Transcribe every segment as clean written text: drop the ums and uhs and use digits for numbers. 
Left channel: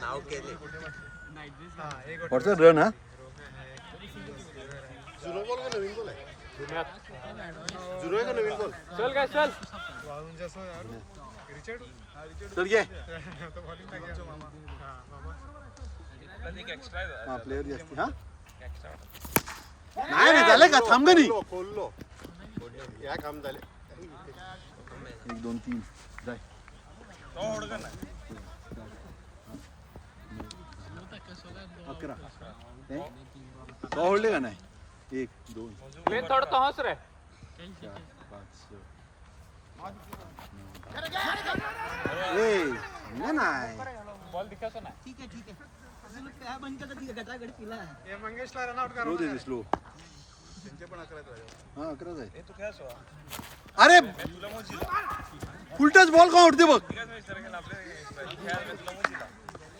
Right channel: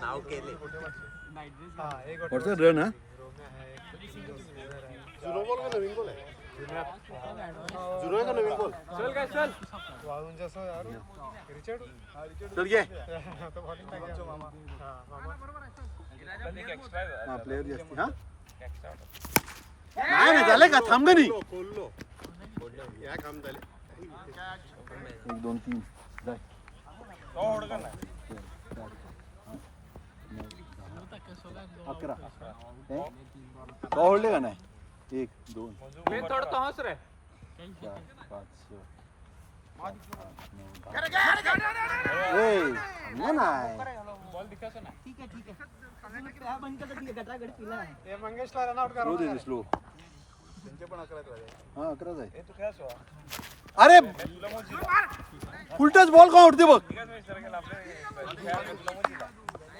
नाव केले रन हा zero ball का नवीन बॉल आहे झिरो आहे का नवीन बॉल चल काय चल चल घे हा प्लेयर जास्ती हा नाही नाही झाले का थांब गणी खोललो या काम झाले 1 2 3 जाय 11 होल्डे का नाही 1 2 मी थोडं हस रे 4 5 6 नाही बॉल दिसायचा ना ठीक आहे बंद करता ठीक आहे गटागट केला आहे हे मंगेशला रन आउट स्लो दे स्लो त्यांचे पण 11 राहिले हा 11 आहे अरे फुलटच बॉल का उडते बघ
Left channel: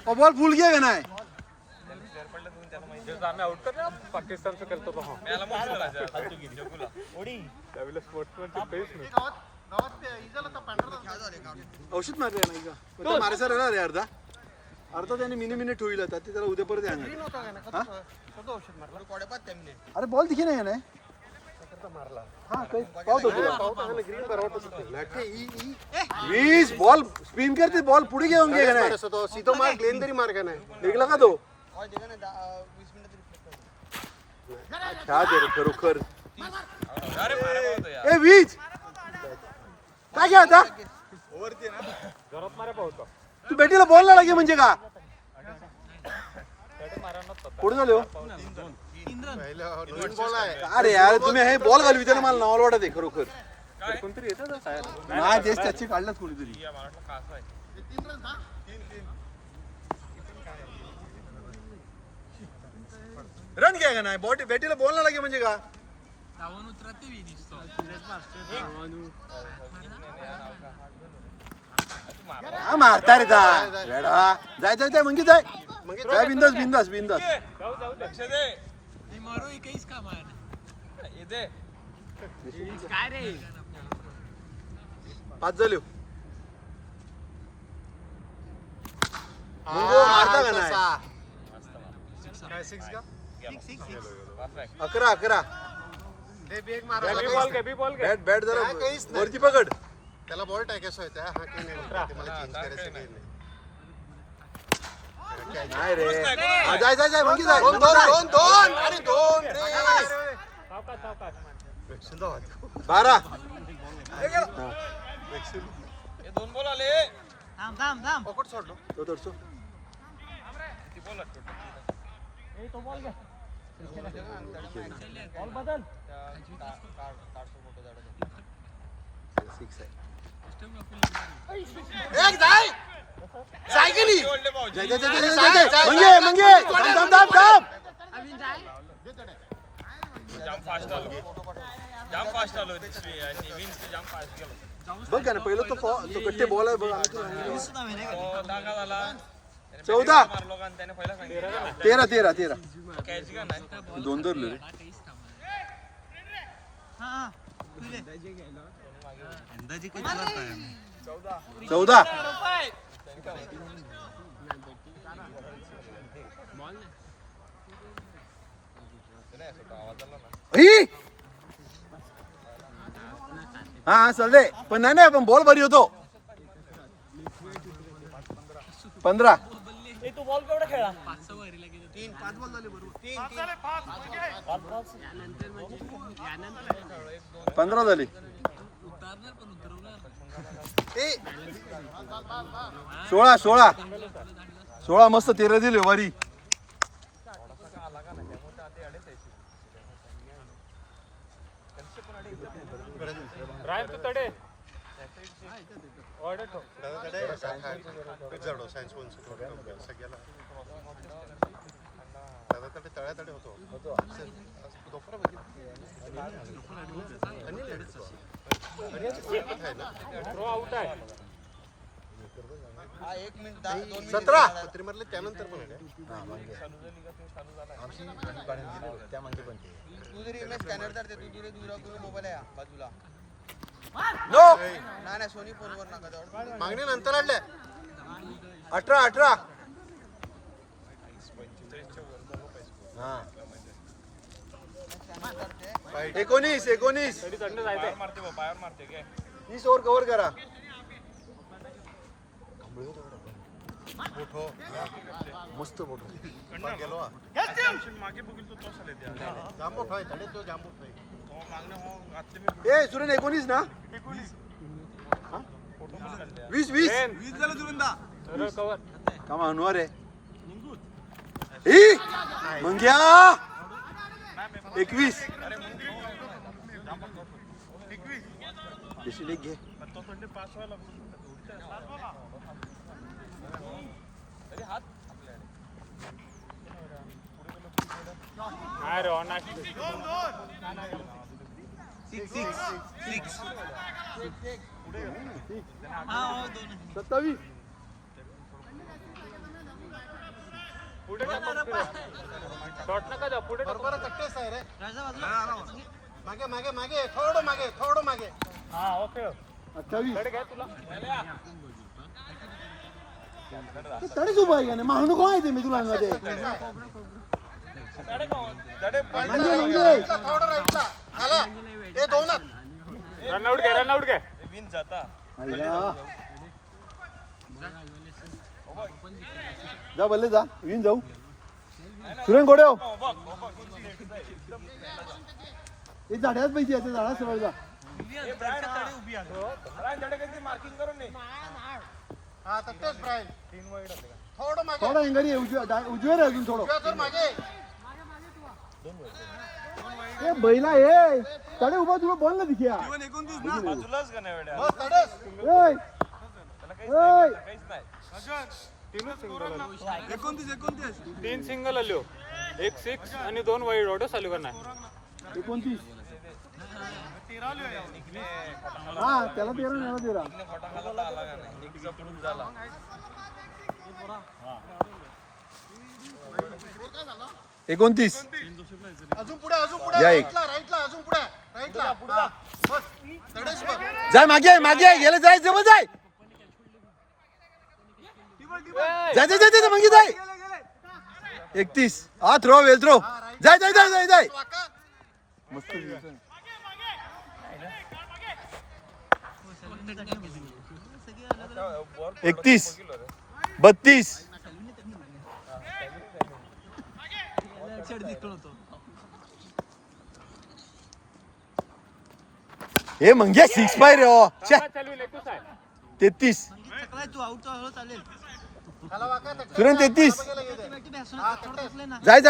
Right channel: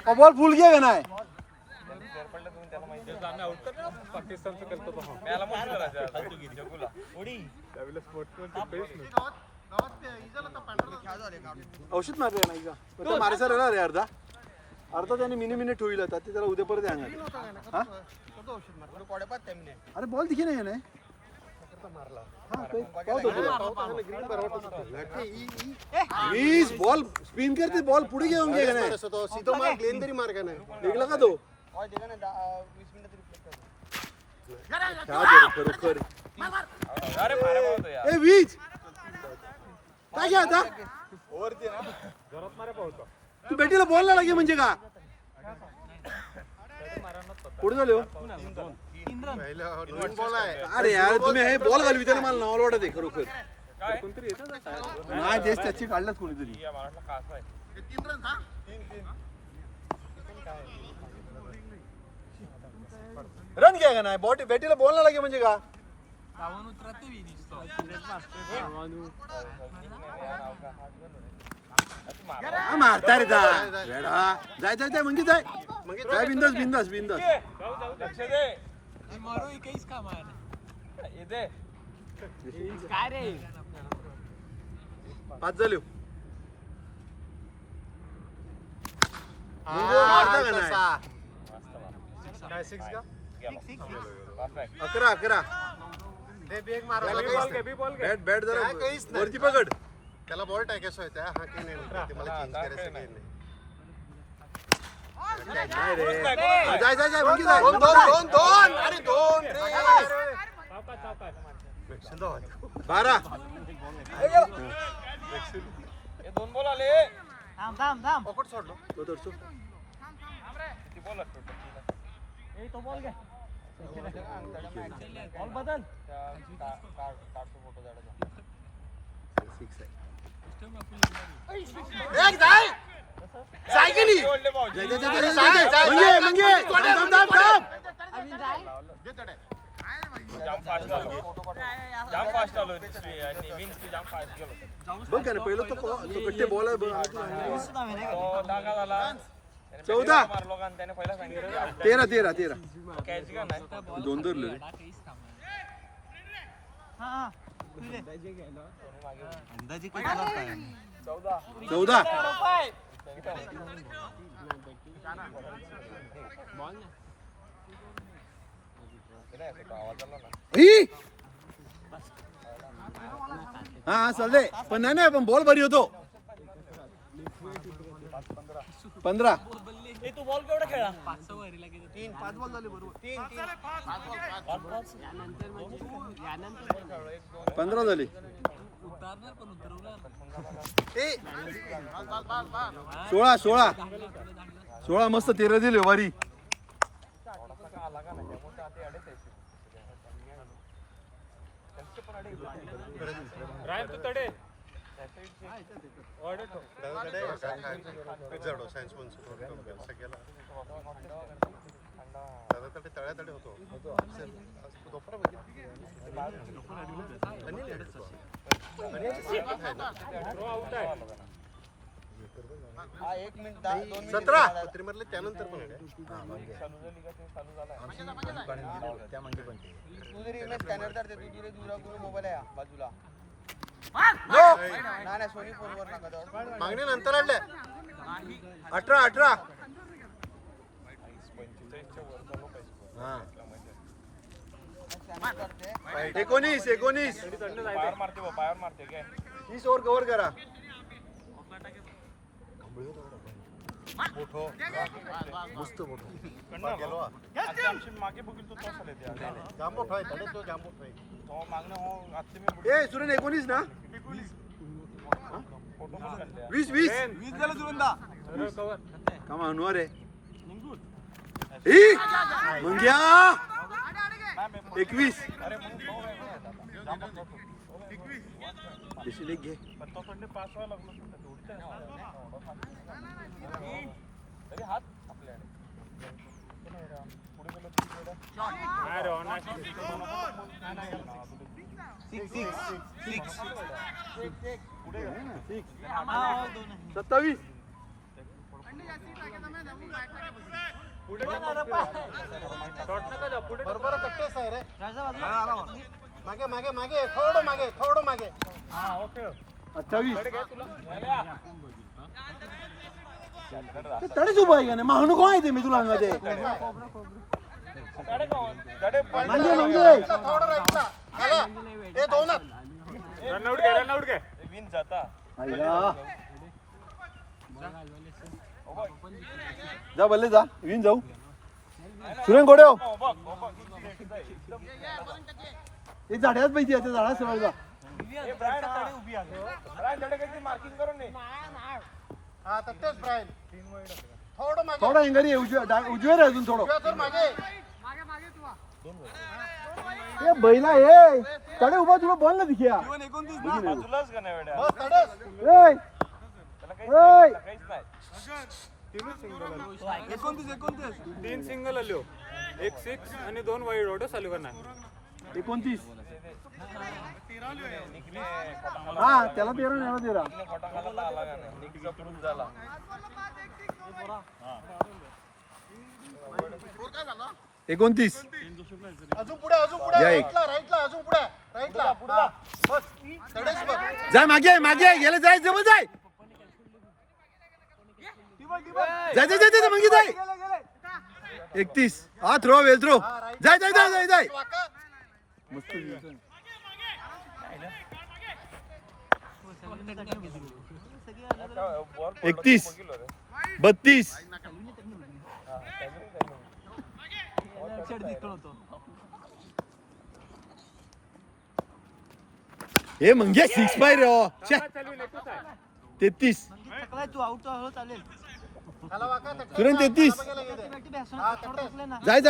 बॉल फुल घ्या का नाही आउट कर ना पाकिस्तानचं करतो औषध मारले नाही का पण मारायचा राहिला रे अर्धा त्याने मिनी ठेवला होता ते त्याला उद्या परत येणार हा अरे बॉल दिखे नाही ना हा काही पाहतो वीस बॉल स्पिन करते बॉल पुढे घेऊन घे नाही सीधो मार ग्लेन तरी मार का नाही निघला का तो खरोखर ए वीज काय घ्या आता तू बेटीला बॉल ना लागे म्हणजे का पुढे झाले हो नवीन बॉल आहे अरे यार तुम्ही हे बॉल घालू विचार मला नावाला वाटत आहे खरोखर नाही तेच त्याची काढलाच कोणीतरी रन घ्या का नाही बॉट बेटीला बॉल ना लागे म्हणजे का मारता रे जाय जाय म्हणजे जाय बिंदास बिंदास बिंदास मारू एकच का मार काय रे 5 झाले मारता का नाही काय 6 का 11 दे बेग मारा बॅट बॅट जरा वरती पकड त्याला बॉल टाकायचा होता हा काही नाही ते मला चेंज करायचं काही नाही नाही रे जाय जाय जाय म्हणजे जाय 2 अरे 2 रे सावकाश 12 हे 2 बॉल आले थांब पकड सोडलो तो तोडतो तो बॉल घ्या बॉल बदल 6 आहे एक जाय जाय की नाही जाय जाय जाय मंगे थांब जाम फास्ट आलो आणि विन्स जाम फास्ट गेलो बघ का ना पहिलं तो कट्टे बॉल आहे बघ आम्ही तुला दागा झाला 14 मारलो का त्याने पहिला सांगितलं 13 कॅच का नाही 2 धरले रे अंदाजे किती वाजता 14 हा चालते पण नाही पण बॉल बरी होतो 15 तू बॉल केवढा खेळला 5 वरीला गेलो 5 बॉल झाले बरोबर 15 झाले उतारणार पण उतरवणार 16 मस्त 13 दिले वारी तडे ऑर्डर ठेव जडो सायन्स वन सगळ्याला दादा तडे तळ्यातडे होतो दोफरा बघितली आहे ना आउट आहे 17 पत्री मारले त्यानंतर पण आहे हा मागे आमची काढून दिली बघ, त्या मागे पण ते मागणी नंतर आणल्या 18 हा 19 पायावर मारते काय 30 ओव्हर कव्हर करा. मोठो मस्त मोठं गेलो मागे बघितलं तो साले जाम मोठो आहे तडे तो जाम मोठो आहे तो मागणं हो घातले मी ए सुरेन 19 ना 20 झालं जुबंदा का म्हणून रे मग घ्या 21 देशील एक घे. तो थोडे पास व्हायला लागलो सत्तावीस बरोबर तट्टेच आहे रे मागे मागे मागे थोडं मागे 28 तरीच उभा आहे का नाही मागणं कोण आहे ते मी तुला मध्ये थोडं राईटला आला ते दोनच रनआउट घे विन जाता जा बल्ले जा विन जाऊ सुरेन गोडे हो हे झाड्यात पाहिजे आता झाडा सगळं मार्किंग करून नाही हा तट्टेच ब्रायन थोडं मागे थोडा एंगरी उजव्या रे अजून थोडं उजव्या कर मागे ए बैला ए तडे उभा तुला बॉल ना दिख्या तुलाच का नाही वेड्या बस तडेच ए ए काहीच नाही 3 सिंगल आलो 1 6 आणि 2 वाईड ऑटो चालू करणार 29 हा त्याला 13 29 अजून पुढे या एक. राईटला अजून पुढे राईटला हा बस तडेच बघ जाय मागे गेलं जाय जवळ जाय जाय मागे जाय 31 हा थ्रो वेल थ्रो जाय वाका मस्त 31 32 हे म्हणजे 6 बाय रे 33 तू आउट चालेल खाला वाका तट्टेच तुरंत 33 हा तट्टेच जाय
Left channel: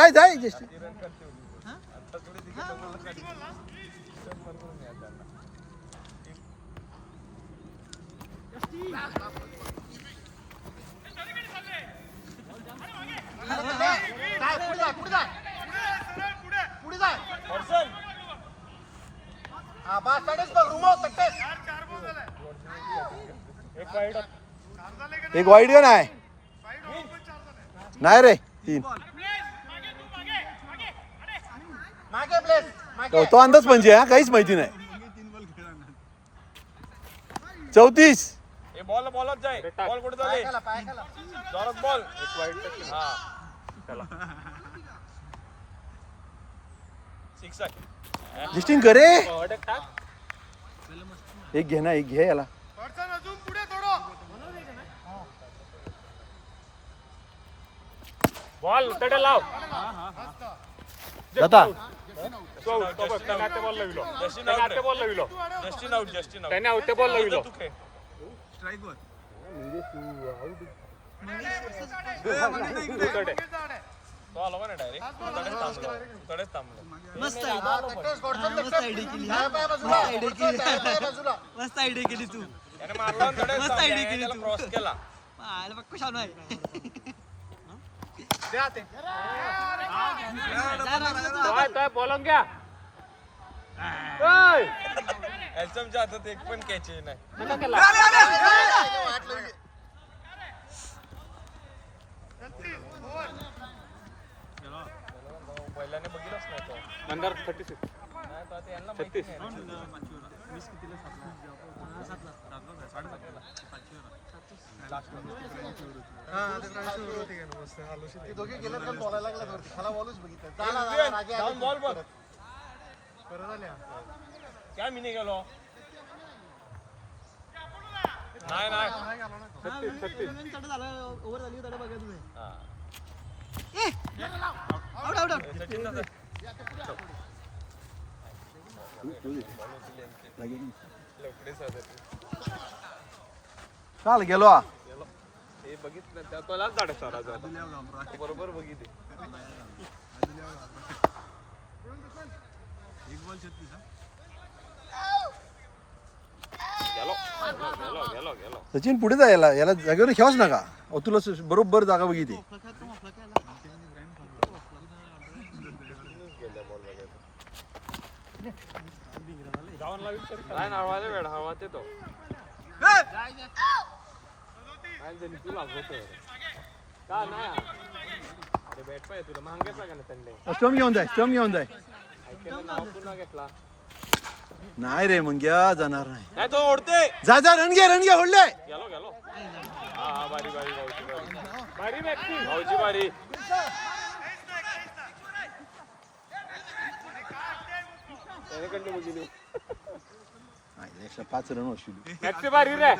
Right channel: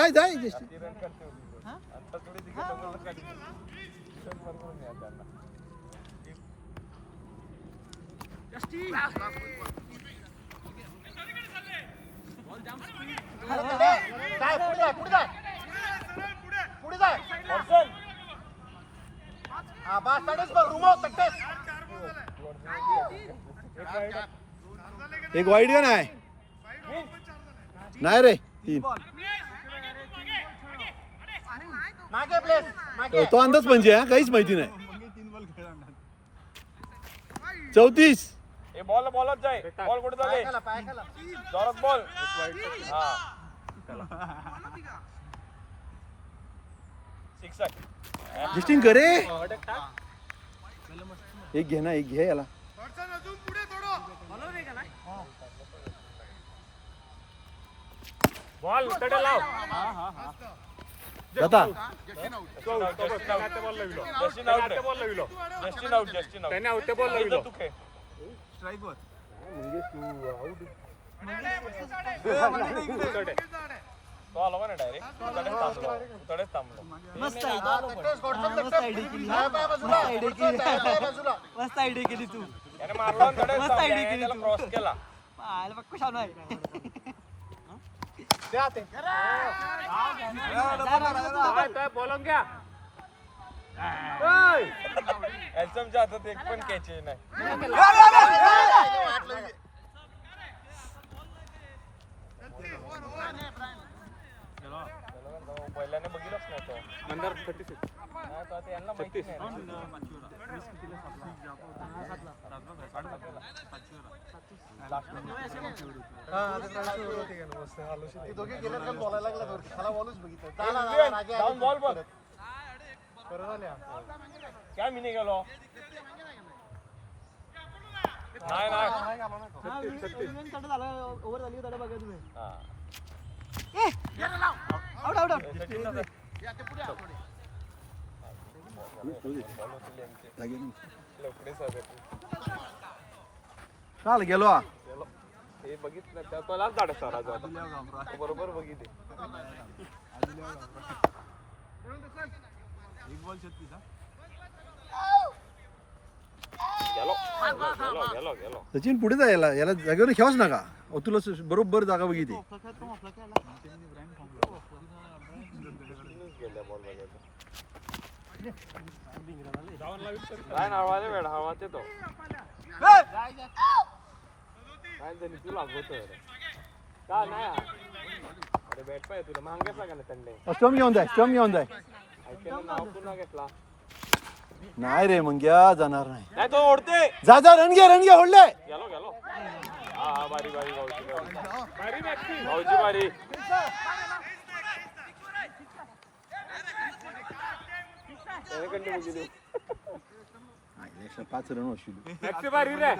अरे तडे जाय पुढे जाय हा बस तडेच बघ रुमो तट्टेच एक वाईड नाही रे 3 मागे प्लेस मागे तो अंदाज म्हणजे हा काहीच माहिती नाही 34 ए बॉलच जाय बॉल कुठे पाय जाय खाला जोरात बॉल हा 6 आहे लिस्टिंग करे अटक टाक एक घे याला बॉल तडे लाव जाता बॉल लाविलो जस्टिन आउट त्याने आउट बॉल लाविलो तू खेळ म्हणजे तू आउट तो आला का नाही डायरेक्ट तडेच थांबलो मस्त तट्टेच गोडचन तट्टेच डाव्या पाय बाजूला गोडचन डाव्या पाय बाजूला मस्त आयडिया केली तू त्याने मारला तडेच मस्त idea केली त्याला तू. क्रॉस केला आला बघ छान आहे द्या ते काय बोलून घ्या एल्समच्या हातात एक पण कॅच नाही वाट लावली नंतर 36 36 ते दोघे गेल्यात कारण बोलायला लागल्यात वरती खाला बॉलच बघितलं झाला राजे आले की बॉल बॉल परत आल्या काय मी नाही गेलो नाही नाही ओव्हर झाली त्याला बघा तुम्ही हा. आउट आउट आउट चाल गेलो हा. हे बघितलं त्यालाच गाडा राजा बरोबर बघितले गेलो गेलो गेलो गेलो सचिन पुढे जा याला जागेवर खेळच नका तुला बरोबर जागा बघितली काय हळवाले वेळ हळवात येतो काय झाली तुला का ना अरे बॅट पाय तुला महाग घेतला का ना त्यांनी स्टम घेऊन जाय पुन्हा घेतला नाही रे मग घ्या जाणार नाही नाही तो ओढते जा रण घे होडले गेलो गेलो हा बारी बारी बारी भाऊची बारी एकशे 5 रन वशिले मॅक्सी बारी रे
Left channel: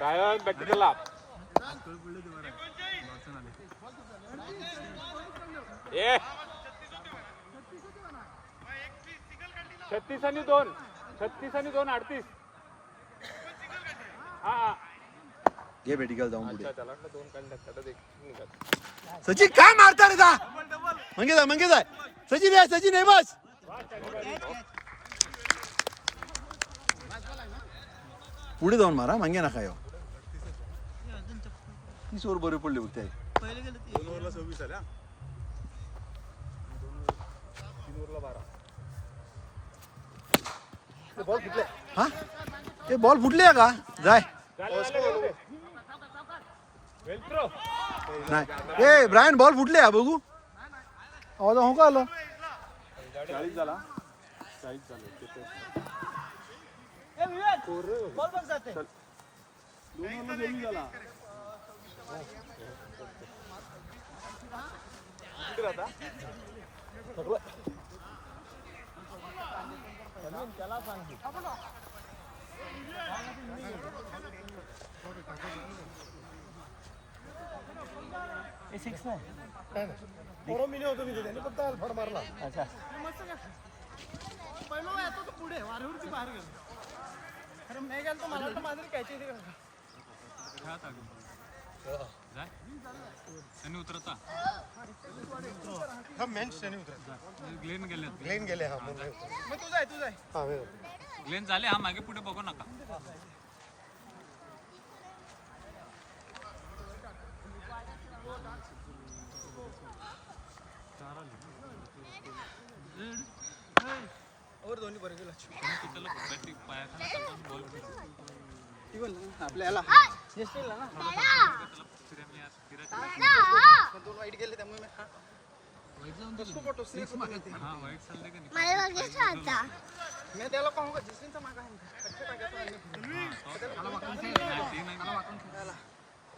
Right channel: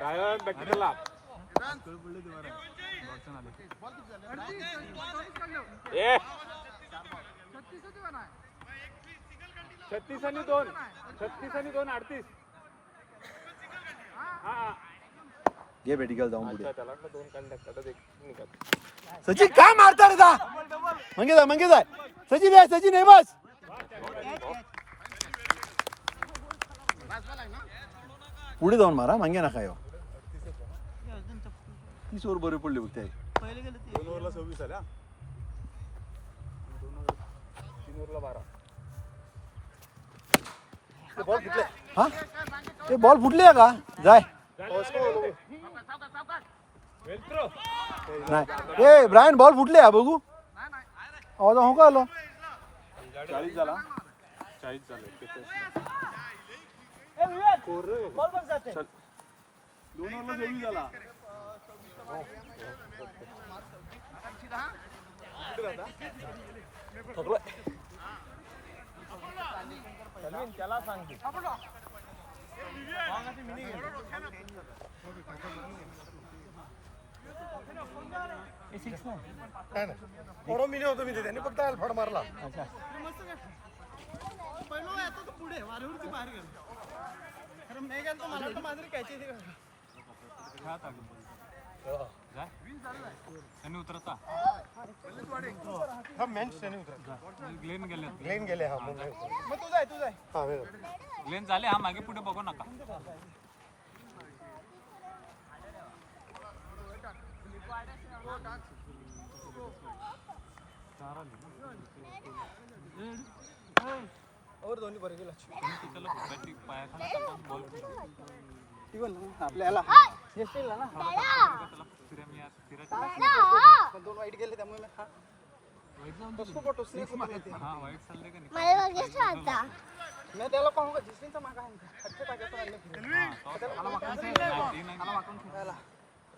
रायन बॅक टू लाभ ए 36 आणि 2 38 हा घे बेटिकल जाऊन पुढे त्याला वाटलं 2 कंडक्टर सचिन काय मारता रे जा मंगे जा सचिन आहे बस पुढे जाऊन मारा मागे नका येऊ 30 ओव्हर बरे पडले बघ ते पहिले गेले ते 2 ओव्हरला 26 आल्या 3 ओव्हरला 12 हा ते बॉल फुटले का जाय नाही ए ब्रायन बॉल फुटले हा बघू आवाज हो का आलं ए विवेक बॉल बघ जाते 2 ओव्हरला 26 झाला त्याला सांगितलं थोडं मिनी होतो मी त्यांनी फक्त फड मारला पहिलं येतो तो पुढे वारवरती बाहेर गेलो खरं नाही गेलो तर मला वाटतं माझरी कायची शनी उतरता हा मेन शनी उतरत ग्लेन गेले हा मग तू जाय ग्लेन झाले हा मागे पुढे बघू नका और दोन्ही बरे गेला आपल्याला दोन वाईट गेले त्यामुळे मैं त्याला पाहून का जिसलिनचा मागा आहे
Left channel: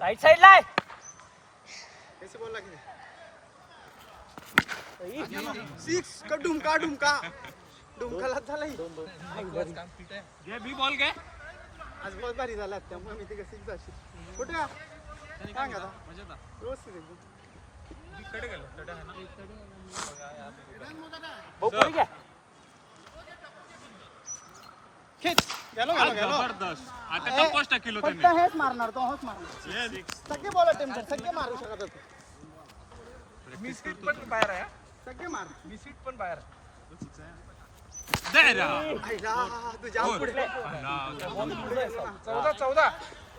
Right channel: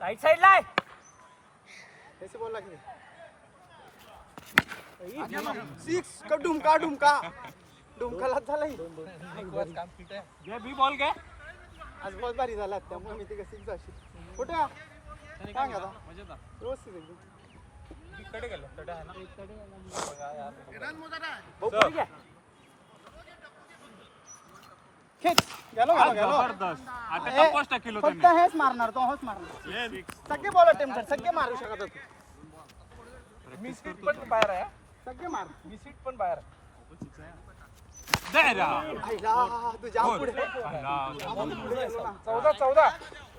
राईट साइड ला कैसे बोल की 6 का डुमका डुमकाला झालाय घे बी बॉल घे आज बहुत भारी झाला त्यामुळे मी ते 6 अशी कुठे सांग आता व्यवस्थित एकदम खेच गेलो जबरदस्त आता टप्पाच टाकिलो फक्त त्यांनी हेच मारणार तो हेच मारणार सगळे बॉल अटेम्प्ट कर सगळे मारू शकत होते मिस्किट पण बाहेर आहे सगळे मार मिस्किट पण बाहेर आहे दे रा आईला तू जाम पुढे 14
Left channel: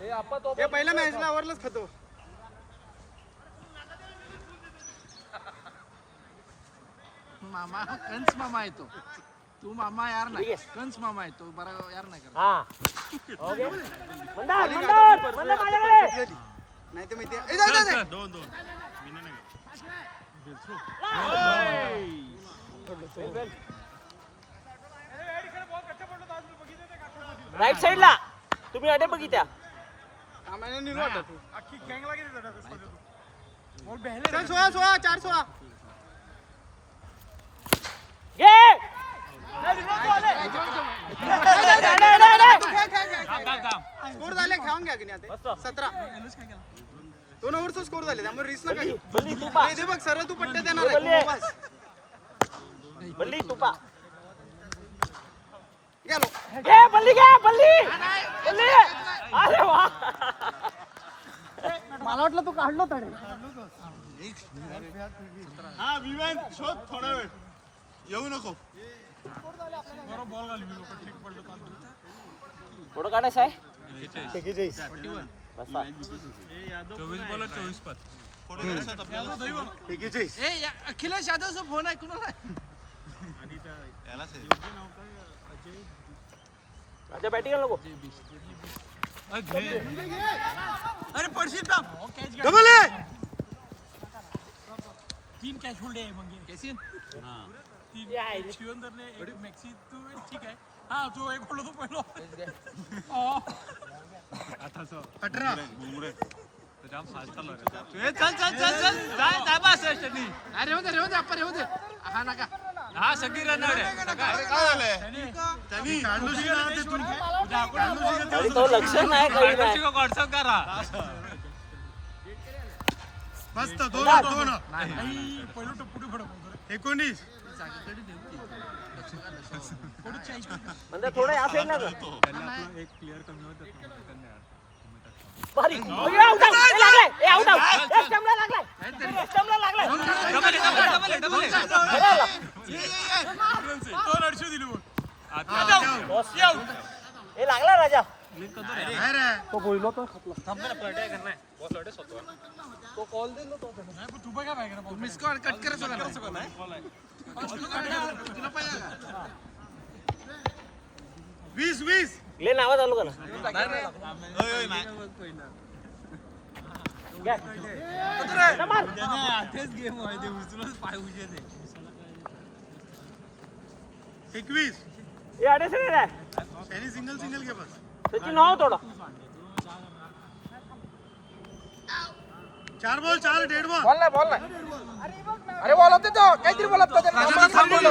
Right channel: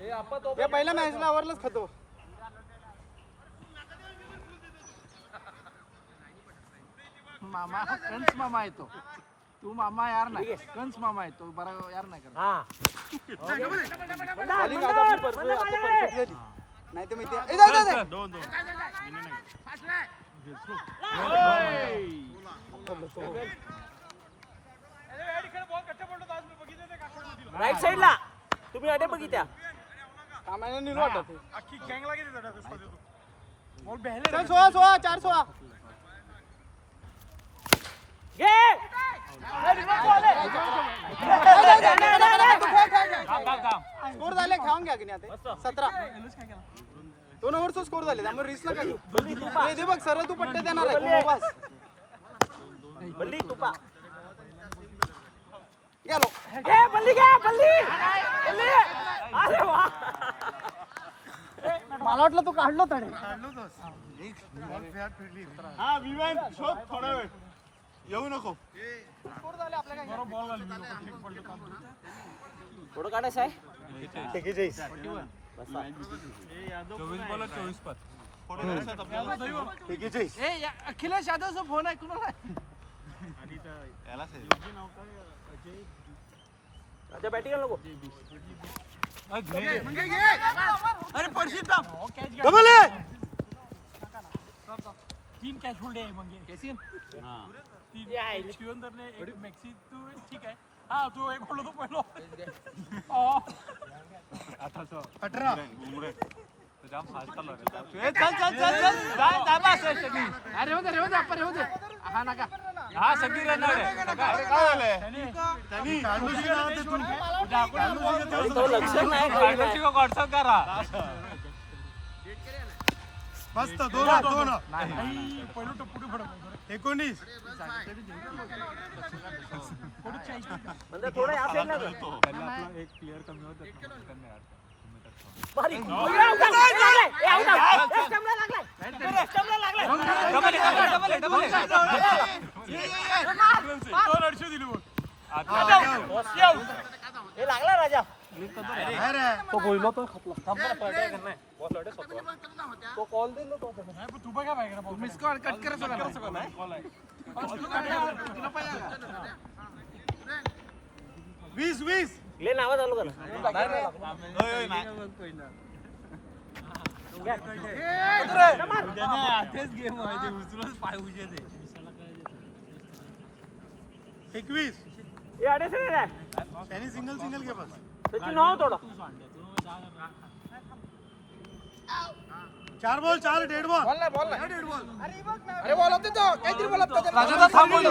हे आपण तो हे पहिल्या मॅचला आवरलंच खातो मामा कंस मामा येतो तू मामा यार नाही कंस मामा येतो बरा यार नाही करत बॉलिंग आता आपली परफेक्ट झाली नाही तर माहिती राईट साईडला तुम्ही अडे बघित्या कामाने नाही वाटत चल 16 4 स्कोर झाले खेळून घ्या की नाही आता 17 2 ओव्हरचा स्कोर झाले त्यामुळे रिस्क नका घेऊ दे बघ सरळ तू पट्टे देणार आहे बस बल्ली तुपा गेलो बल्ली घ्या बल्ली अरे वा मला वाटलं तू काढलो तरी हा विमान शोध थोडा वेळ येऊ नको थोडं काढायचं आहे 24 बॉल 24 पास अखिलेश यादवचा फोन आहे कुणाला माझ्या बॅटिंग नको अरे पडशील ना डबल आहे 3 कॅच होल्ड आहे मग केसीन शिवंदरने एक मॅक्सी तू ठीक आहे हा तू एक बोललो तो पहिलो 18 जाम फास्ट चालू आहे चल जा बस अरे होते आपण होते हा नका हा सगळी रनर आहे अरे काय झालंय त्यांनी काढलोशी ना ते तू तो लक्ष नाही काही व्हॉट्सअप करा मस्त 2 पहिलो तो पुढे फडक 19 म्हणजे थोडं या साईड ना एक प्लेअर कमी होतं भारी डबल हे लागला राजा तू बघा पाहिजे मिस कॉल कट करायचं तुला पाहिजे 20 ले नावा चालू कर तेच गेम आहे ते विसरूनच पाय उजे ते 21 हे अडे से रे त्यांनी सिंगल घे बस त्याची नाव थोडं 4 बॉल 4 डेड बॉल अरे बघ ना अरे बोलत तो काहीतरी बोलत तो राजाला थांबवलं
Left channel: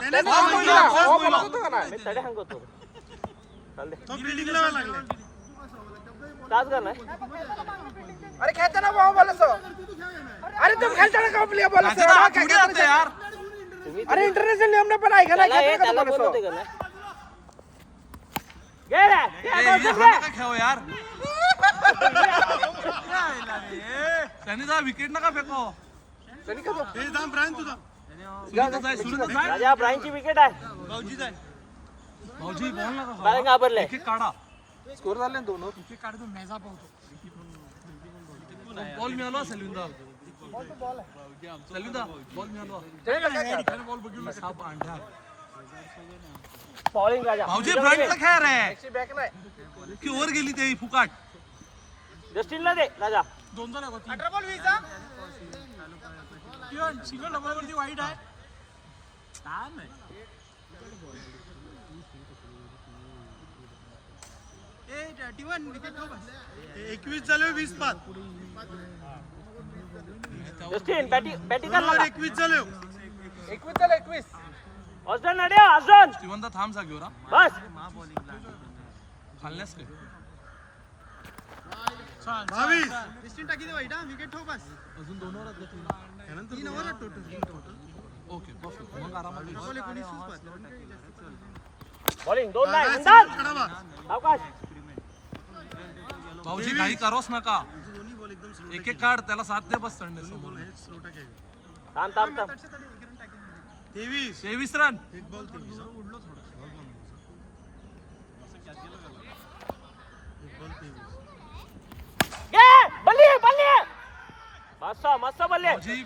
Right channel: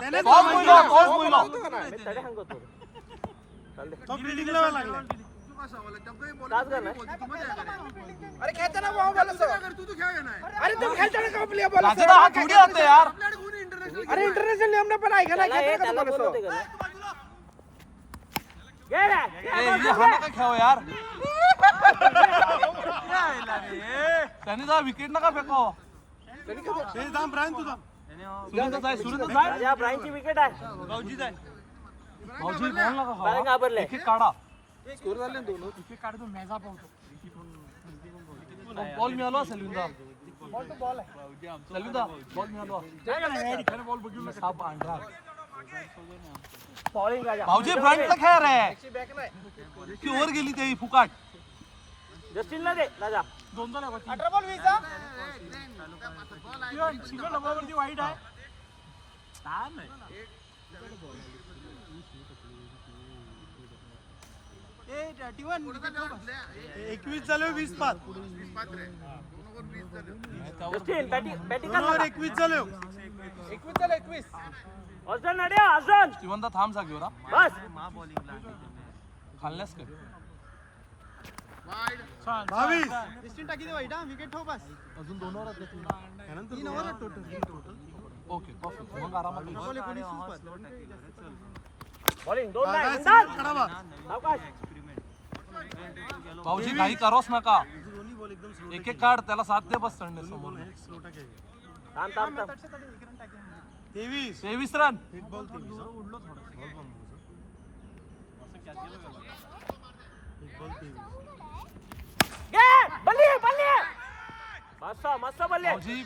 त्याने तडे सांगतो तो बिल्डिंगला लागला तास कर ना अरे खेळता ना भाऊ बोलत अरे तुम खेळता ना का प्ले बोलत राजाला हा थोडी आता यार अरे इंटरनॅशनल नियम पण ऐका ना त्याला बोलवते का घे रे ये हा नका खेळ यार त्यांनी जा विकेट नका फेको हे दाम ब्रायन तुझा सुरेंद्र जाय राजा ब्राईनची विकेट आहे भाऊजी जाय भाऊजी बॉल नका काय खावा घाबरले एक काढा स्कोर झाले ना 2 काढतो मेजा पावतो बॉल मिळाला सेल्विंदा बॉल मिळाला साप अंडा बॉलिंग राजा भाऊजी फ्रंटला खेळ रे ती ओव्हर गेली ते फुकाट जस्टिनला दे राजा 18 बॉल 20 सिंगल नंबरवरती वाईट आहे ए 21 झाले 20 पास जस्टिन बॅटिंग कर 21 झाले 21 अर्जन नड्या अर्जन स्टीवनदा थांब जागेवर हा बस खाल्ल्यास काय 22 डिस्टन्स टाकी दे वाईट विकेट ठेव बस अजून 2 ओव्हर आहेत त्यानंतर 3 ओव्हर टोटल ओके परफेक्ट मग आरामात होईल. बॉल 19 पास बॉलिंग 2 नाही काय विंदाल कडा बा सावकाश भाऊजी काही करोस नका एक काढ त्याला साथ दे बस चढणे समोर थांब 23 23 रन एक बॉल 23 उडलो थोडा एक बॉल 23 घे बल्ली मस्त बल्ली भाऊजी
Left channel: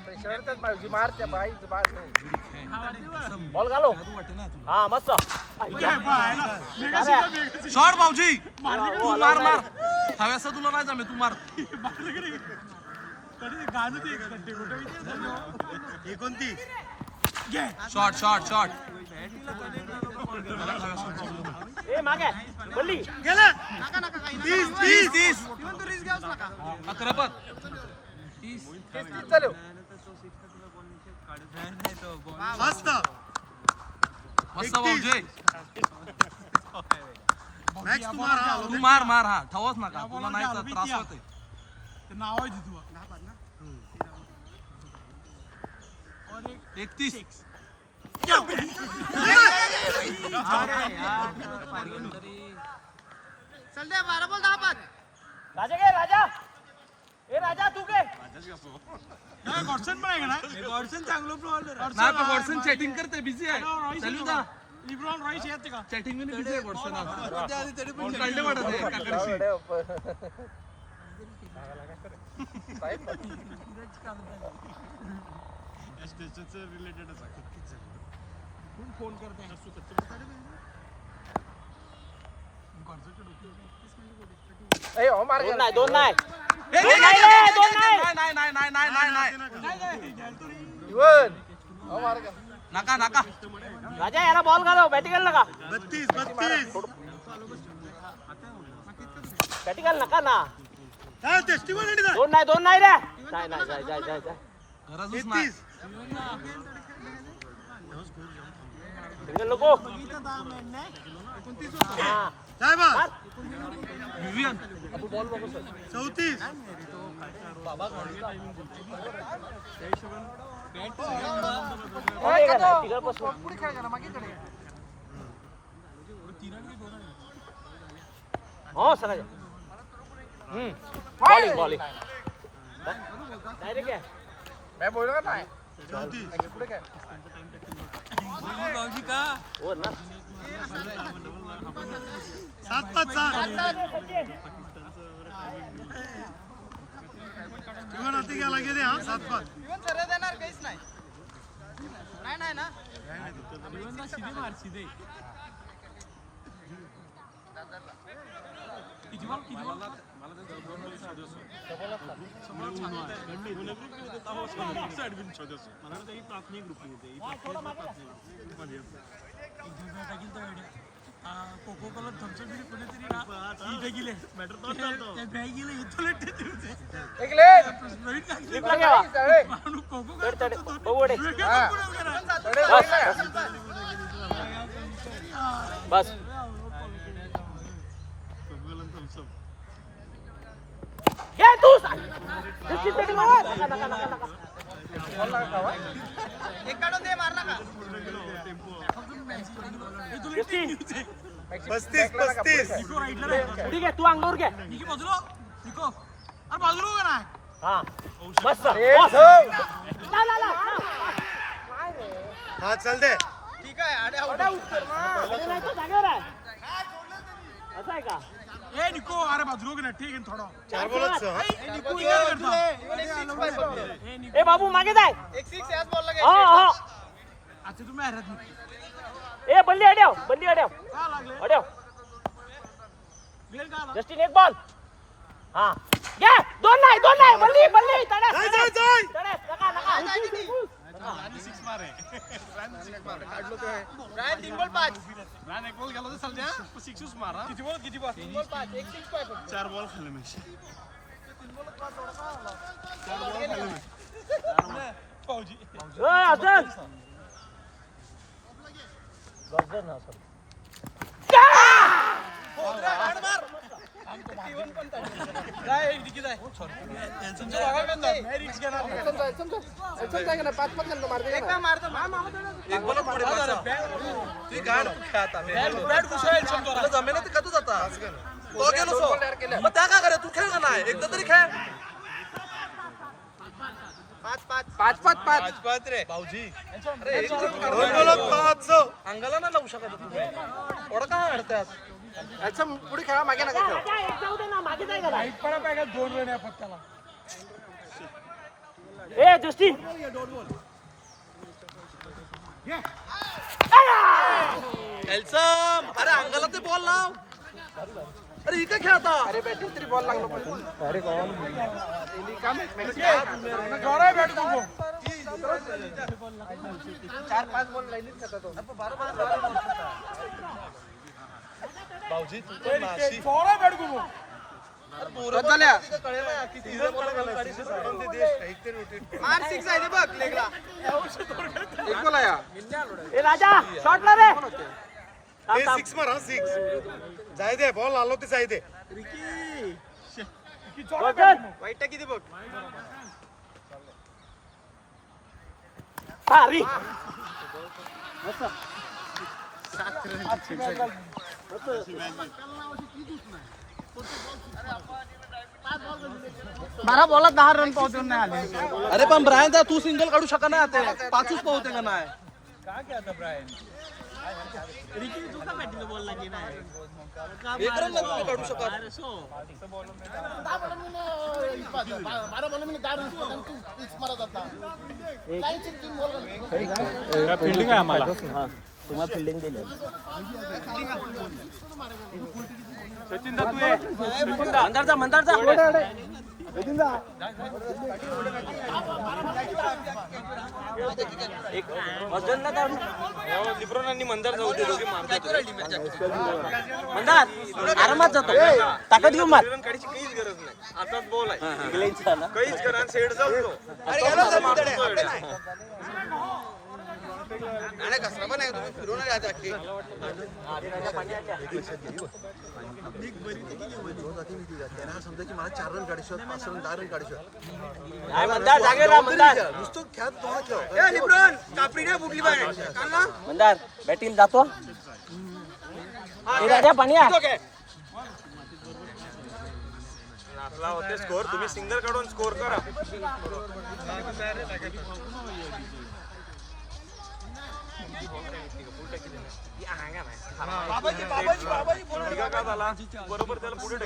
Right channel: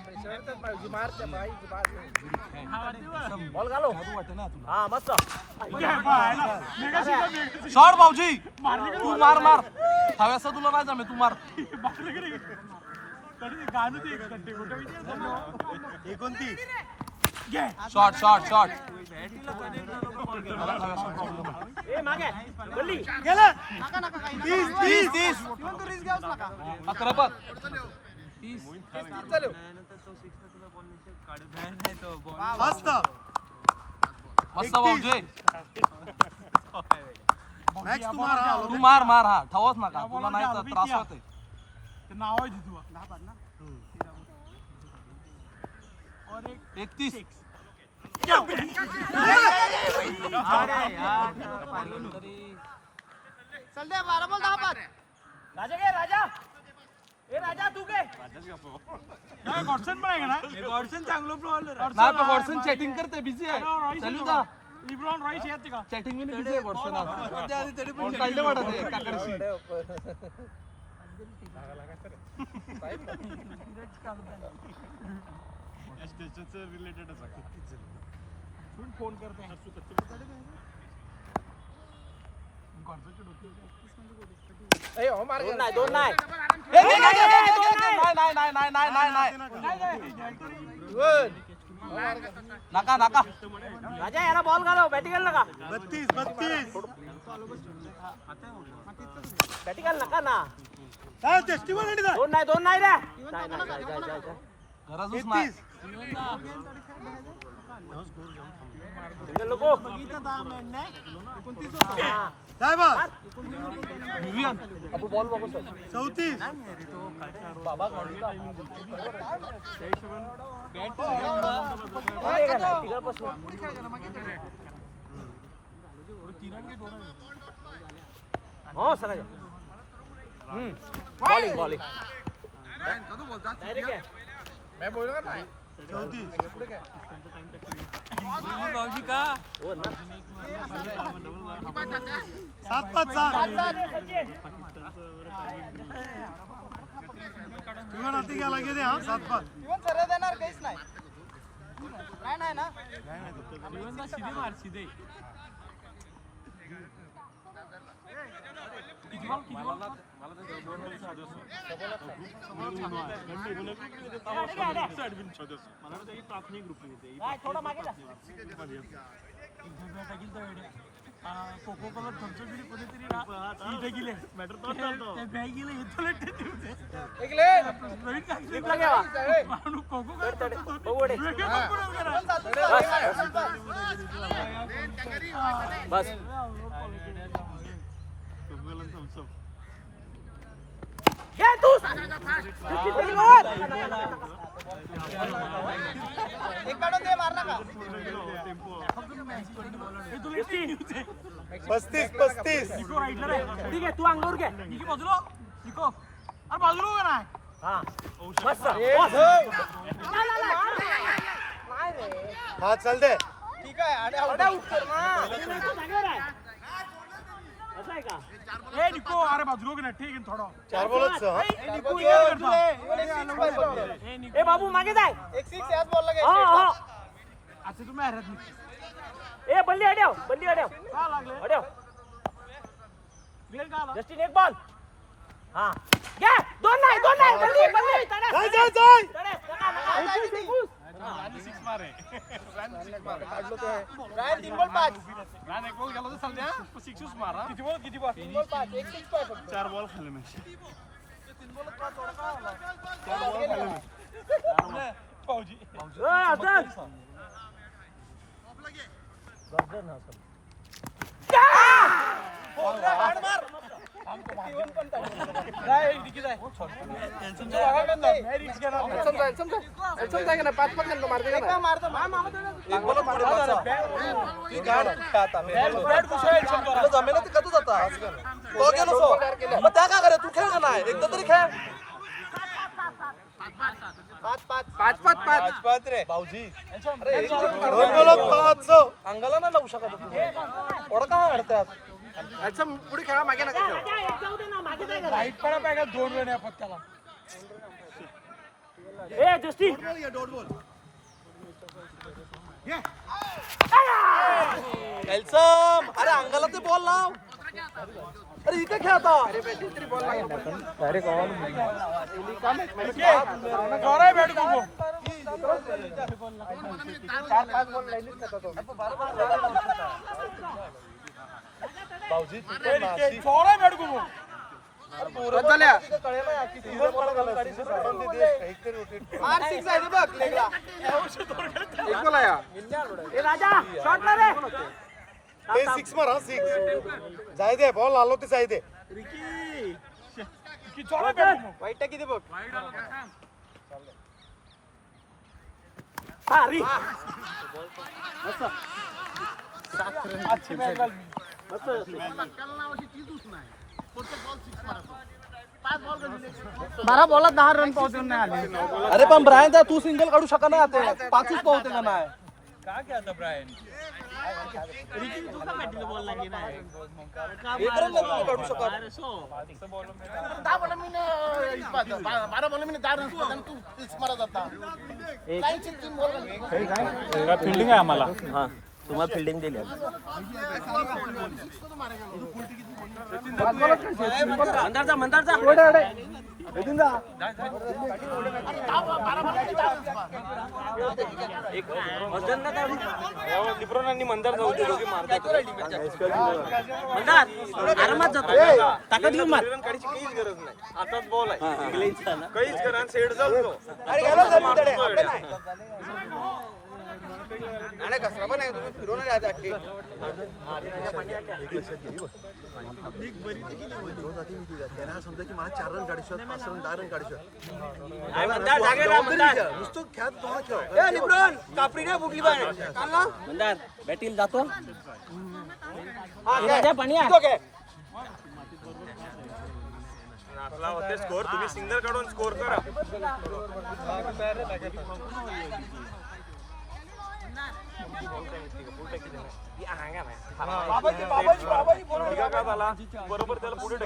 मारते बाई बॉल घालो जादू वाटे ना तुला हा मस्त शॉट भाऊजी तू मार हव्यासा तुला नाही जमे तू मार 29 शॉर्ट शॉर्ट शॉर्ट त्याला खाण्याचा प्रॉब्लेम आहे. ए मागे बल्ली नका नका काही नका. 30 इव्हन तू रिस्क घ्यावच नका. 11 पद मस्त मस्त भाऊजी मॅक्स तुम्हाला तू मार मार हा ठेवच नका तुला नाही तर त्रास होते. नाव आहे तिथं 31 चल दे 12 बॉल 10 बाद. राजा घे राजा ए राजा तू घे नाही पण वॉटसन चॅटिंग करते बिझी आहे चालू का चॅटिंग मध्ये बिझी आहे वॉटसन आज कोण काढले वाटत आहे काकडशी दोन नाही नका नका राजा याला बॉल घालव बॅटिंग नका 32 बॅटिंग नका ना काय टेस्टिवल आणि दोन नाही रे जाय गरजच नाही सिंगल नको काय बा विवियन आपण बॉल बघू सर 34 पुढे खेळ करा मागे खेळ. हो सर बॉलिंग बॉलिंग डायरेक्ट मैं बोल रहा ना 34 हो ना 7-5 किमान आती क्या लगे रे हां 7-5 इव्हन सरळ देणार काहीच नाही. नाही ना. थोडा मागे जा इकडे घ्या. तड, ओवडे. बस घे तू एक काढून दे मार नका. 35 ठीक आहे तू अंगावर घे हा मस्त हां चल दे ठीक आहे आडे आउट. जागेवर आहे असं आहे का 4 बॉलच ए बाबू मागे जाय एक 6 याच बॉलला हा घ्यायची. हा ए बल्ली अड्याव अड्याव जस्टिन एक बॉल हा घे दोन नाही बल्ली तडा नका रायन 3 बॉल 5. 3 बॉल 5 एक 6 पाय फक्त. 4 बॉल खाल्ले मी ए अजून एक बॉल पुढे पाचा ती गाड खाता तुला जमेना ते कधी जाता तो गेलो सो मग त्या का करे तू खेळ का नाही एकदा तरी खेळ 5 रे. भाऊजी अरे 2 बॉल 5 अंगाला नाही लावू शकत तुम्ही एवढं काय अडतात अच्छा पुढे खेळा मागे नका खेळू. राजा एक जाऊ दे ना मागे जाय जरा. ए जस्टिन एल्सम अरे अंगाला ते बॉल लाव अरे इकडे खेळता अरे बॅटिंग तरी बॉल लागला पाहिजे. अरे कोण कट झाल्या मार सिक्स आहे ते बघ लेगला एक बॉल आहे हा. ए राजा शॉट मार रे ते 6 मार हा 6 जाय दे बॉल आलो ते जाय दे वाईट किती बघ भारी बारा बॉलात 10 रन पोहोचून नाही आले अरे पण ब्रायन दा तू सिंगल काढू शकत नाही आता 5च पावते का नाही एक रन नाही काढू शकत फिल्डिंग आहे आम्हाला तुम्हाला फिल्डिंग दिली मंदारचा एक वजन ना लिब्रोनांनी मंदार जाऊ दे दोघे मारतात मंदार आरामात जातो ताकद घेऊन मार रन काढायची काहीच गरज नाही आताच बॉल आहे काहीच करा आणि सेट जातो तो मारतो तो एवढ्या त्यांना समजा की मला 4 रन काढायचे 5 रन 10 रन काढायचे नुसतं खेळत थोडा खेळ कापडी नाही फुटली पाहिजे मंदार बॅटिंग जातो राजा पाणी नाचला होते स्कोर तुम्ही सिंगल काढून स्कोर करा का झाला बरोबर त्याला पुढे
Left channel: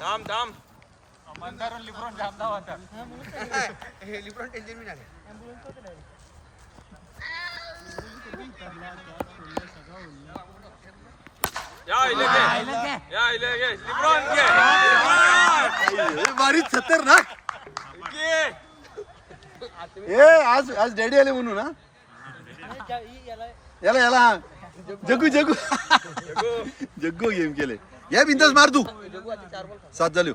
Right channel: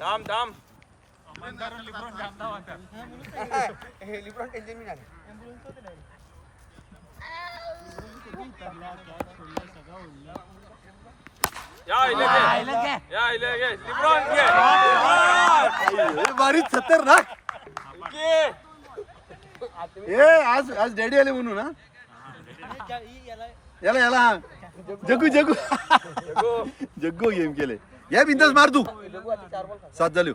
थांब थांब या इले घे लिब्रॉन घे बारीच खतरनाक आज डॅडी आले म्हणून ना याला जग्गू गेम केले या बिंदास मार तू 7 झाले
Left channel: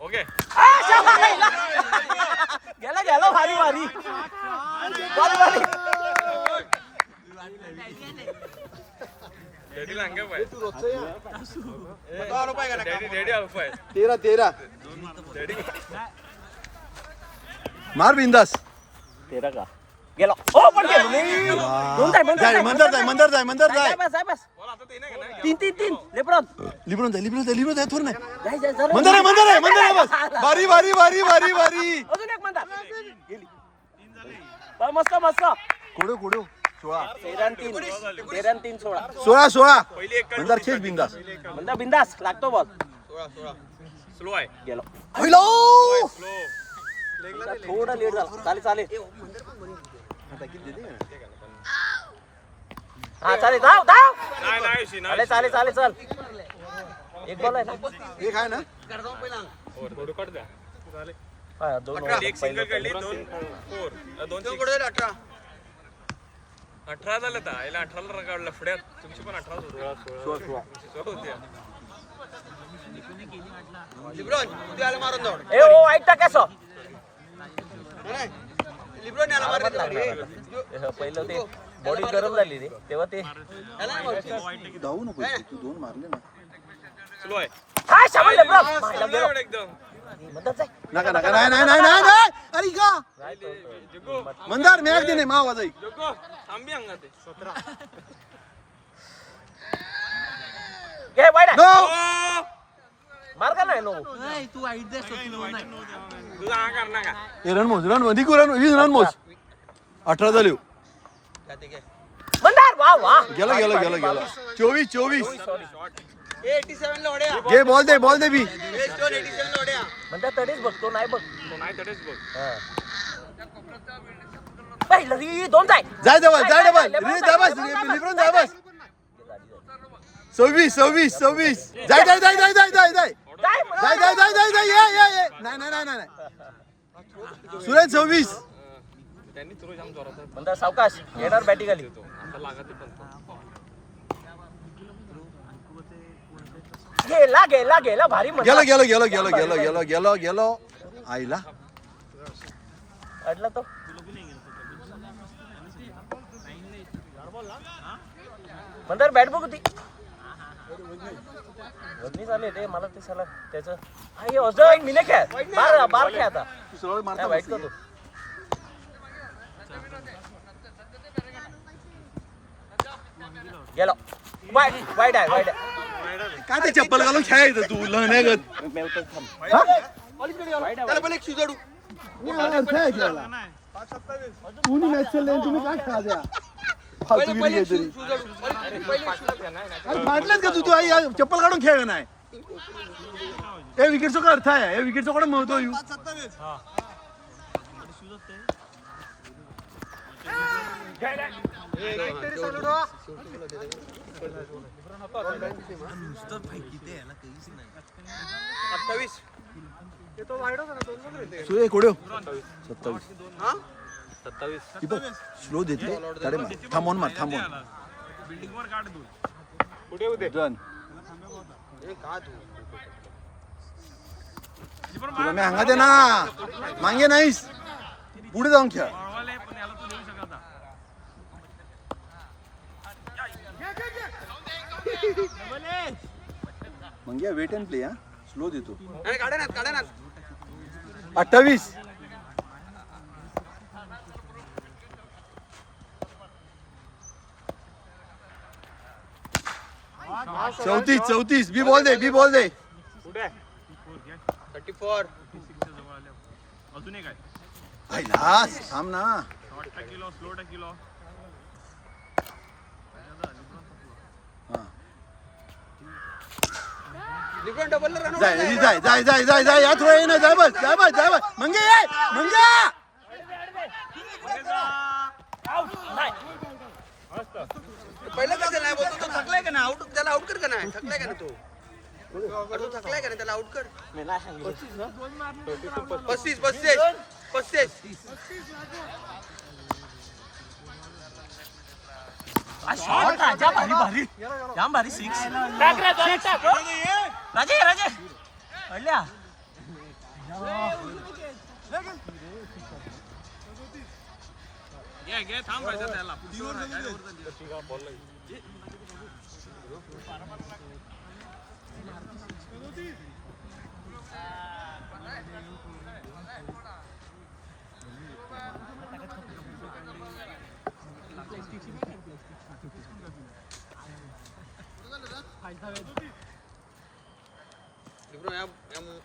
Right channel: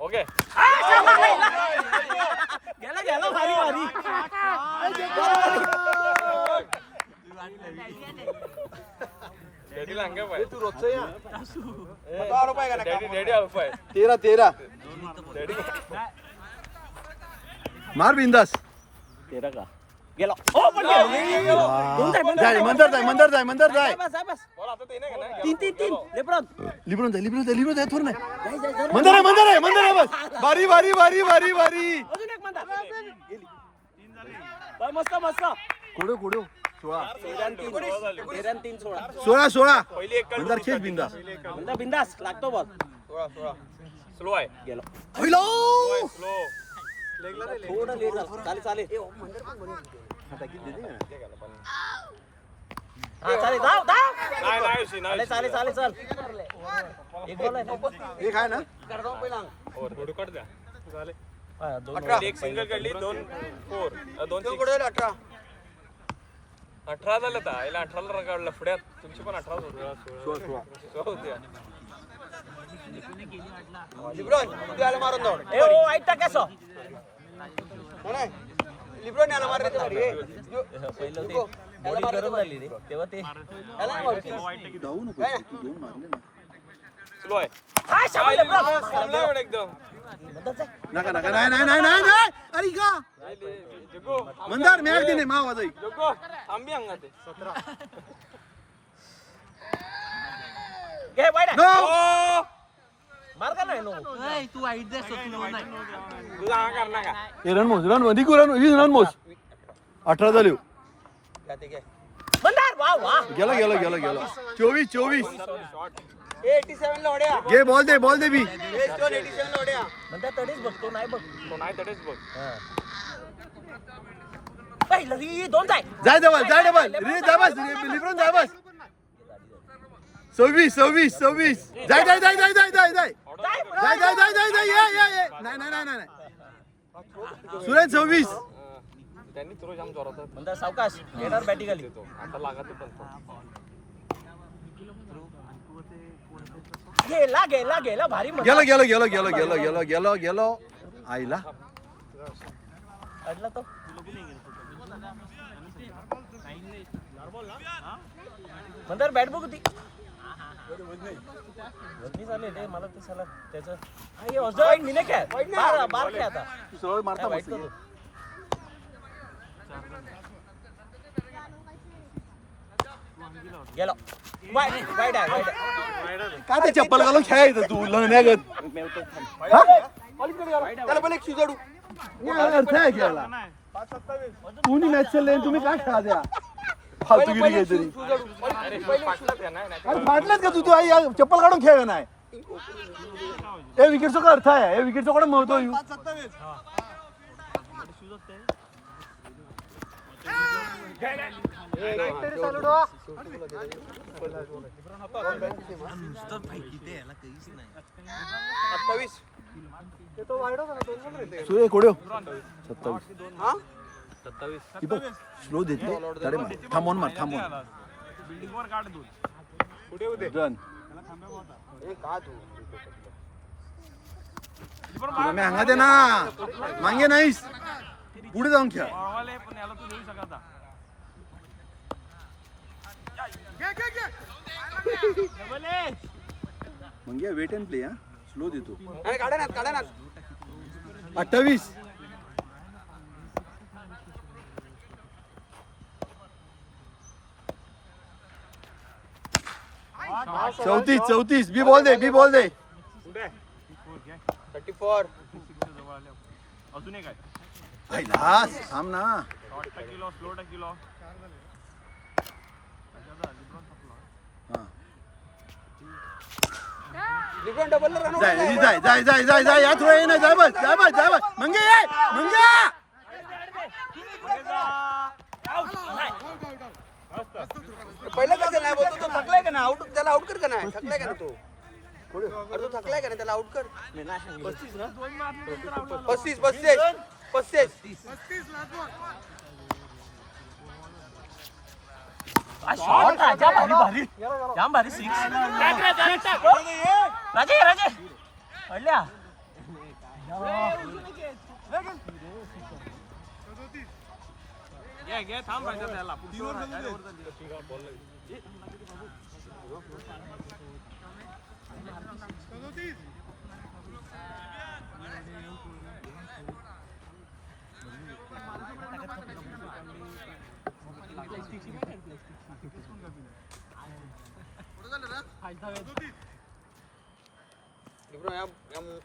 ओके गेला भारी डॅडीला अंगा पाय डॅडी आलो पाय 13 मार बिंदास 13 का गेला ओ पण जाय मंदर जाय बस बॉल आता ते नाही का नाही 3 लेब्रॉन लिब्रोन जाय थोर नाही मंदर आहे बस बारी अजून एक मंदार गेली मस्त कोडो 13 16 पहिली एक मंदार खेच बिंदास मंदार बिंदास लागतो बॉल स्लो आहे गेलो स्लो लेगला नाही लेग थोडा लेट झाला चालेल आता किती देते हा चालेल जाऊ नाही चालेल चल एक बॉल आहे ना एक आहे ना थोडं कट द्या झाले दोन एक सिंगल काढली 2 4 2 18 झालं तर याला 18 ला काढलं पुढ्यात तुमची पण 18 होते लिब्रॉन तू याला मारून दौड ए ओ ऐकता कसं लिब्रॉन याला मारत पहिलं ते बॉडी गरम झाली रे तेव्हा ते तू धावू नको तू 2 मारले ना स्लो आहे हा शाबास लेब्रॉन चांगलं एकदम नका नाही अरे का मंदार मॅच दे नाही मावा जाई लोको थांबी अंगा ते 17 घे वाईड नो मार का नाही नो तुझा हा करणार का ए रन मोज 18 झाले मंदार वाह गेला 24 87 ला ओढ्या घे बॉल दे बी 87 ला ओढ्या मंदार तडीच बघतो नाही बघ तो नाही तडेच बघ पहिलं री दोन जाय जाय डबल रे जा बस लिब्रोन जा बस 26 जाय जाय जाय जाय जाय जाय जाय ये नाही नाही नाही नाही सुरेश 26 त्यांनी थ्रो जाम जोरात म्हणता सावकाश येणार बॅटिंग आली आता लागत पण गेला गेला गेला भारी गेलो गेलो गेलो गेलो गेलो गेलो गेलो गेलो आईला अडला तो म्हणतात बॅट बघ होती वजनी चालले रे मला ते साला त्याचं हे अजून मिने काय बार काय आता तू सरळ मारता मस्त गेलो वाईट आहे काय ते चप्पल घालून खेळायचं तू लग्नागत त्याला पण एक सुजाडू खेळायला तुम्ही मॅच चालले तुम्ही काय खेळा द्या फालतूगिरी काहीतरी अरे फाटलेच का तू आई चप्पल काढून खेळ नाही हे विकेटचा काय अर्थ आहे हे विकेटचा कोण महत्व येऊ सुरे कोड्यो 27 स्लो देते तडे मार थांबवून रन तुला मी सांगा दे ना मागे नाहीस पुढे जाऊन खेळ म्हणजे वेट अँड प्ले हा स्लो देतो 28 34 बी बॉल दे 34 आईलास थांब ना जाय या थोडं ना जाय बस मंगे पहिलं कसं नाही बोलतो तो थकलाय का ना आउट त्याला आउट कर का नाही थकलाय का ना तो थकलाय का ना त्याला आउट कर 35 शॉट राजा भारी जाम भारी 6 राजे अडल्या घे थांब त्याला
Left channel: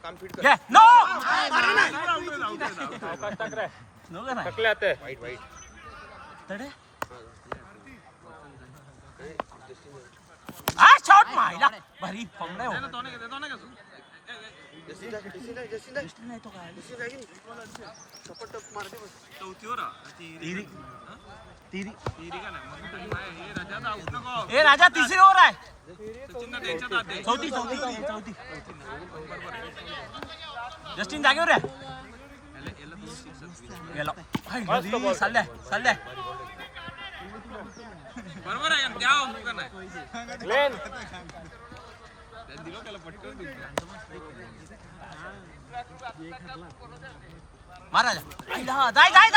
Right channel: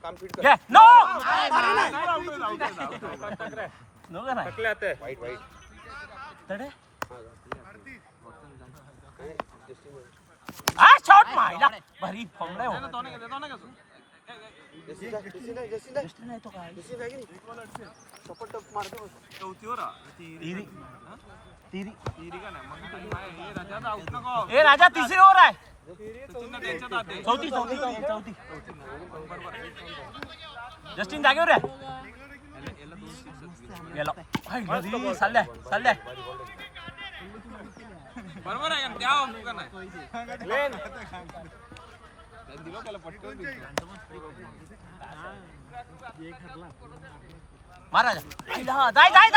काम फिट घे नो का नाही वाईट तडे शॉट मायला भारी फॉर्मला हो जस्टिन नाही तो काय ए राजा तिसरी ओव्हर आहे 34 जस्टिन जागेवर आहे गेलो घरी चाललंय बरोबर आहे त्या नाही महाराजा जाय साईड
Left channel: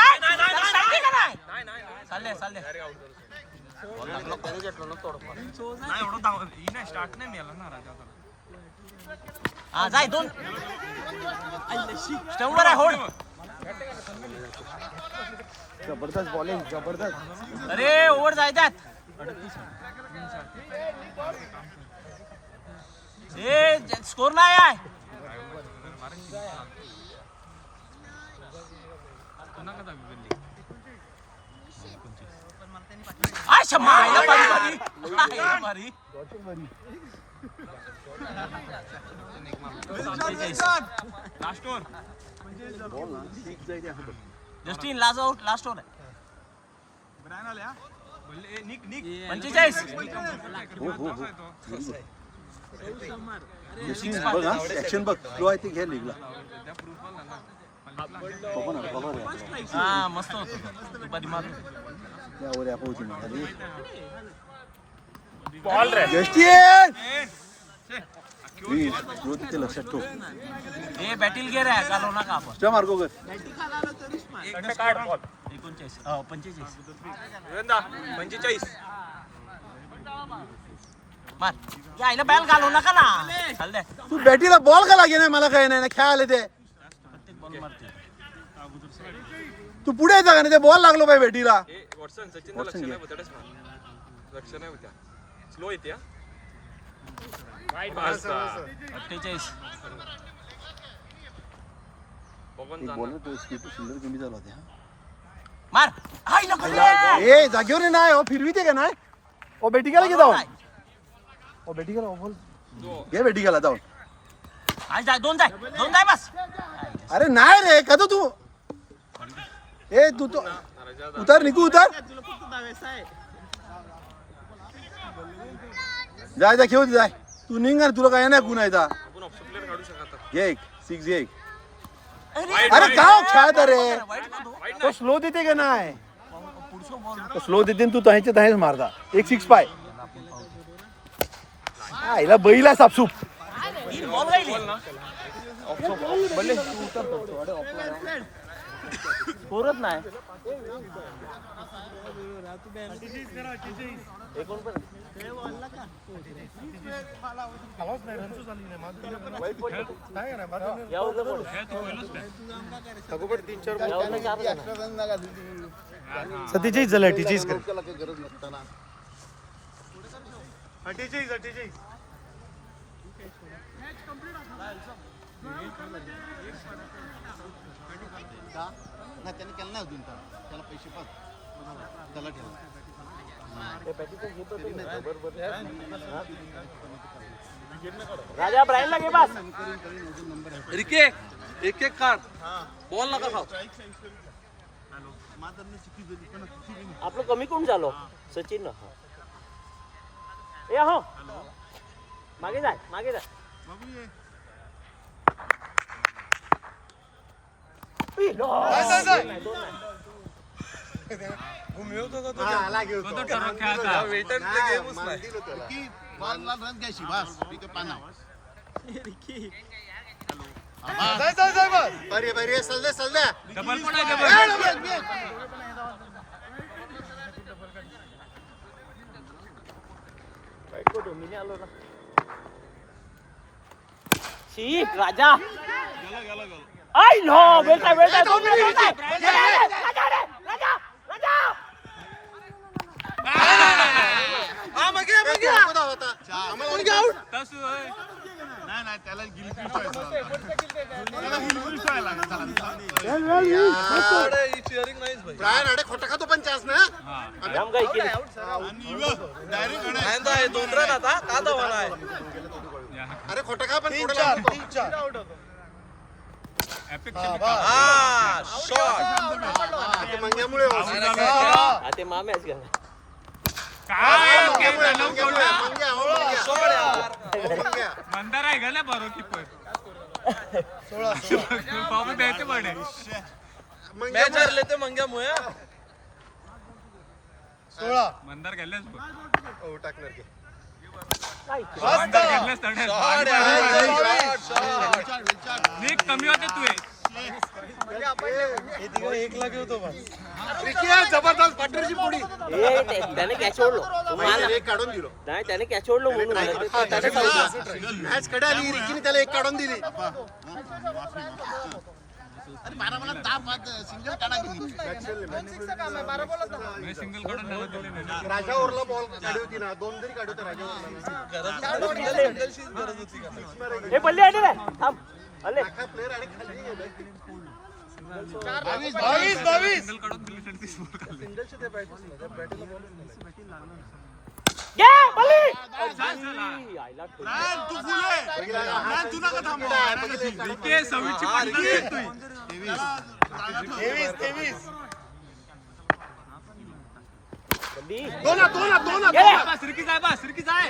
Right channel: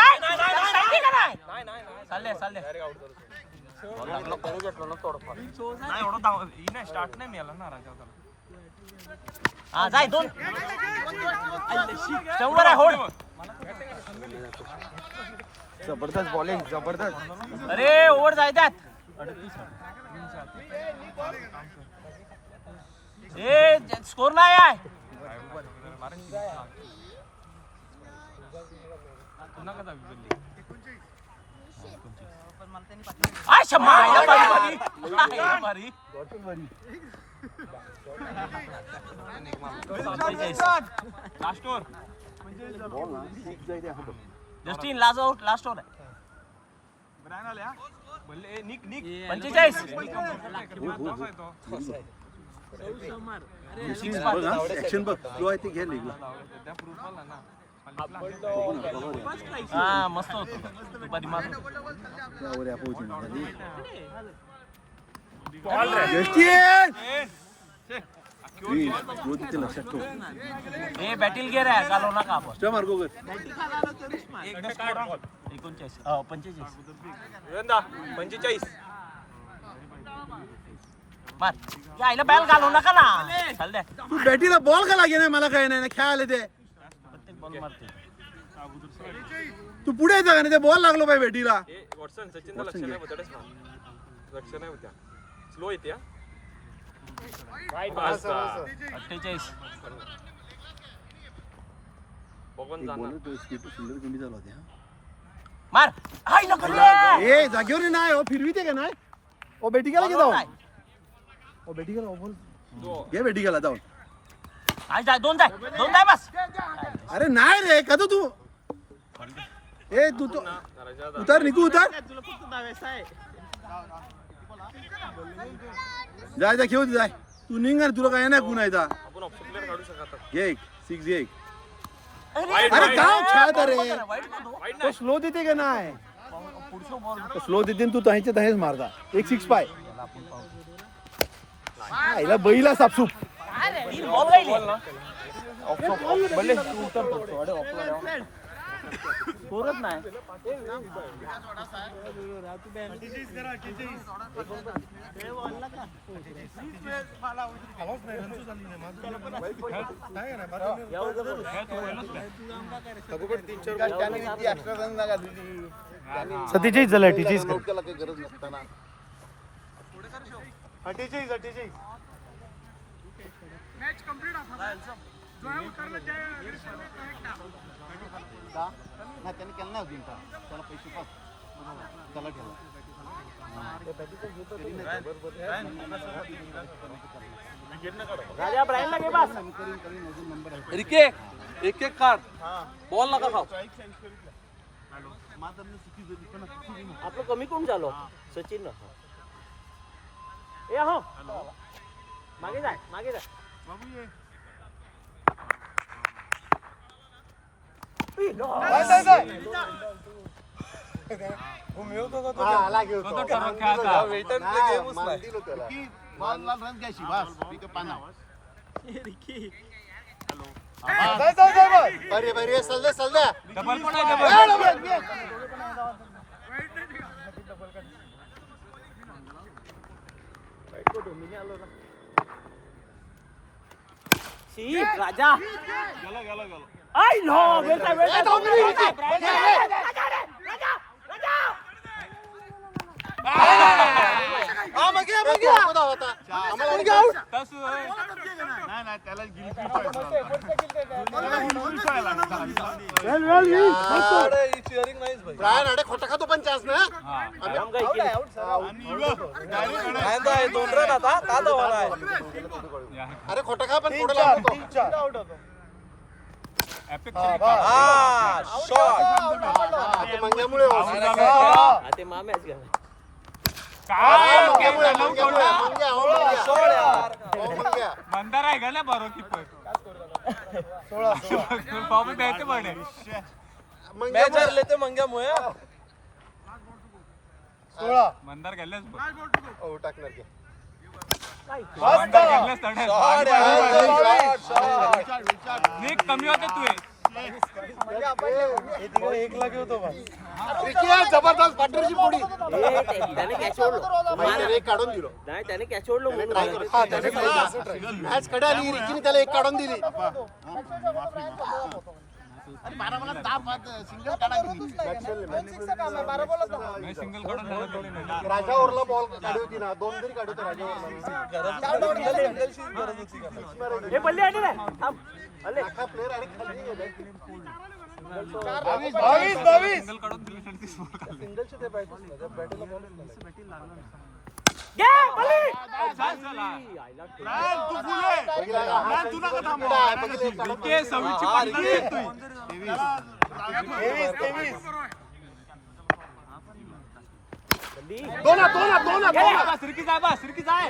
का नाही चालले बॉल लागलो नाही एवढं स्टार्ट नाही मिळाला ना राजा त्याला हा जाय 2 स्टंपर आहे होड जबरदस्त बॉलिंग जबरदस्त अरे ओव्हर जायच्यात ए स्कोर नाही आहे अच्छा मायला भारी last over Justin last over आहे 45 बघ हा ऍक्शन बघ फ्लो आहे ते घे लीगला हा मस्त होतो तो. दुपारी मारून त्यावर पोहोचू खाली जो तिथे लक्षात ठेव ए बॅटिल गेर आहे घालव नका आपण मार्गो कर 39 हो 45 45 मार यायला बॅल घालव नका ना चाल दे तू बॅटीला बॉल का लागे नाही मला काही नाही खेळायला ते प्रत्येक बॉल मारते तू पुढे येता का नाही ते बॉल लागलो पाहिजे बॅटीला वॉटसन सचिन लक्ष नाही होतच ना लक्ष नाही होत्या स्लो येते हा 48 बघून जाणार सुंदर कमी झाला होता मार हाय नको ए जागेवर नाही हो फिरविते का नाही ओ बेटी गेला की जाऊन ओ बेटी गेला बोल घे बेटी गेला जाऊन हाय जाय दोन जाय बस अरे नाही रे का तू ए तू तो उतर निकू उतर जाय जा खेळू जाय तू निघ तुला काय नाही गुन्हा आपण ऑप्शन प्लेअर काढू शकतात घे 6 घे अरे काय खेळत रे वाईट का तो तो स्लो देते का नाही पुढचं बॉल स्लो देते तू तहाच्या तहाच मारता 1-6 पाय याला आपण पाहू हिला बैला सापसूप बॉल गायले पोरत नाही सतीचीच झालं 48 राजा ब्रायनला घे बस रिके एक काढ बॉल नका खाऊ आपलं कमी कोण झालं सचिन ना ए हो मागे जाय अरे चल दे डबल पण आहे राजा आई नो वेळता ब्रायन अडे खोटा खातो पण चान्स ना दोन रन आता का धावाला आहे अरे खोटा खा पण पुढे लागतो हा शॉट आता मंग्यामुळे ते माम्याच गेला मंग्या मंदार आहे का ना बरो कीपर 16 पाव द्यायचे पडे मॅच हरले ते मंग्यामुळे मंदार गेलेच बघ टाकणार की कमी होते तू जबरदस्त पार्टनरशिप पुढी त्याने कॅच ओढलं एक काढून दिलो नाही त्याने कॅच ओढलं मॅच कडे आली रिकीने त्याला एक काढून दिली सिंगल काढून राजा ओरला बॉल काढी होती ना 2 जरी काढी होते राजा ओरला हे बल्ले आले रे थांब आले प्लेअर आणि खाली सिंगल काढून दिली तर ती स्कोर काढली सिंगलचे ते बॅटच ना त्या बॅटीला बॉलच नाही घे बल्ली के सवीची पार्टनर दोन सिरकी जाय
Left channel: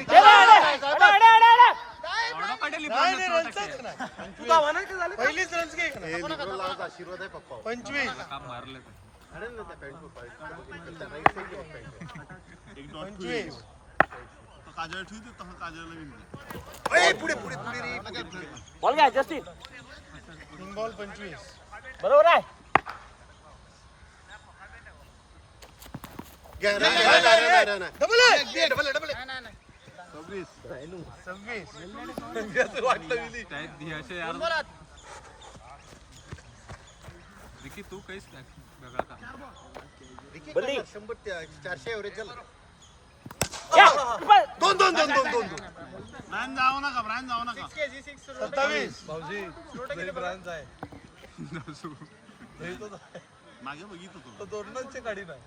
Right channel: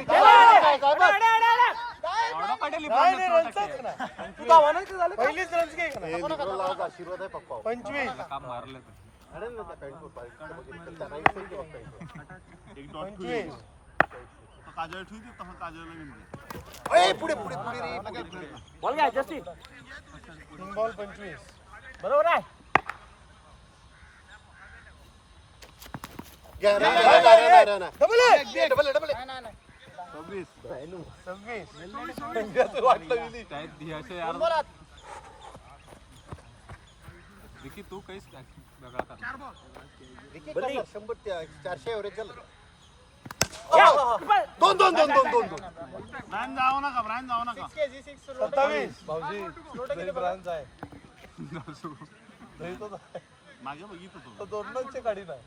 तू धावा नाही का झाले पहिलीच रन्स घे हे लिबरल आशीर्वाद आहे पप्पा 25 अरे ना त्या पॅन्ट पाहिजे बघितलं त्यांना इथे पुढे पुढे पुढे रे पुढे पुढे बॉल घ्या जस्टिन तीन बॉल 25 बरोबर आहे डबल डबल 26 वाटलं विली तू काहीच बघा 100 400 एव्हरेज झालं दोन दोन दोन दोन दोन दोन दोन 27 भाऊजी जरी ब्रांच आहे तो दोन रनचे गाडी नाही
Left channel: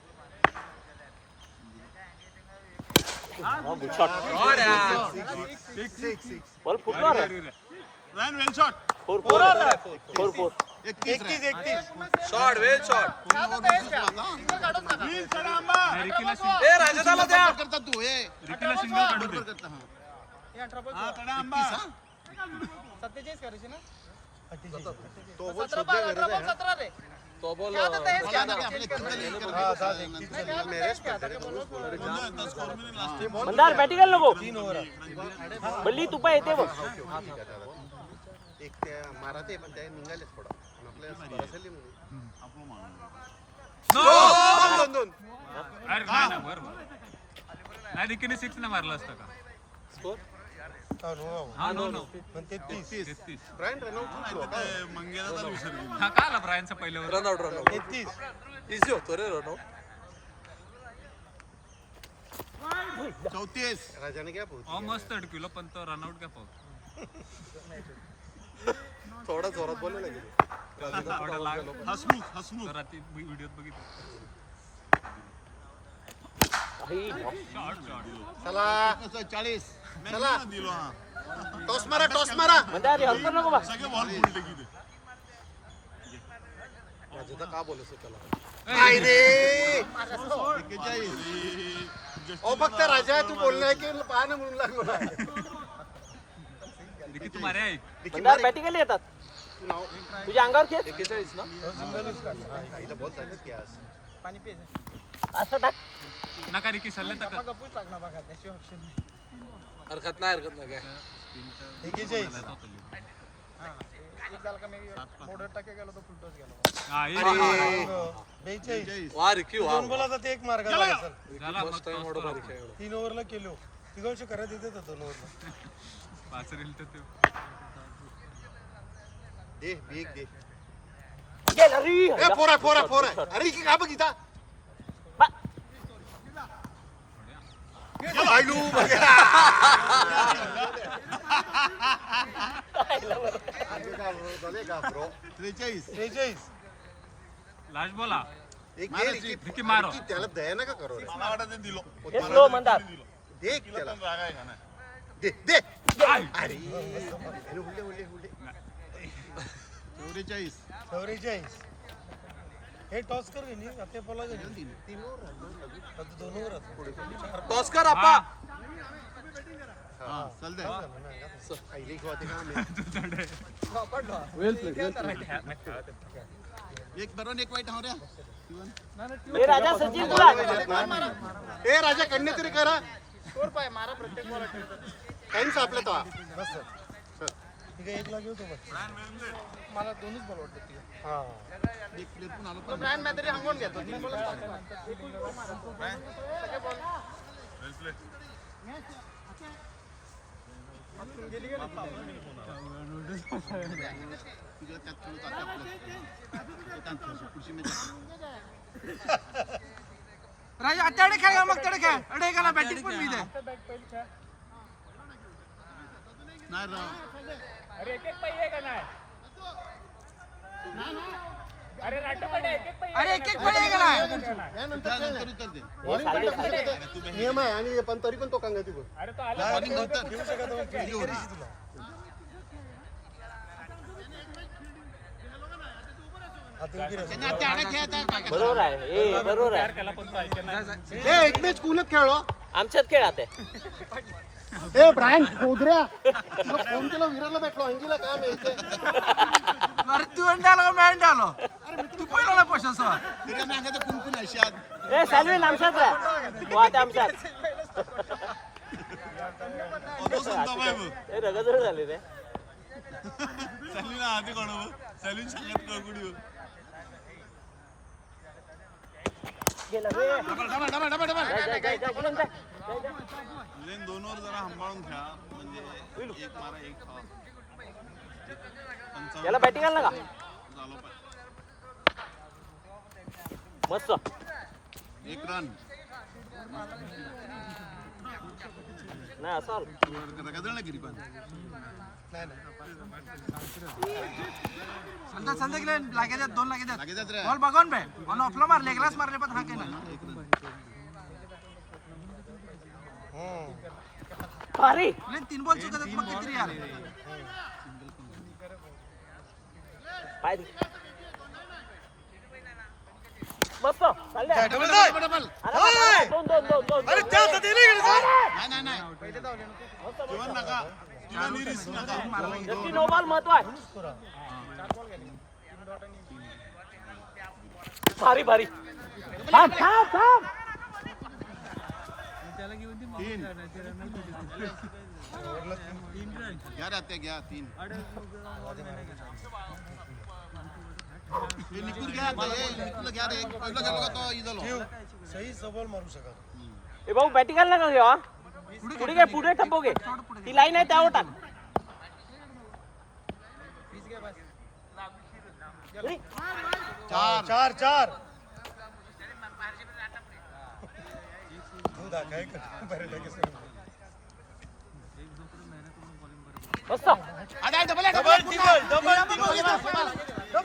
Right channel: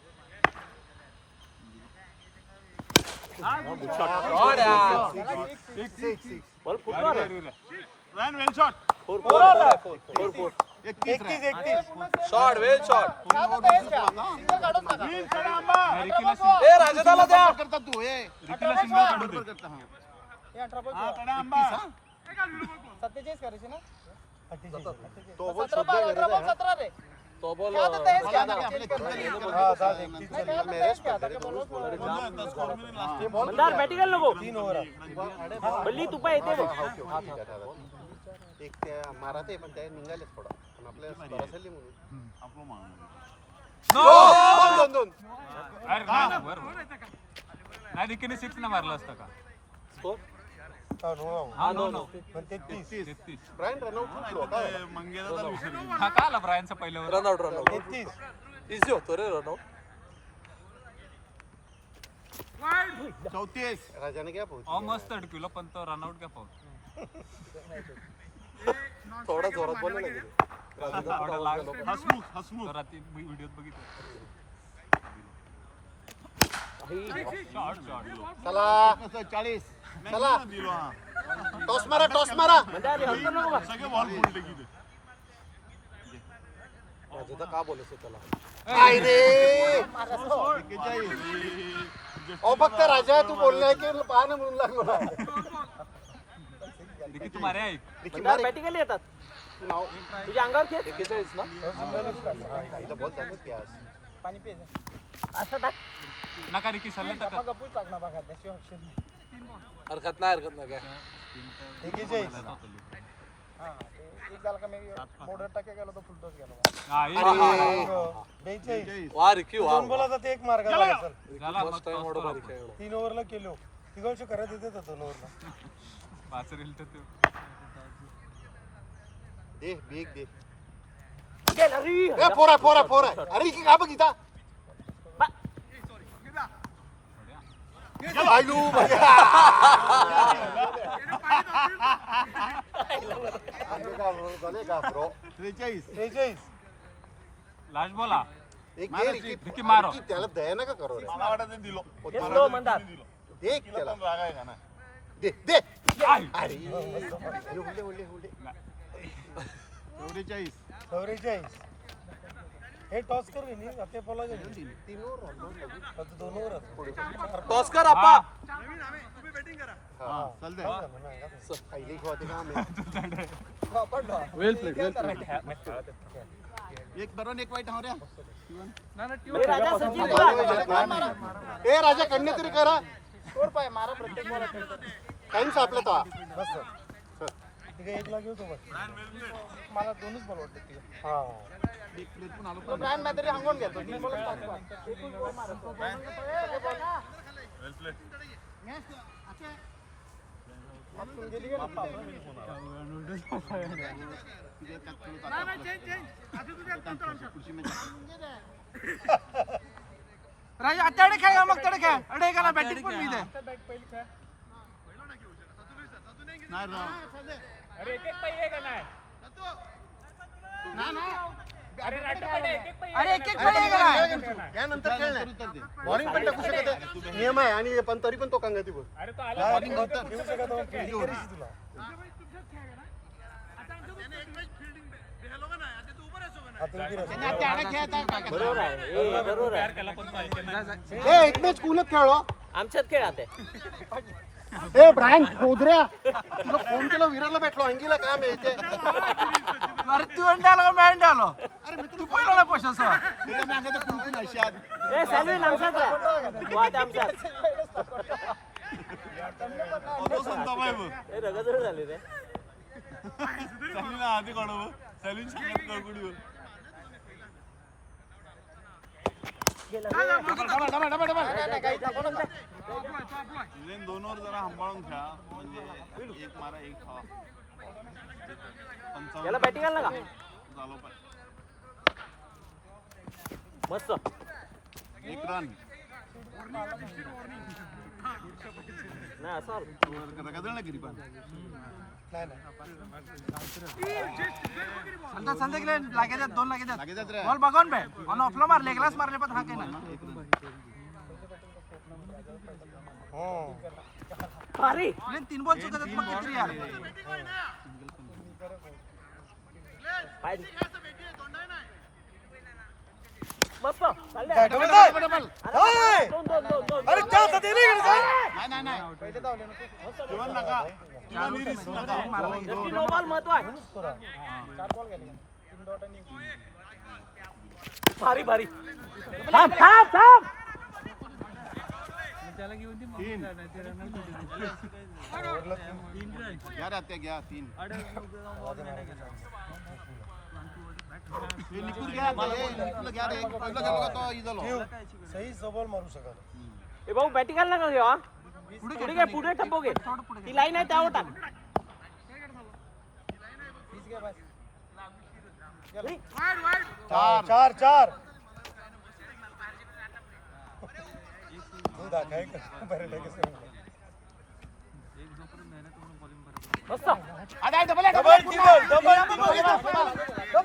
बॉल फुटणार शॉट वेल शॉट ए राजदाला द्या 47 करायचे ना तो बोल सध्या गरज आहे हा. तो बॉल मंदार बॅटिंग नको बल्ली तुपा येते बघ एक त्या माराते पण त्या निघालेच थोडा पण आपल्या बरासली म्हणून दोन दोन नाही रिकीने 6 न मारलं असतं का ब्रायन रनआउट उठलो का हा का आला ब्रायनचा पहिल्यावर रनआउट इझी होतो रे रनआउट राजाने काय पोहोच मस्त अडकिलो पण तो रनआउट काय पाहू थोडा जोरात बोलले गेले रात्री व्हिडिओत बघितलं चला चला टॉस मारा मंदार हलकं नको बा राजाचा का बोलत त्याला काय रे ओ फक्त राजा तू बोललाय की पाहणं म्हणून लागलो नाही रिकी तुम्हारे ऐक मंदार बॅटिंग येतात तू नाव तुझ्या अंगावर खेळ 41 ना आईला बोल झालं की आज पाणी पे असं टाक नका रिकी सल्ले तर कर. गपूच लागणार बघा त्याची ऑप्शन हरकत नाही काय 41 हां एक झाला का मी बॉर्डर टाके गेलो तो फुलटॉस गेला हा, एक. 42 वा रिकी वा दोन बोलाचा ते एक मार्ग झाला सर झाला, फर्स्ट टाइम मोठं बारीक खेळलो 3 ओव्हरला केलो तिघांशी करत येते तर 2 ओव्हरला वासरेल तर ते दे बिग दे गेला रे ए फोरा अरे की का बघिता आलू झाले का ब्रो 43 लास्ट बोला एक घे रिकी मारो. त्याला दया नका करो रे येतो मंदार देख त्याला दे दे अरे हुल्ले 44 हे टॉस कर रे नी आपल्या बोला गेली 3 ओव्हर आता 2 ओव्हर टॉस कर आपा आईले होते का आम्ही ए राजा सचिन तुला ए राजा कन्या तरी करा स्कोर पाय मारा प्रत्येक बॉल टाइम सापला तो बस सर ठीक आहे 1 ला घेऊ तो बस मला दोन्हीच बॉल वाटते हां तो ब्रँड मॅथरी हंगून घेतो मी बोलत वेल प्ले राजा अड्डे खेळ मग तडे खेळ अडे गेला बॅटिंग पण मिळते अरे एक पाहिजे का नाही अरे राट पडे एक अरे एक पाहिजे का नाही यानंतर खेळ नाही नियम आहे आणि पण तरी पण तो कंगती बोल अरे तो आला बरोबर आहे बरोबर आहे एक मॅच कुलत खेळलो आमच्यात खेळ आता ए ब्रँड गोदऱ्या तुला फोन केला विराला भेटलो अंगीला काम आहे इथे. अरे तू अंडाला मॅन आलो अरे तू पहिला पैसा सर ए सॅल्विन आमच्यात आहे. वाट आमच्यात. ए रगत झाली रे. गेला रे. दोनवर जरा सांभाळून घ्या म्हणजे एक मारा एक याला बॅटिंग आला का मस्त एक रन नाही असाल संध्याकाळी लागे दोन लागे बॉल बघून बे ऑन ऑफला मारले ग्लास मारले पण हा काय नाही भारी 3 बॉल चुकतात मग किती यार मस्त चालले. डबल जाय. दोन. अरे त्या साठी नाही गेले नाही पहिले धावले नको. चार मारला जशी नो बॉल महत्व आहे. 4 बॉल गेले 3 डॉट आणि भारी भारी थांब घ्या 3 हे निकुर घ्या निकुरला घ्या रे पहिला गेलो का तो इजलो सही सबॉल मारू शकत ए भाऊ बॅटिंग आला का घेवा पुढे टप्पोगे ती लाईन आहे त्यावर टाक. चार मस्त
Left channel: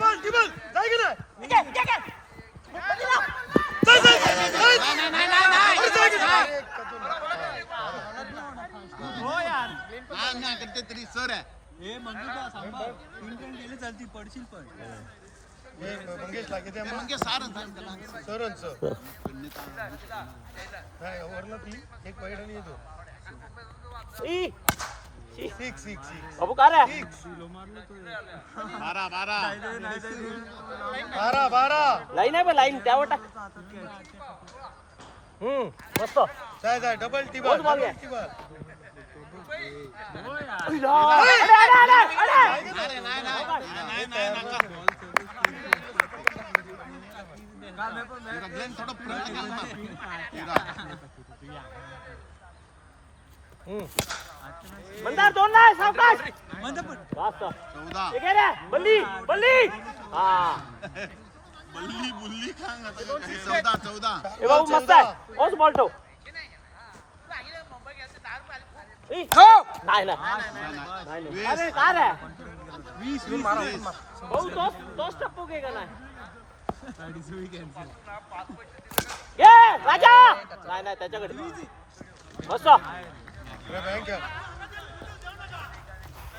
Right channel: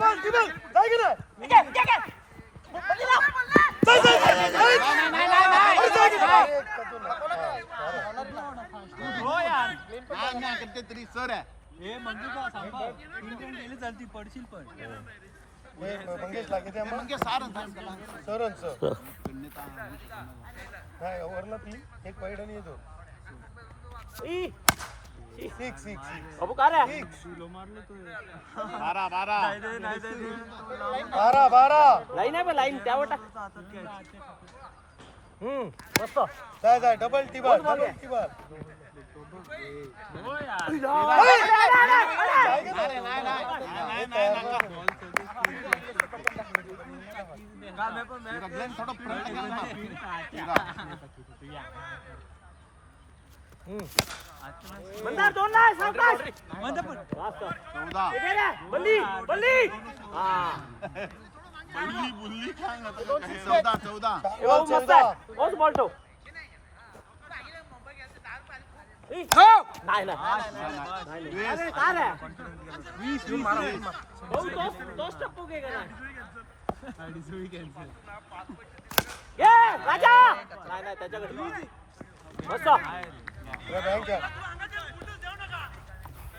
डबल जाय की नाही करते तरी सर आहे मंगेश लागे ते म्हणजे सारच सर नाही ओव्हरला 3 एक वाईड आणि येतो ई 6 बाबू का रे 12 लाईन आहे लाईन त्यावर टाक. मस्त जाय डबल टीबल मंदार दोन नाही सावकाश वास्ता इथे रे बल्ली हा बुल्ली खांग 14 ए बाबू मस्त आहे ओस बॉल ठेव. नाही अरे काय रे 20 मारा भाऊ तोच टप्पू घे का नाही ये राजा नाही त्याच्याकडे मस्त बँक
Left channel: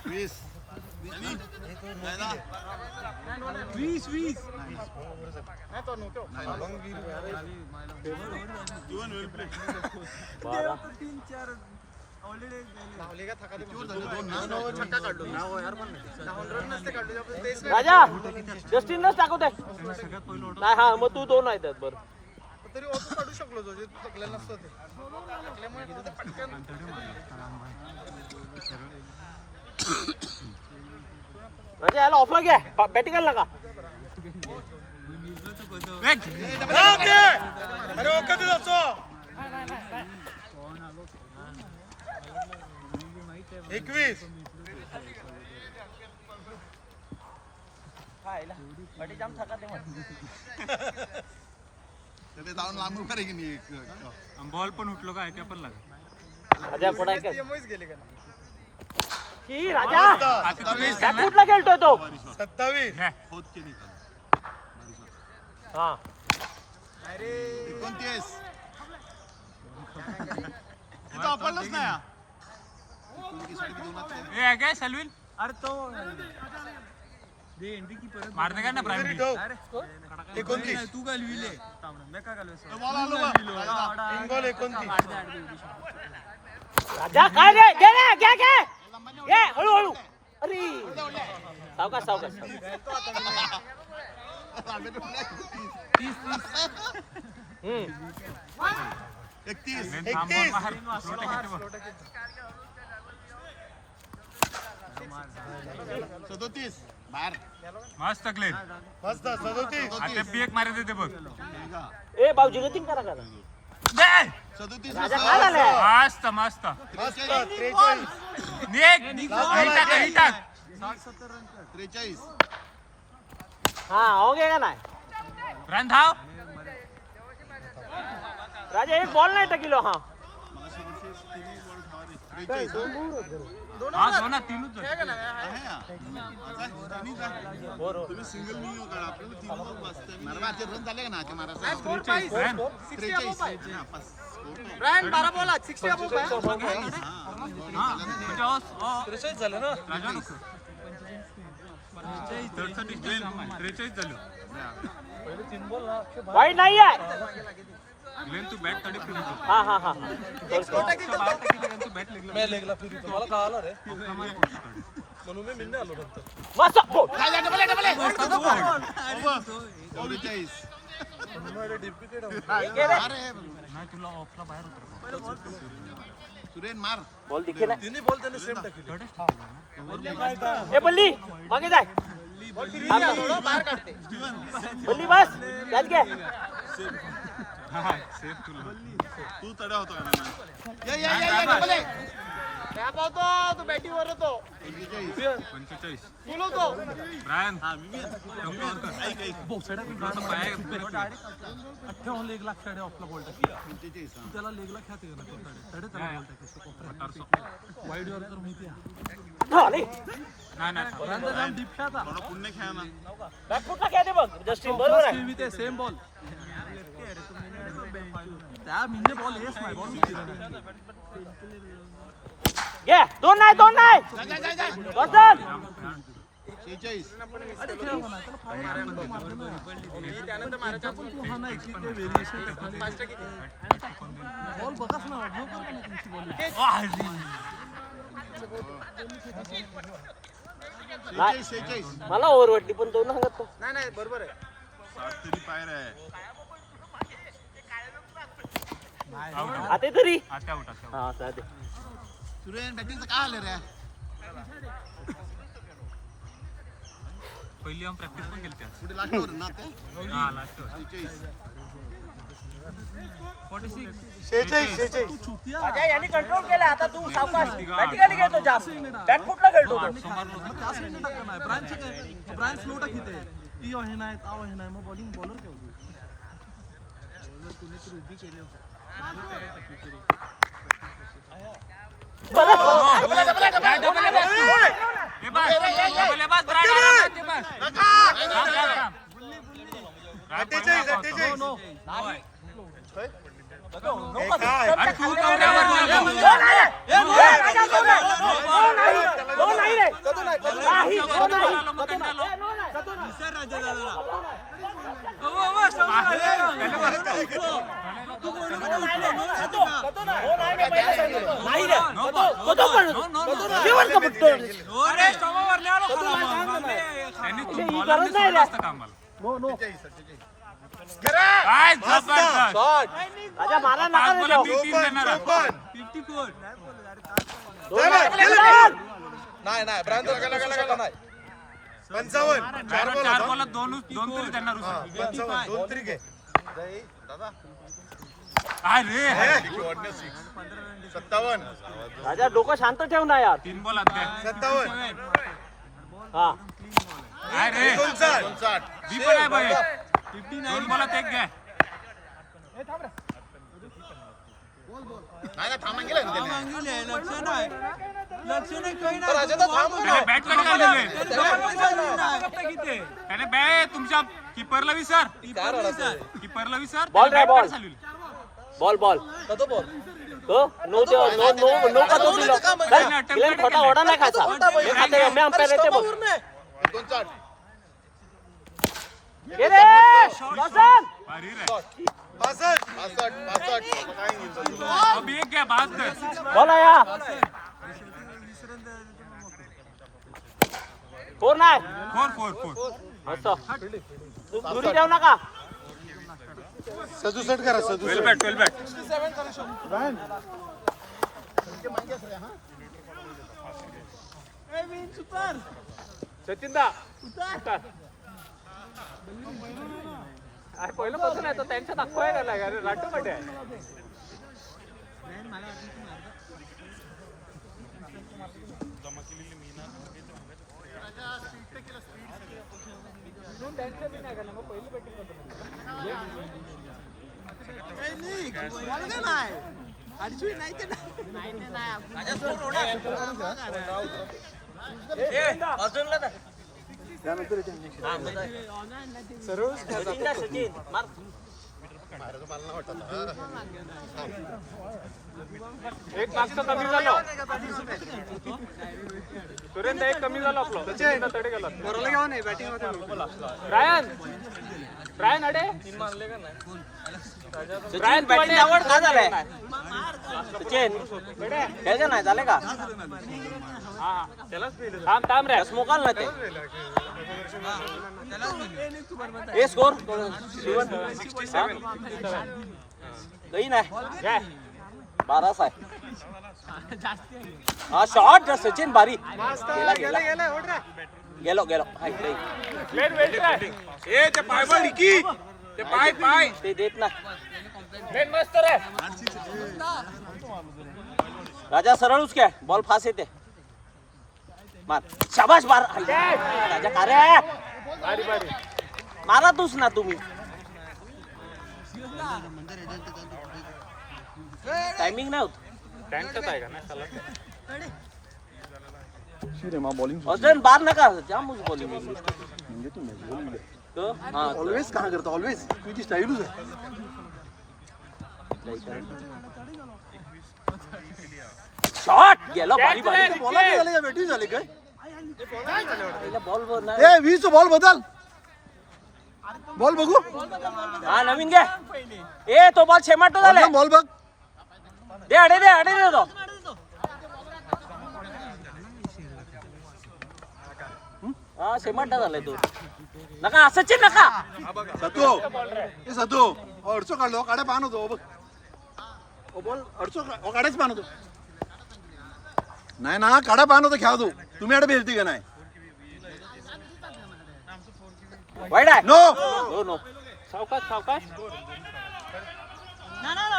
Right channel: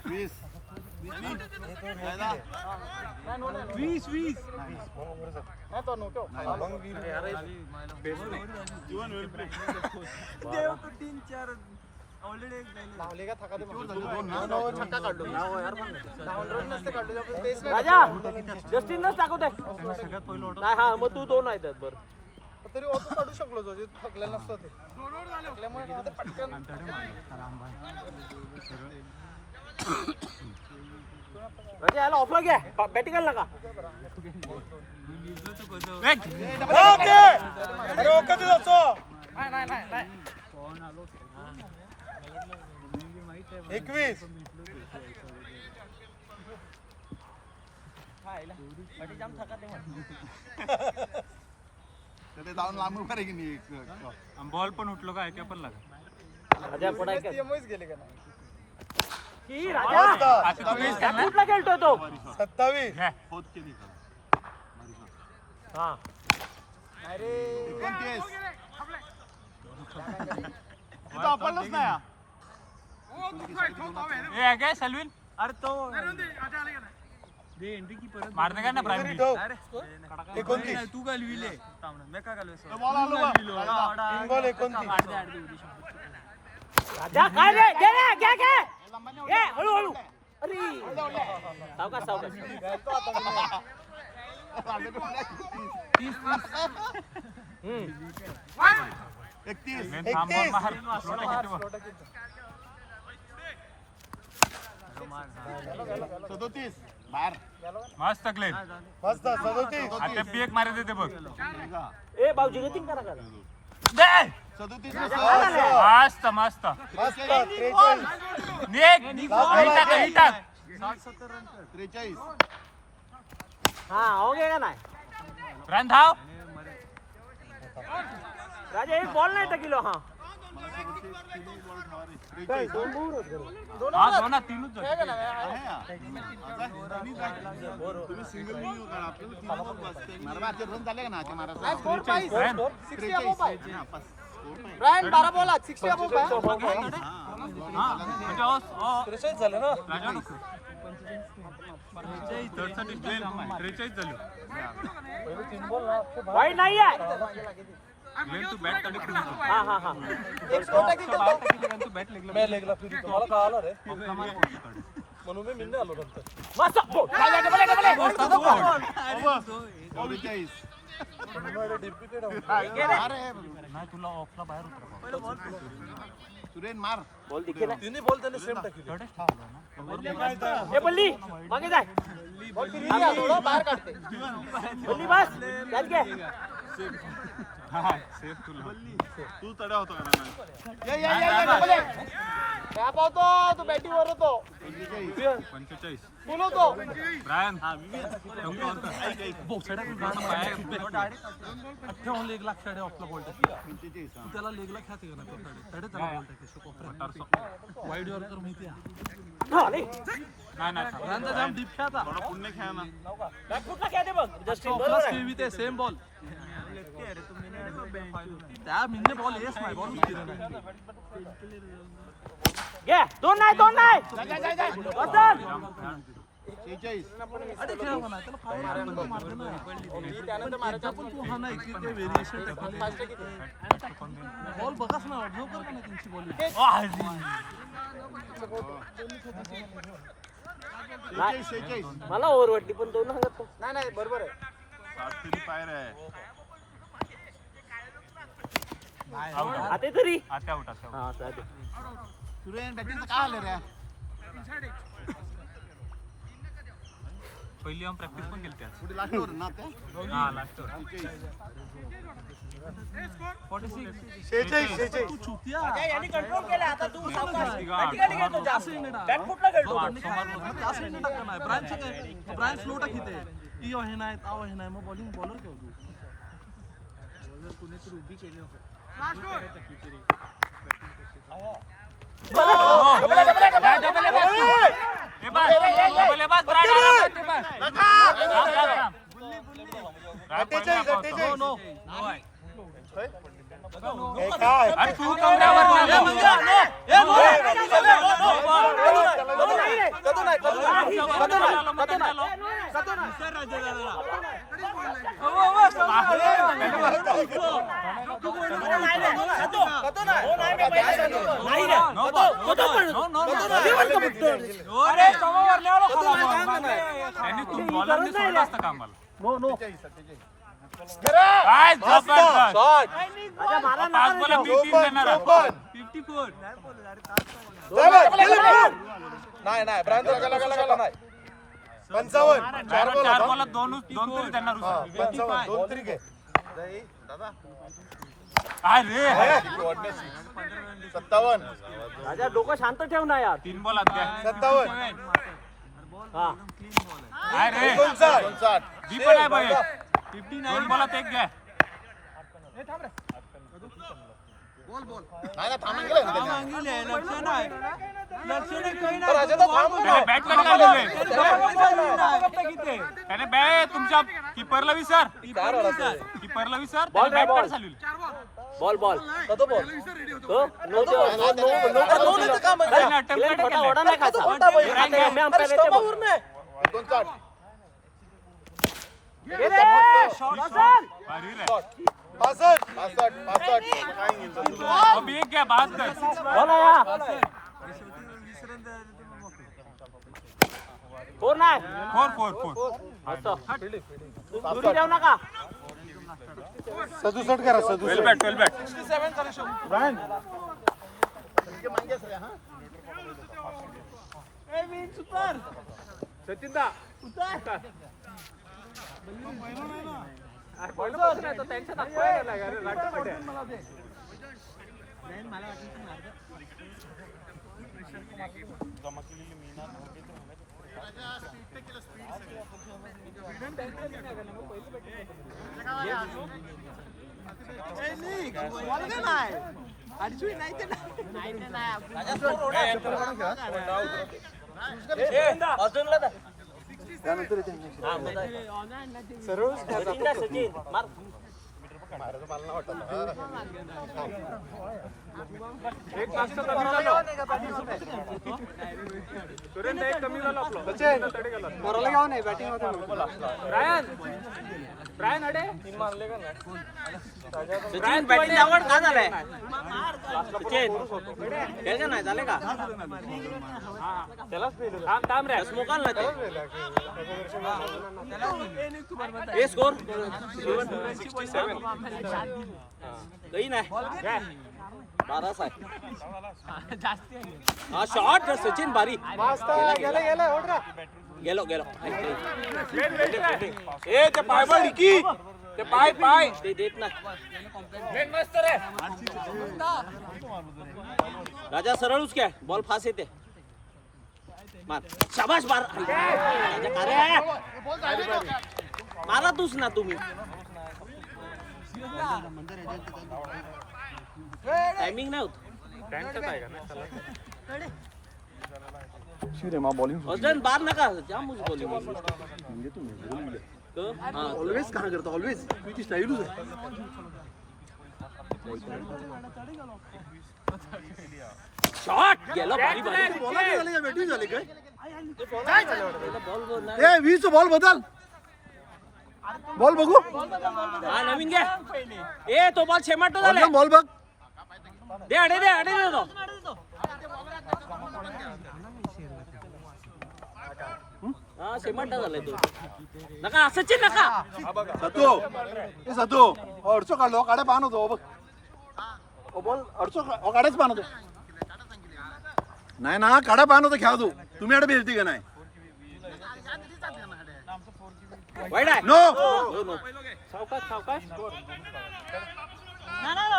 20 नाही तो नव्हतो धावले का थका दे छक्का काढलो नाव यार पण नाही 9 रन नसते काढलो आपण तेच नाही राजा जस्टिनलाच टाकवतोय नाही हा मग तू 2 आहेत बरं तरी ऑटो काढू शकलो जो जे थकले नसतं ते थकल्यामुळे काय होतं, पटकन म्हणजे याला ऑफर घ्या बॅटिंग आला का अरे ओके तू जातो नाही 21 जाऊन लांब उभा की नाही बॉल पण उठलो काय ते पण लागा राजा पुढे काय TMOच गेले का नाही की राजा आता तुम्ही कुठला खेळतोय तो 27 होत की नाही हा नाही रे 29 तिथं आपणच नाही हा. ए काय सलविन मारणे का ना प्राईम बी 29 तो बॉल आलो का? 3 बॉल 29 राजा काय रे घे रे घे हळू अरे सावकाश थांबवून मार फ्लोटे किती बघ. 37 बाहेर मस्त क्लेन मस्त 37 आता पी एक मारे देते बघ. ए भाऊजी गतिंग करा दे 37 मस्त मस्त मस्त 43 निघ ही टाक 43 हा हो गे का नाही रन धाव. राजा एक बॉल नाही टाकिलो हा हा दोन तीनच झाले. तुम्ही सिंगल व्हिडिओ काढा आपल्याला 3 बॉल बसते मारवाचे रन झाले का ना ते मारा रन 12 बॉल 60 अबोव हा म्हणजे झाले ना राजा नको 43 झालं. वाईट नाही आहे ग्लेन तू बॅट तडे फिरू तू. हा बाहेर टाकी तू बॅट लेगला मी लेगला फिरू मला कळालं रे आपला मार पडतो तडे. म्हणून मी निघणे आलो नंतर मस्त हो. 44 नाही तुला ऑफला बाहेर उतरा सुरेन मार बॉल दिखे ना तिन्ही बॉल त्याने सेम टाकले ए बल्ली मागे जाय थोडं बाहेर काढते बल्ली बस याद घे हा सेफ तुला. तू तडा होता का नाही रॅप होतो तो बॅटिंगवर होतो 45 बोलवतो ब्रायन कम कव्हर कर उठलो तर पाया पुन्हा नाही थोडा पुण्य खेळा ना बॅटफुटला खेळते बघ जस्टिन बरोबर आहे सेम बॉल घे दोन नाही वसन 46 त्यानंतर मारा चान्स मला ओव्हरवटली पण दोन सांगत तो नाही बरोबर आहे पायर आहे आउट आता तरी आता आउट हा चालते सुरेन बॅटिंगचं काय आलं रे पहिली आम्ही प्रॅक्टिस पण केली त्यात. पुढे लास्ट ओव्हर ना ते हा लास्ट 46 राजा यांनी कंट्रोल केला आता तू सावकाश तिघा प्रॅक्टिकली खेळतो जास्त बॅटफुटला खेळतो 800 मारलो डबल बस ब्रायन आरामात बस. अरे तू कमऱ्यावर त्यांनी तू बॉलरने सोडलं असतं का आम्हाला. काय जबरदस्त राजा मारा पाच बॉल 3 देणार. नाही ब्रायन लगा नाही 55 चार बॉलात दोन तरी देणार. 55 2 तरी घे दादा अरे 57 राजा डोकं शांत ठेव ना यार 3 बॉलात घ्या. 57 हा अरे 59 बी पण आहे बाई 2 बॉलात एक घ्या. त्याने बॅट कडे घालले. त्याने बॅट तुमच्या किपरला विसर त्याने बॅट कडे चालवली. बॉल बॉल त्याने अटेम्प्ट कडे केलं. ओढा नाही खायचा मी अंपायर येते बघ घे रे, वासन. अभी एक क्या बात कर बोला या. 4 नाही. 4 मस्त. दुरी जाऊ नका. 67 करा 12 बॅट सचिन दा पहिल्यापासून आहे तो त्यांच्या दाखवायला लागला रे, राठोड आहे. अर्जुनला दा. हा मजा आहे. सचिन दा, सचिन मार. एक माणसं कमी झालं. सुरेंद्र एक कमी झालं आपलं. तडे गेला. पोराला घ्यावं नाही बॅटिंग होते रायन अडे सचिन बॅटिंग आवड का झालाय? सचिन त्याचं नाही झालं का? थांब रे. स्मोकाल ना ते. ए स्कोर 67. काही नाही 12 आहे. हा शॉट सचिन भारी. गेलो ए ते पाय बळ की ते पाय ते देत नाही. मस्त रे. राजा सरळच काय बॉल फास्ट येते. मार शाबाश मार. राजा का रे मारा तूच ना तुम्ही. टायमिंग नाही होत. त्यांच्यात आहे का नाही? बॉलिंग अजून बार नका जाम बॉलिंग म्हणजे तू नॅचरल हा ऑलवेज कहा करता ऑलवेज तुझी स्टाईलच आहे. शॉट गेला भारी भारी. बॉला काय झाले का बॅटिंग झाले काय? बॉल नाही. ए 20 बॉल बदल बॉल बघू. हा नवीन घ्या. ए तो बॉल शेमाटो झाला. बॉल बघ. दे अडे दे तो. हा शेमाटा झालाय तो. नका सचिन नका. सतो ए सतो अडचो काढलो काढे पाहन होतो बघ. ओ बॉल अडचो काढेच पाहन होतो. नाही ना काढा पाहन होतो खेळा तू. तुम्ही अडे भेटती का नाही? वाईड आहे. नो नो सावकाश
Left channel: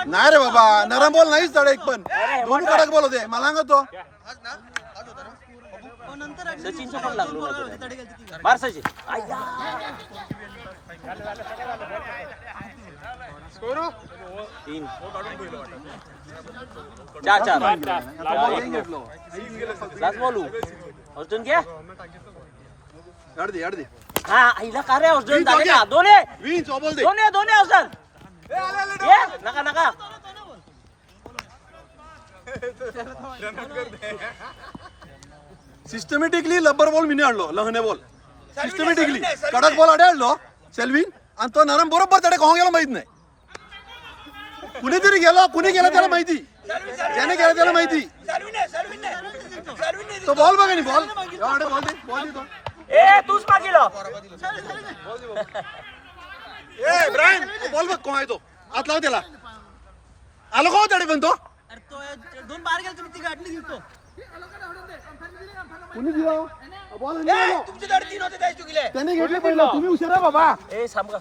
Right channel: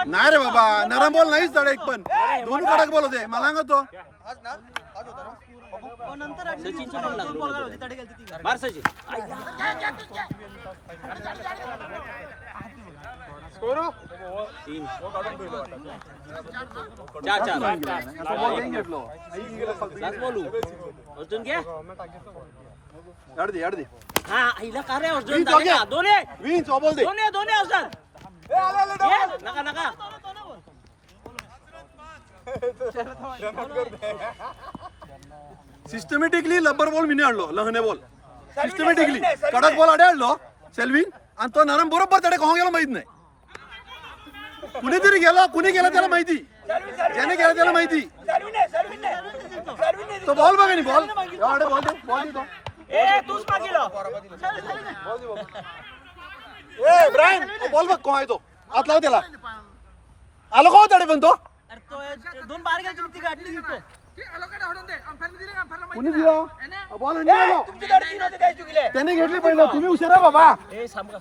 नाही रे बाबा नरम बॉल नाहीच तडे एक पण. दोन्ही कडक बॉल होते मला सांगतो. सचिनचं पण लागलो नाही. मार सचिन. स्कोर 3 4 आता बॉल घेऊन घेतलो. लास्ट बॉल अर्जुन घ्या. अड दे हा आईला का रे अर्जुन विंच झाले का? हो दोन्ही विंच बॉल दे. दोन्ही अर्जुन. नका सिस्टमॅटिकली लब्बर बॉल मी आणलो. लहने बॉल सिस्टमॅटिकली कडक बॉल अडे आणलो सेल्विन आणि तो नरम बरोबर तडे कोण गेला माहित नाही. कुणीतरी गेलो कुणी गेला त्याला माहिती. ज्याने गेला त्याला माहिती. तो बॉल बघा नाही बॉल बॉल दे तो. ए तूच मागिलो. ए ब्रायन बॉल बघ कोण आहे तो. आत लाव त्याला. आलो कोण तडे पण तो. कुणी दिला बॉल त्याने घेतले पहिलं. तुम्ही हुशार आहे बाबा. ए सांगा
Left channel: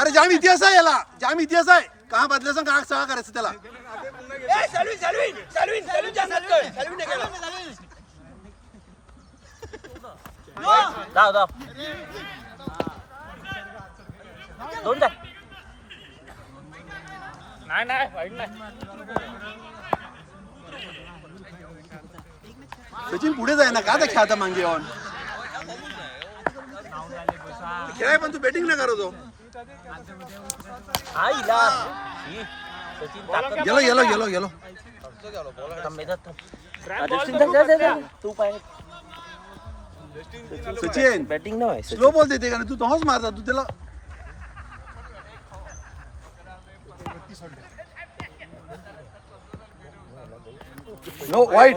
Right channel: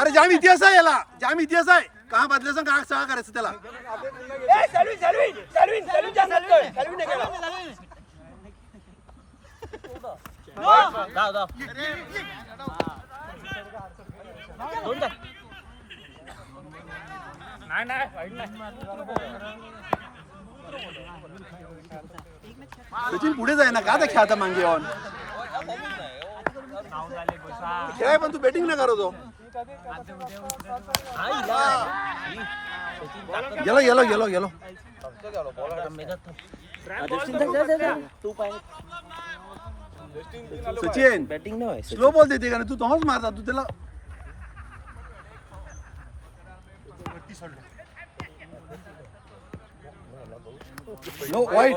अरे जाम इतिहास आहे याला. जाम इतिहास आहे. का बदलायचं का सहा करायचं त्याला. जाऊ दोन द्या. नाही वाईट नाही. सचिन पुढे जाय ना का त्या खेळता मागे येऊन खेळाय पण तू बॅटिंग नाही करतो. गेलो तू पाय सचिन बॅटिंग नाही स्लो बॉल देते का नाही? तू तोच मारता तू त्याला. नो वाईट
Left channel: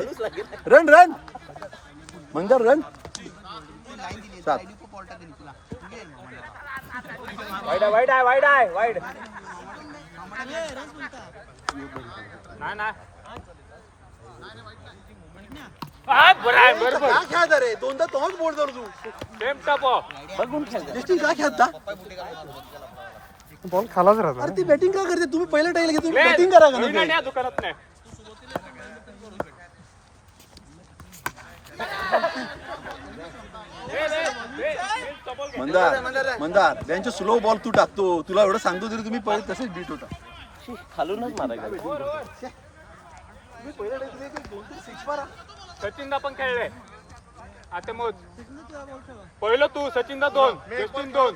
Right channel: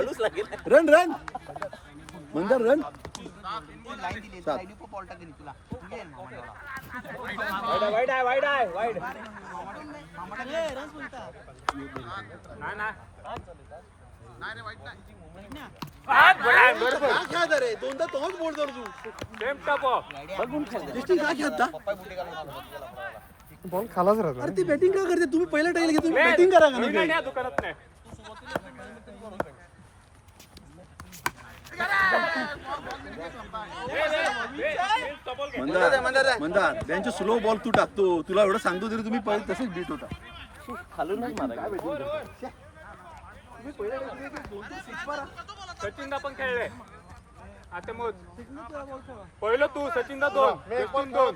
run run Mandar run 7. Wide आहे नाही ना बरोबर काय खेळता रे? दोनदा तोच बोल जर तू सेम टप जस्टिन काय खेळता? बॉल खालाच राहतो. अरे ती बॅटिंग का करते? तुम्ही पहिलं टाईल घेतो बॅटिंग करा का नाही? या दुकानात नाही मंदार मंदार त्यांचे स्लो बॉल तू टाकतो. तुला एवढं सांगतो तरी तुम्ही पहिले तसेच बीट होता. खालूनच मारा. तुम्ही पहिलं टाईल 2-3 मारा. सचिनदा पण खेळले आता मोज पहिलं तू सचिनदा 2 सचिन 2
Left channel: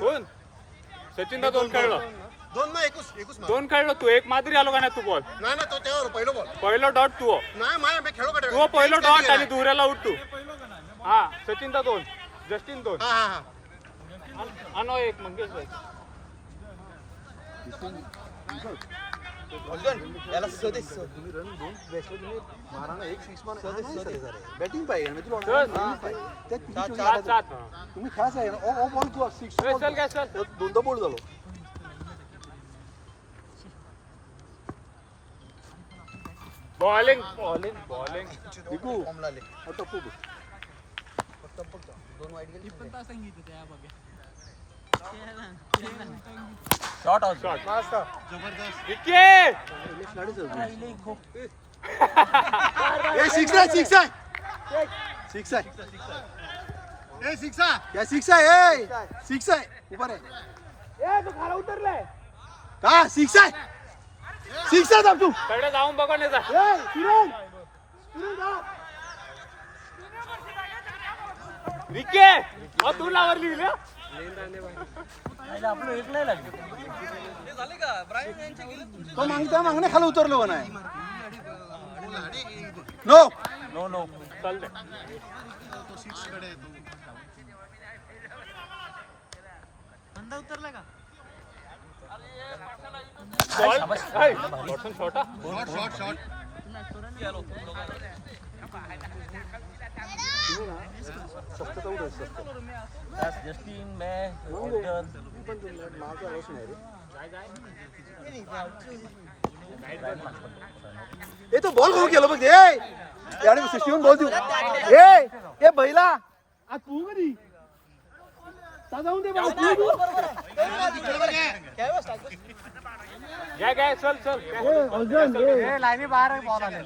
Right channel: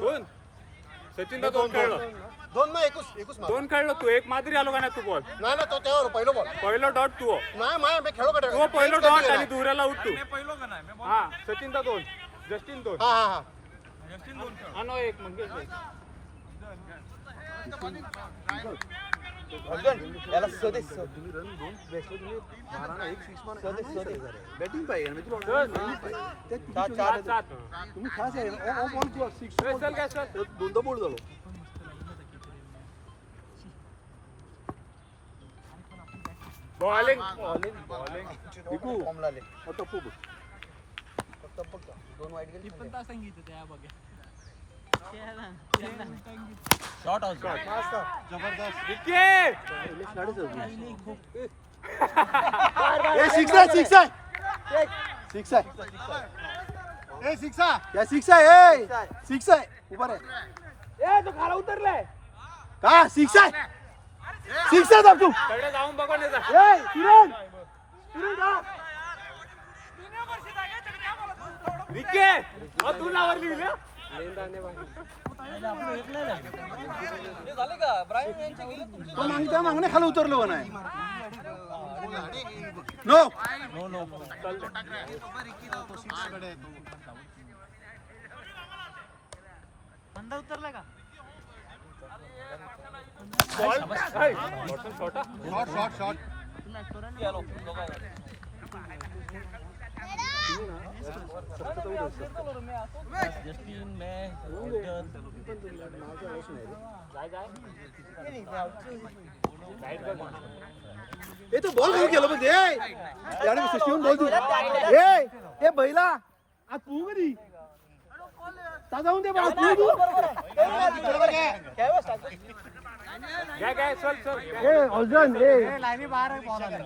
कोण सचिनदा 2 खेळलं 2 खेळलो तू एक मादरी आलो का नाही तू बॉल नाही तो त्यावर पहिलं बॉल पहिलं डॉट तू नाही माया मी खेळू का तू पहिलं डॉट आणि दुऱ्याला उठ तू हा सचिनदा 2 जस्टिन 2 हा हा हा नो एक मंगेश भाई तुम्ही रन 2 बॅटला तुम्ही मारा ना 1 6 मारा नाही चालेल रे. बॅटिंग पाहिजे आणि तुला त्यात किती चोरी सात झाल्या? सात तुम्ही खास आहे ना ओ बॉल तू 6 बॉल चल काय चल दोनदा बोल झालो. बॉलिंग निकू टप्पू बघ. शॉर्ट आउट विकेट ए 6 आहे 6 आहे 6 आहे ए सिक्सा या 6 आहे ए 6 आहे उभा रे का 6 आहे 6 आहे तू सगळं जाऊन बघा नाही जा ए किरण किरण जा विकेट तू लावली ना झाले का ब्रायन यांचे गेले तुमचे तो मागण्या खाली उतरलो का नाही नो नो नो चल दे छोटा शॉट जस्टिन मैं ए तो बॉल घेऊन गेलो बघ ए आणि 61 बॉल देऊ ए बैला आज तू कधी जाऊन दे बा तू काय चल चल ए अर्जन ए लाईनी बाहेर बॉल आले.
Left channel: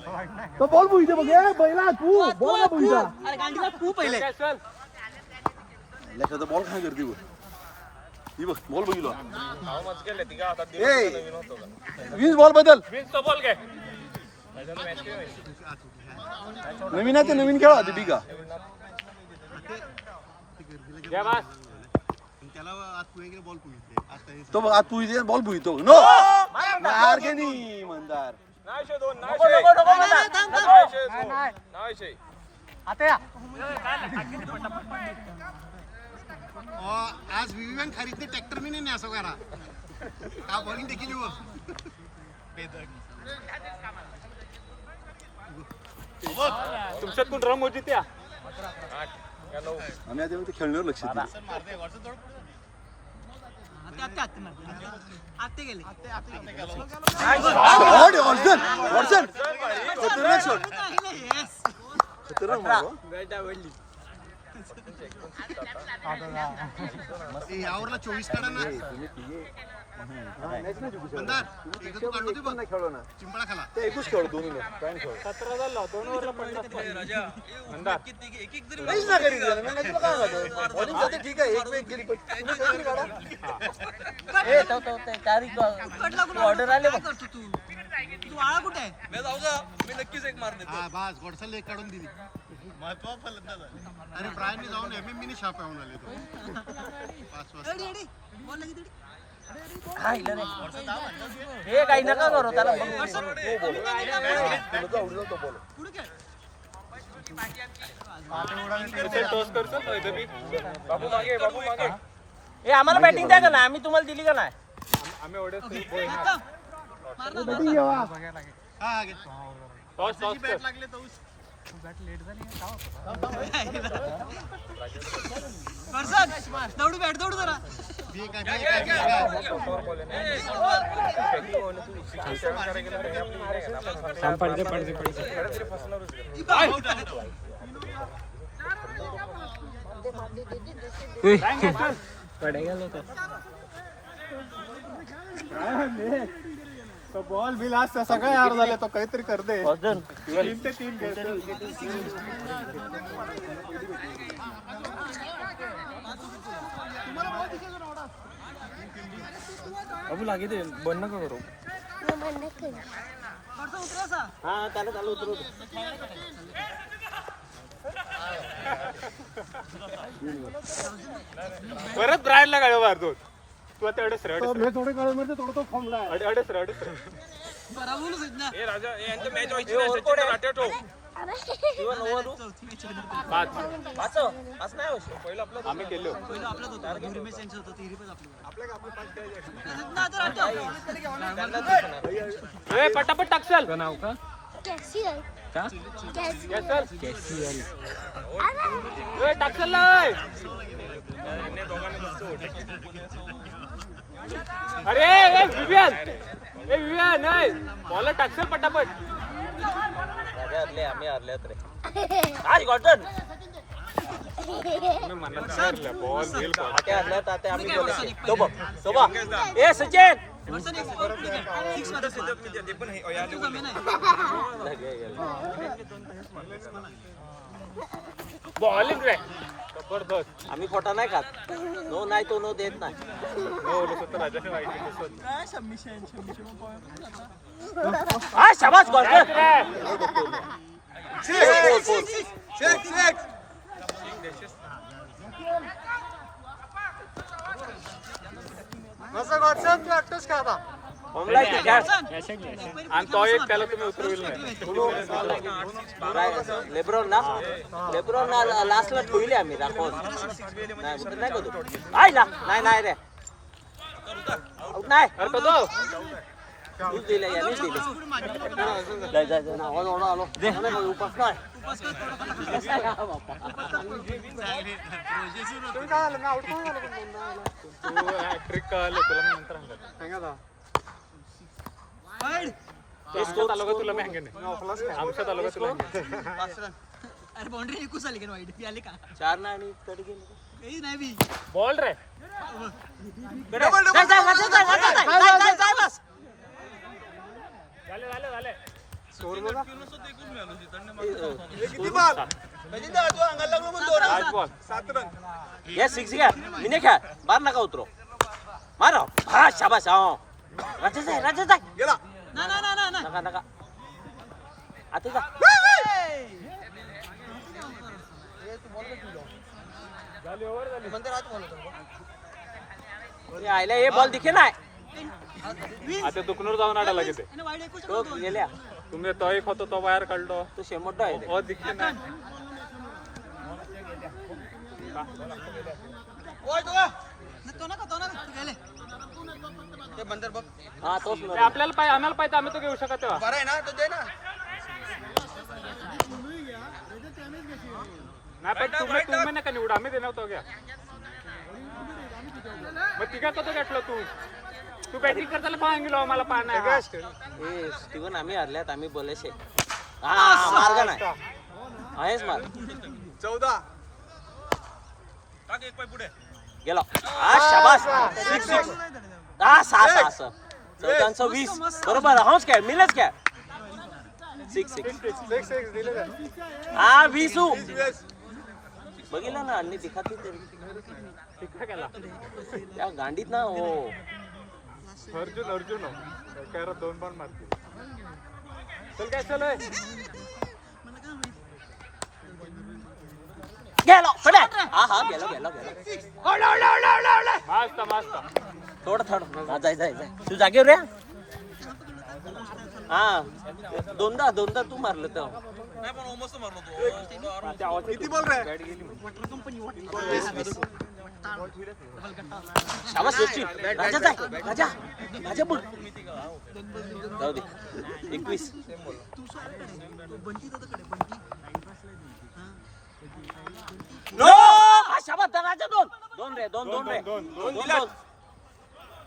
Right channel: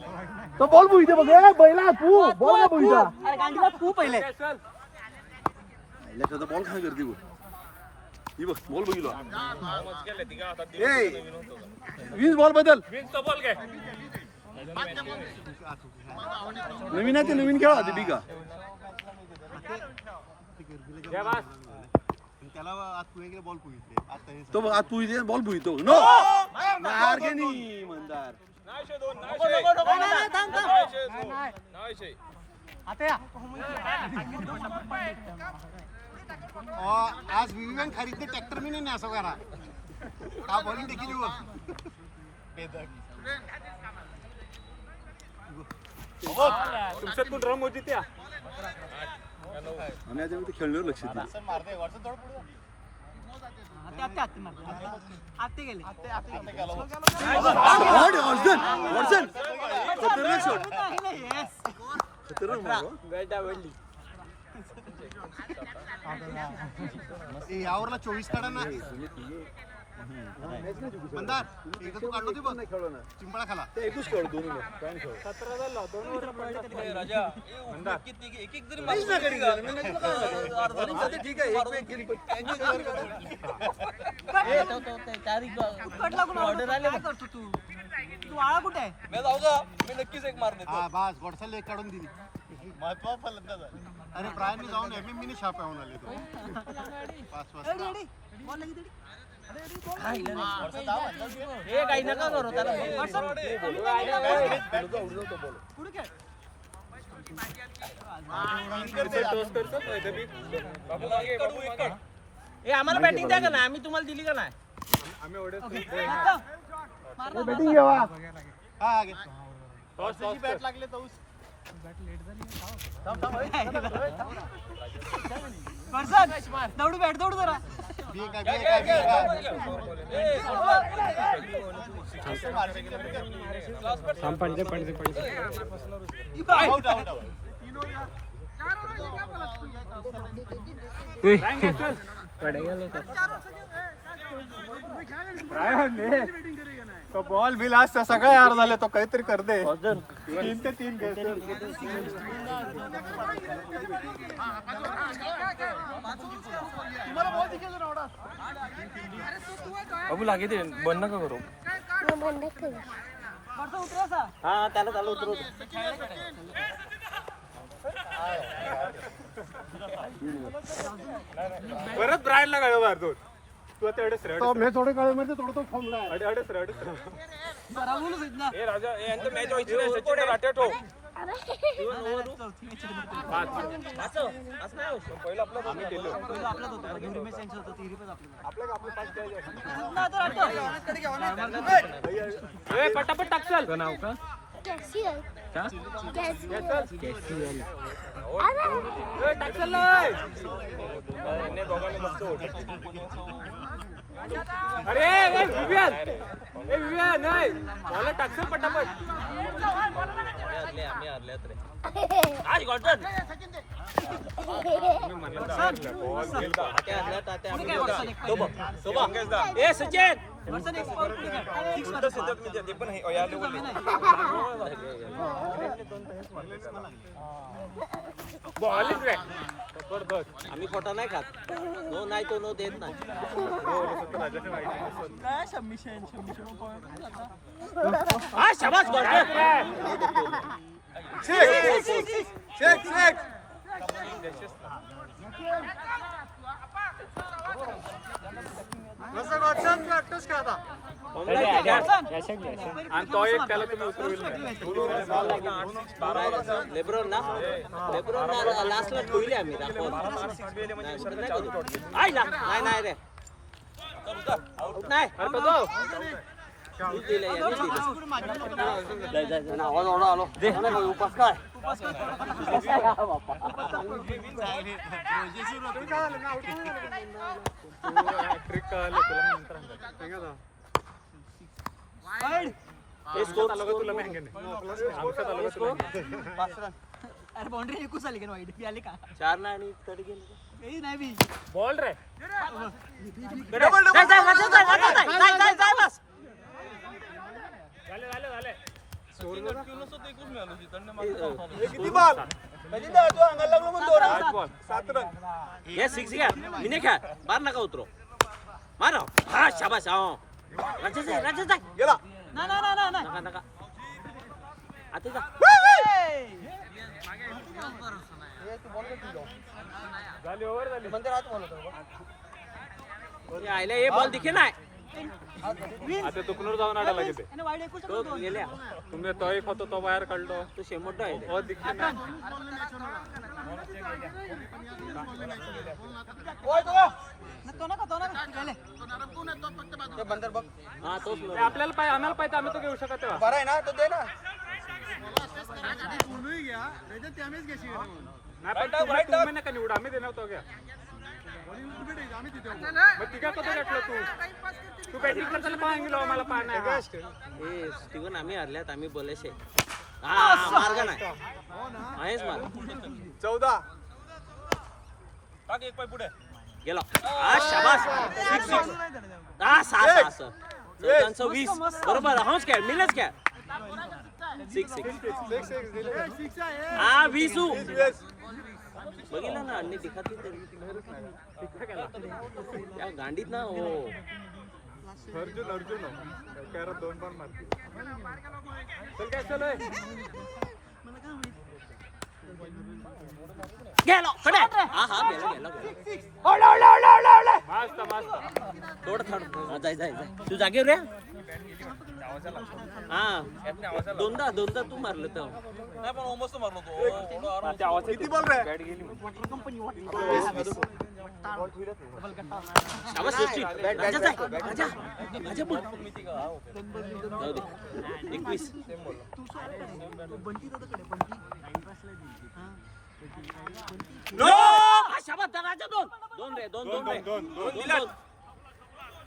तो बॉल बुईते बघ ए बैला तू बॉल का बुईता अरे गांडीला तू पहिले काय चल लका बॉल काय करते बघ ही बघ बॉल बघितलो ए 20 बॉल बदल विंगचा बॉल काय नवीन आहे ते नवीन खेळा ते बिगा घ्या बस त्याला आज पुणे बॉल पुणे तो बघ आज तू इथे बॉल बुईतो नो मार के नाही मंदार आता या. आज विवियन खरीदने ट्रॅक्टर मी नाही असं करा हा बॉलिंग देखील हुआ तुमच्यातून रम होती त्या आम्ही आता खेळण्यावर लक्ष दिलं शॉट ऑर्जन ऑर्जन खतरनाक शॉट खतरनाक मारलो यावरला 24 काढा ना मंदार इथं तू काढतो ते बघ खेळलो ना चिंपळा खाला ते एकच खेळ दोन पॉईंट खेळ 17 झाला 2 ओव्हरला 50 राजा एक एक जरी काहीच ना करी नाही तुला काय वाटतं बॉलिंग जाते ठीक आहे एक एक गेली पण तुम्ही काहीतरी काढा. ए तो ते तारीख ऑर्डर आले बघ मी जाऊ जा मी नक्कीच एक मार देतो हा बस गोडसल एक काढून दिली महत्व फलंदाज आहे अरे ब्रायन मी जाऊन एमएम मिनी शॉप येऊन आले तो 5 वाजता हे काही नका करू त्याला तो बॉल. टॉस करतो इथे बी बाबू मागे बाबू मागे हे आम्हाला बॅटिंग द्या का नाही आम्ही तुम्हाला दिली का नाही आम्ही एवढे बॅटिंग घ्यावा टॉस टॉस बॅट लागले तर दौडू बॅट दौडू जरा तो बॉल बिल आज सगळं यार झालं तो काहीतरी करते 3 ते 3 बाबू लागे ते बंद नका करू हा त्याला चालू उतरू परत ब्रायनला गाडी मारतो तू आता अडस रे तो मी थोडे काळ मध्ये थोडं तो फॉर्मला आहे अडस रे ए राजा यांचं मॅच व्हायची नाही सचिन राट्या ठेव इवन ओव्हर वाचव वाच नाही होश पहिलं आपलं आम्ही केलो ए पटापट टाकसल नाव का कॅशियल का कॅशियल ए टाकसल नाही अरे ए विवियन नाही बॉल टाकसल पटापट हरले आम्ही हरल्यात रे आज गॉटन ताते आम्ही ए सचिन बॉल रे जबरदस्त आम्ही फोटा नाही खात नो नाही तो नो देत नाही आ शाबास गॉटन कसं गॉटसन तू एकटाच का आता आणि तो एक त्याला तुम्ही उतरविल लेब्रॉन ना लास्टला ठेवली आम्ही दाखवून आहे ना नाही नाही रे नाही दिले याने दिले जा जा ना आलो दे तुम्ही काय झालं ना आउट कोण झालं पण ट्रिक कळलं तुला मी नंतर सांगा हे स्कोर तुला माहिती नाही अरे बाउंड्री एकूच आली का वाईट आली का 4 ना आणि तड गेले नाही बी बॉल रे जाय बस झाले किती बॉल आज बॉल 7 रन ये 6 घ्या मी नाही खेळ बाहेर नका उतरो मारो हा शाबास हा राजा जाय गेला नका नका आते का झाली ओव्हर झाली आयला हे बॉल दिखे नाही आता दुखनूर जाऊन आडा लागेल तो गेल्या तुम्ही तो एक होतो तो बाहेर काढलो तो शेमोट आहे रे. बहुत दिखते ना हा तोच ते आपल्याला पाहिजे आम्हाला पाहिजे आम्ही तो घेऊ शकत तेव्हा बरं आहे ना तो दे ना पूर्वी घ्या त्याच्यात त्यानेच घेशी नाही पण तुम्ही नका निवडू आम्ही देणार तो घ्या आम्ही तिथे मग तिघा कसं घेतलं तू बॅटिंग करताना पाहून आम्हाला पाहणार ए स्टीवन आम्ही हरल्यात आम्ही बोलायचे हा मार्ग नाही आहेच मार्ग 14 टाक एक पाय पुढे गेला हा शाबास 6 हा 6 चौदांचं 20 बरोबर होच काय मिळच काय 6 हा 20 बघितलं ना आणि दिखाती त्या गांडीत ना हो अर्जुन त्याला 2 पण मारते चल काय चल गेलो पडा हा गेलो मस्त थोडं जाय तू जागेवर रे हा दोनदा तू मारलं तर किती बॉल रे? शाबास यशवी. राजा जाय राजा बोल जाऊ दे 21 नो हा, शाबास राजा दोन रे दोन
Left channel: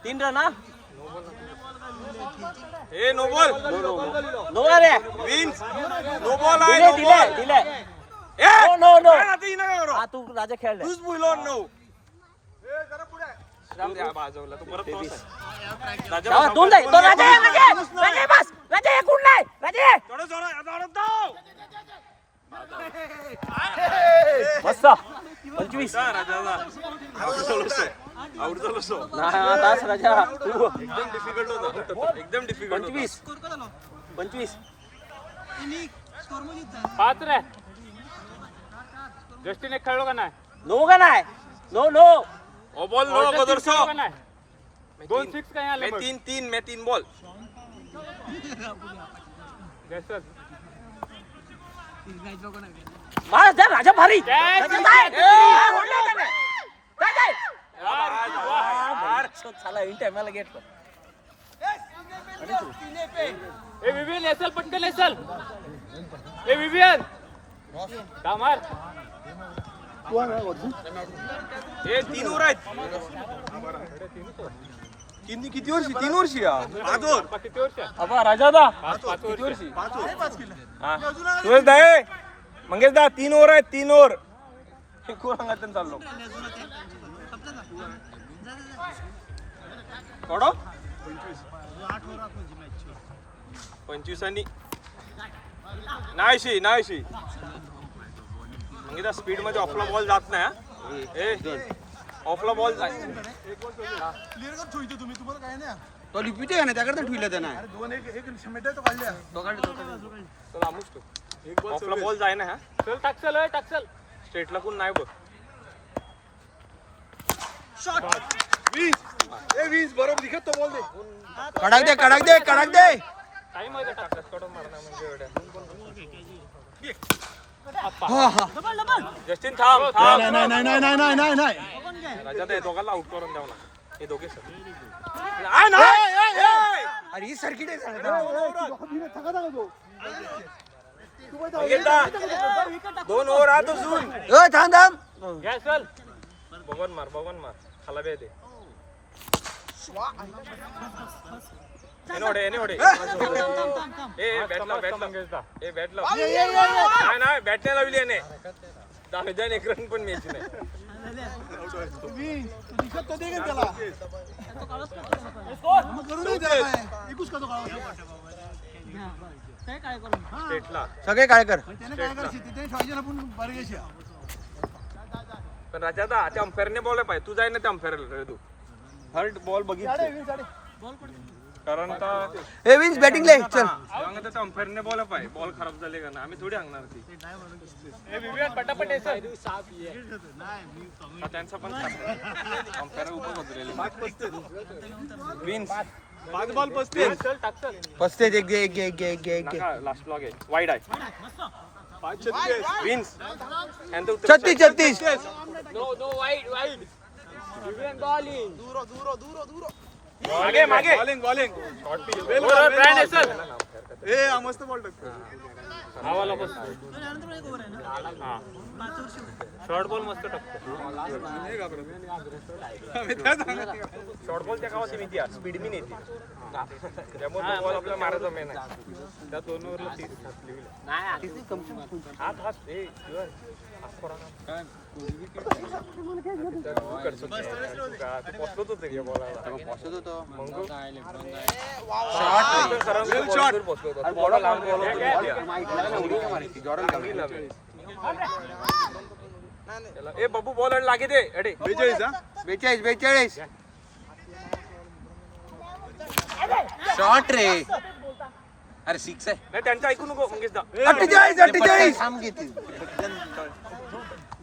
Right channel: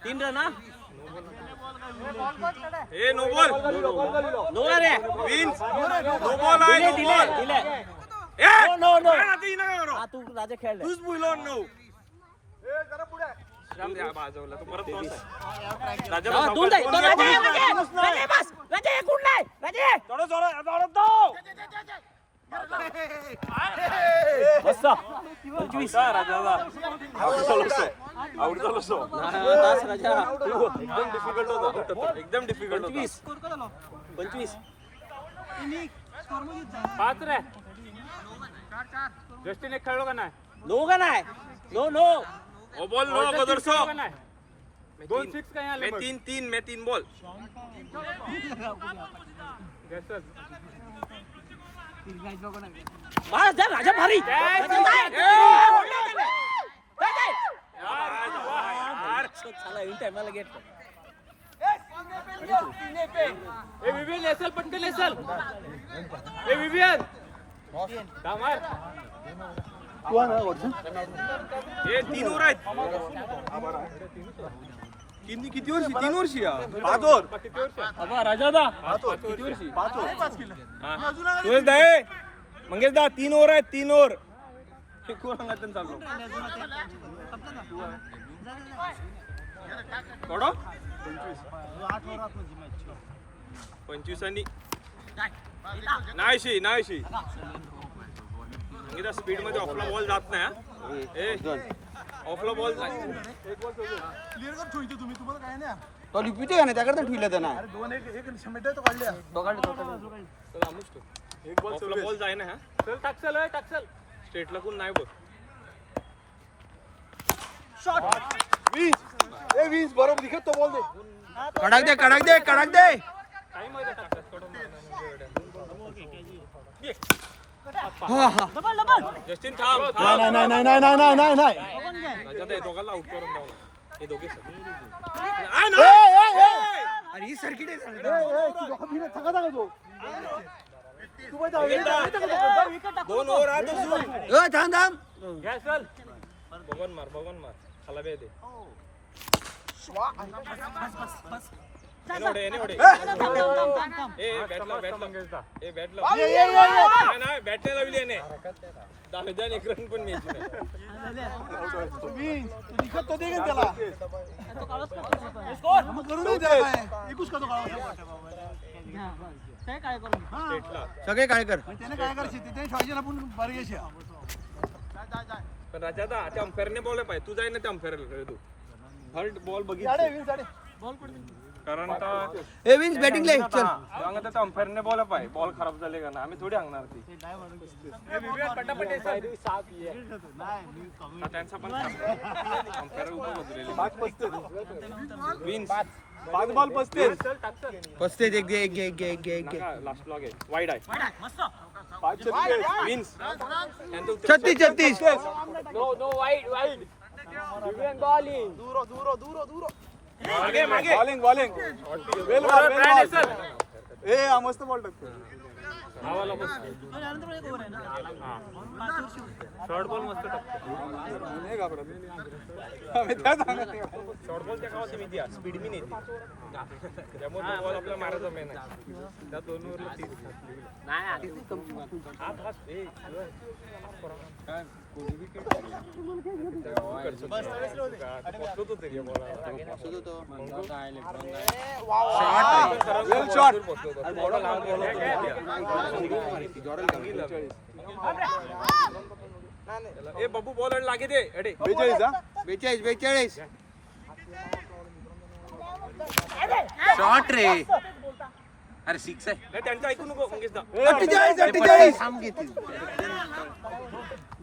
3 रन हा ए नो बॉल नो रे विन्स नो बॉल आहे नो बॉल दिले ए नो काय आता ही नका करू हा तू राजा खेळ रे. तूच बोल ऑन नो राम द्या बाजवला तो परत क्रॉस आहे राजा हा, बस, दोन जाय, दोन दोन घे, राजा दोन आहे, घे. राजा बस राजा एकूण नाही राजा थोडं थोडं थोडं मस्त 25 राजाचा आउट झालो सो तास राजा एकदम डिफिकल्ट होता एकदम डिफिकल्ट होता 25 5 रे जस्टिन एक खेळलो का नाही नो का नाही नो ओ बॉल नो अगोदर सो का नाही 2-6 काय आलं मैं तीन बॉल जैसल मार जा राजा भारी यार चला इन टाइमला गेट ए विवियन एसल पटकन एसल ए विवियन का मार हे 3 ओव्हर आहेत किती वर्षी 3 वर्षी 5 ओव्हर किती वर्ष अबा राजा दा किती वर्षी 5 केलं सुरेश दा ए मंगेश दा 3 ओव्हर आहेत 3 ओव्हर कोणाकडून चाललो थोडं 25 आणि नाहीशी म्हणजे स्पीड मध्ये ऑफला बॉल जात नाही हा. ए ऑफला बॉल क्लिअर कर ठेवतो तुम्ही तुम्हाला काय नाही तो रिपीट आहे ना त्याकडे ठेवलं त्यांना अरे 2-1 मीटर तो काढल्या एक बॉल ऑफला बॉल जाय ना हा चल टाकसल स्ट्रेटला कोण नाही बघ 20 बरोबर दिखत तो बॉल दे कडक दे टाइम आहे का टाकस कडून मारणार म्हणजे एवढ्या जस्टिन थांब नाही राजा ते दोघांना आउट करून द्यावं हे दोघे अरे ही सर्किट आहे दोन ओव्हर आत अजून थांब घ्या चल बघून मार खाला बे दे एनोडे ए बॅट लाव ए बॅट लाव नाही बॅट नाही लावली याने 10 एक रन पण मिळायची नाही स्ट्रेटला सगळे काय कर पण राजा दा त्या अंपायरने बॉल पाहिजे तू जाय ना त्या अंपायरला तू थर्ड बॉल बघितलं कारण का ए विन्स बॅटिंग ले चल त्या अंपायरने बॉल पाहिजे बॉल खराब झाले का ना आम्ही थोडी सांगणार ती ए विवियन पटापट एसल साफ ये त्यांचा पण अंपायर उभं उतरेले विन्स 5 बॉल 35 चल टाकसल 35 एक घे लास्ट लॉग आहे वाईड आहे 5-36 विन्स 36 नो वाईड विवियन बॉलिंग मागे बॉलिंग वेल बॉल ए मस्त बॉल टाकतो आवाला बस शॉर्ट बॉल मस्त टाकतो शॉर्ट बॉल त्या गावात मी स्पीड मी नेते त्यामुळे बॉल आपल्याला मारायचा मेन आहे त्या 2 ओव्हरला 30 काय कोणी विकेट ए बब्बू बॉल लागे दे अडे 42 शॉट रे अरे 6 आहे नाही त्यांचं ऐकू नको मंगेश दा 48 थांब घेतील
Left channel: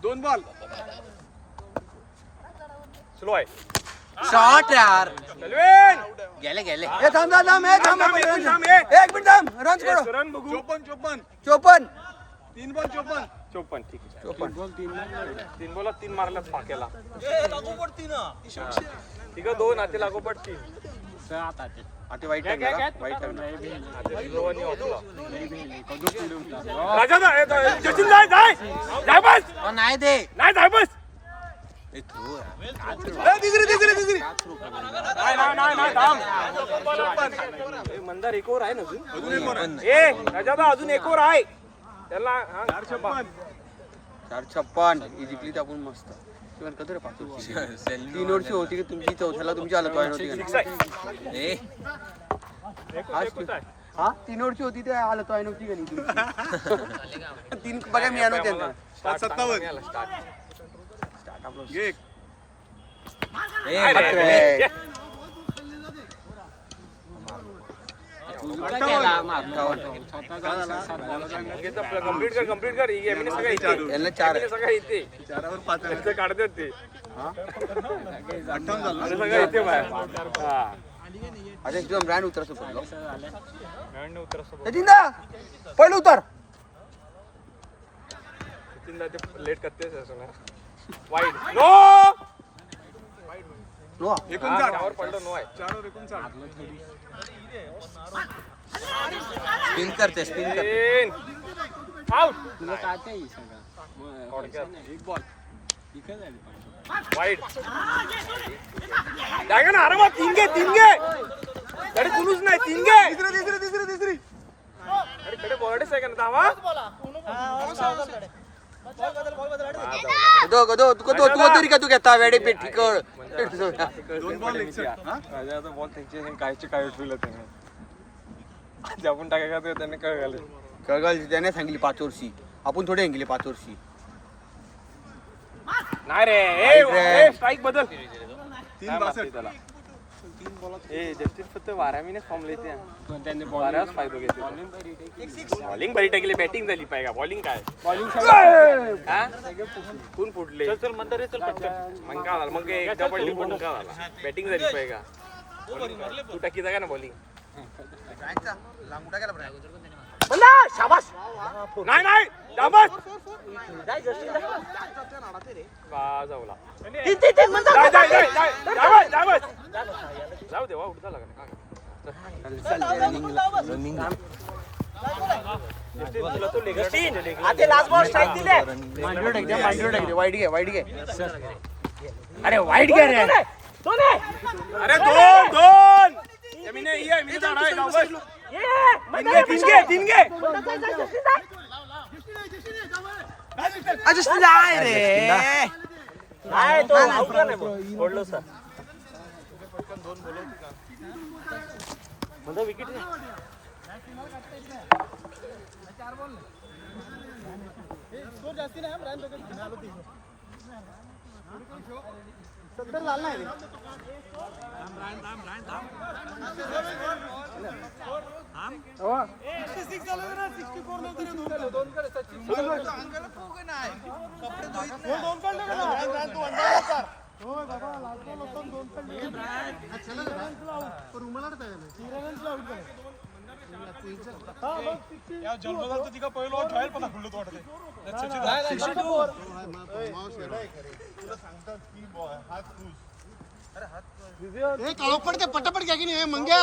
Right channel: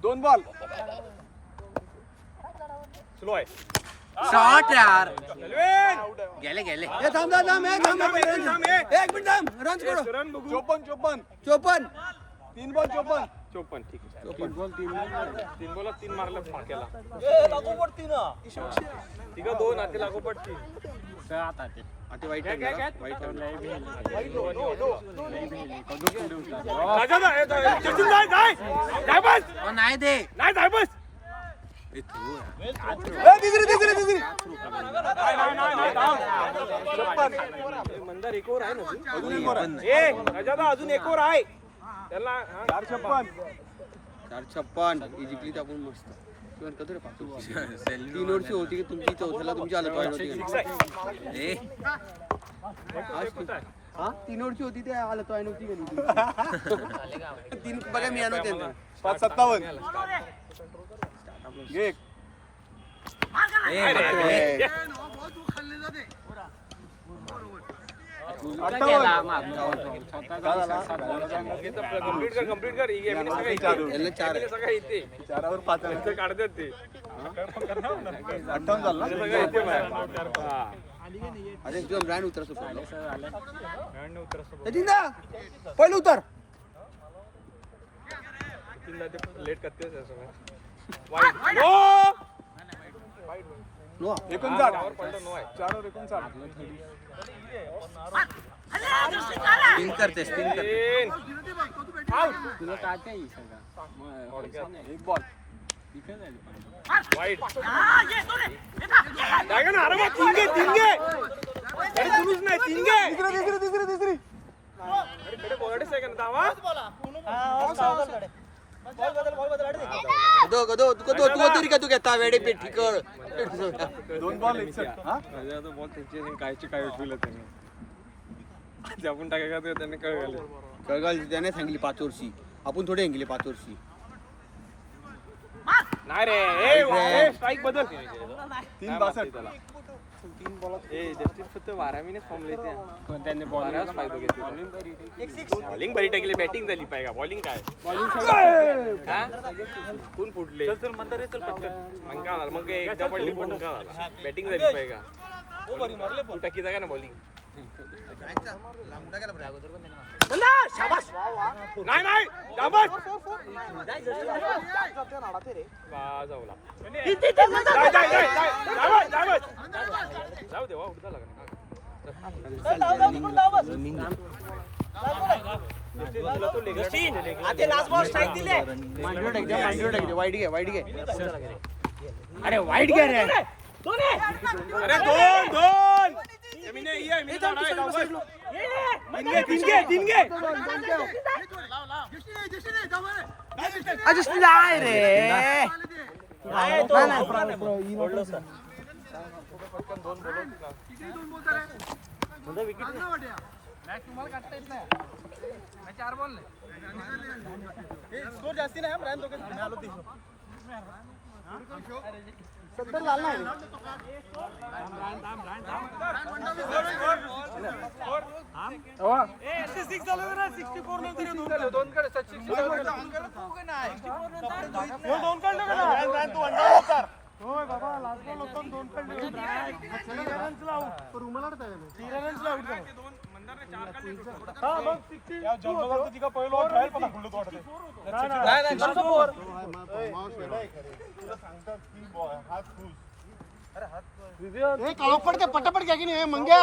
2 बॉल स्लो आहे शॉट यार चलवेन गेले गेले ए, थांब थांब थांब, ए, थांब, थांब, थांब, थांब. ए. एक मिनिट थांब, रन करो. सुरण बघू 54 चोपन 3 बॉल 54. 54 ठीक आहे 3 बॉल 3 मारल्यात फाक्याला ठीक आहे 2 आते लागोपाठ 3 आता वाईट आहे जरा. वाईट आहे. राजा ना, जतीन जाय जाय जाय बस नाही दे नाही जाय बस ए, दुसरी. नाही थांब. मंदार एक ओव्हर आहे ना तू अजून एक वर आहे. ए राजा अजून एक ओव्हर आहे त्याला हा. 456. 456 ही जिंकली तर आपण मस्त. पण कधी रे पाहतो 3 वर्ष होती की तुमची चौथ्याला तुमची हालत वाईट होती. ए, हा 3 वर्ष होती त्या हालत वाईट नव्हती का 3 बघा मी आणू त्यांना 557. एक. कंप्लीट कर ही गेम यांना 4 सगळं येते 4वर 5 आहे. ते काढतात ते 58 झालं ना? सगळं येते मला. अरे एकदम ब्रँड उतर पहिलं उतर. तीनदा ते लेट करतेच असं ना. Wide no 59. पडलं नो आहे 4वर 59. स्पिन करते स्पिन करते तीन. तुला काय ते सगळं व्हायचं नाही एक बॉल इकडे झाली पाणी वाईड जागा ना अरे वा, तीन घे अरे तुम्हीच नाही 3 घे तिसरी. अरे कडे बॉर्डेच आहे का ना दावा तू तरी का तू घेता वेडे पेट ठिकळ 2 बॉल 61. हा? बॉल त्यांचे कायचे काय उचललं त्याने आपण टाकायला तर त्याने काय घाले कळगाल त्याने सांगितली 5 वर्षी आपण थोडे गेले 5 वर्षी नाही रे स्ट्राईक बदल 362. ए जस्टिस फक्त 12 मिनिट फॉर्म येते पण त्यांनी बराच फायदा घेतला. बॉलिंग बरी टाकली बॅटिंग झाली पाहिजे बॉलिंग काय हा? कोण फुटले मग काय झालं मग एकदा पडली फुटून काय झालं बॅटिंग झाली पाहिजे का तू टाकी जागा ना बॉलिंग नाही नाही शाबास. का जाऊला जाऊ दे वा उठता वाईट घे अरे वाईट घ्या रे अरे दोन जमीन ही आहे मी तीन घे नाही रे पडते पटापट घ्या की नाही मंग्या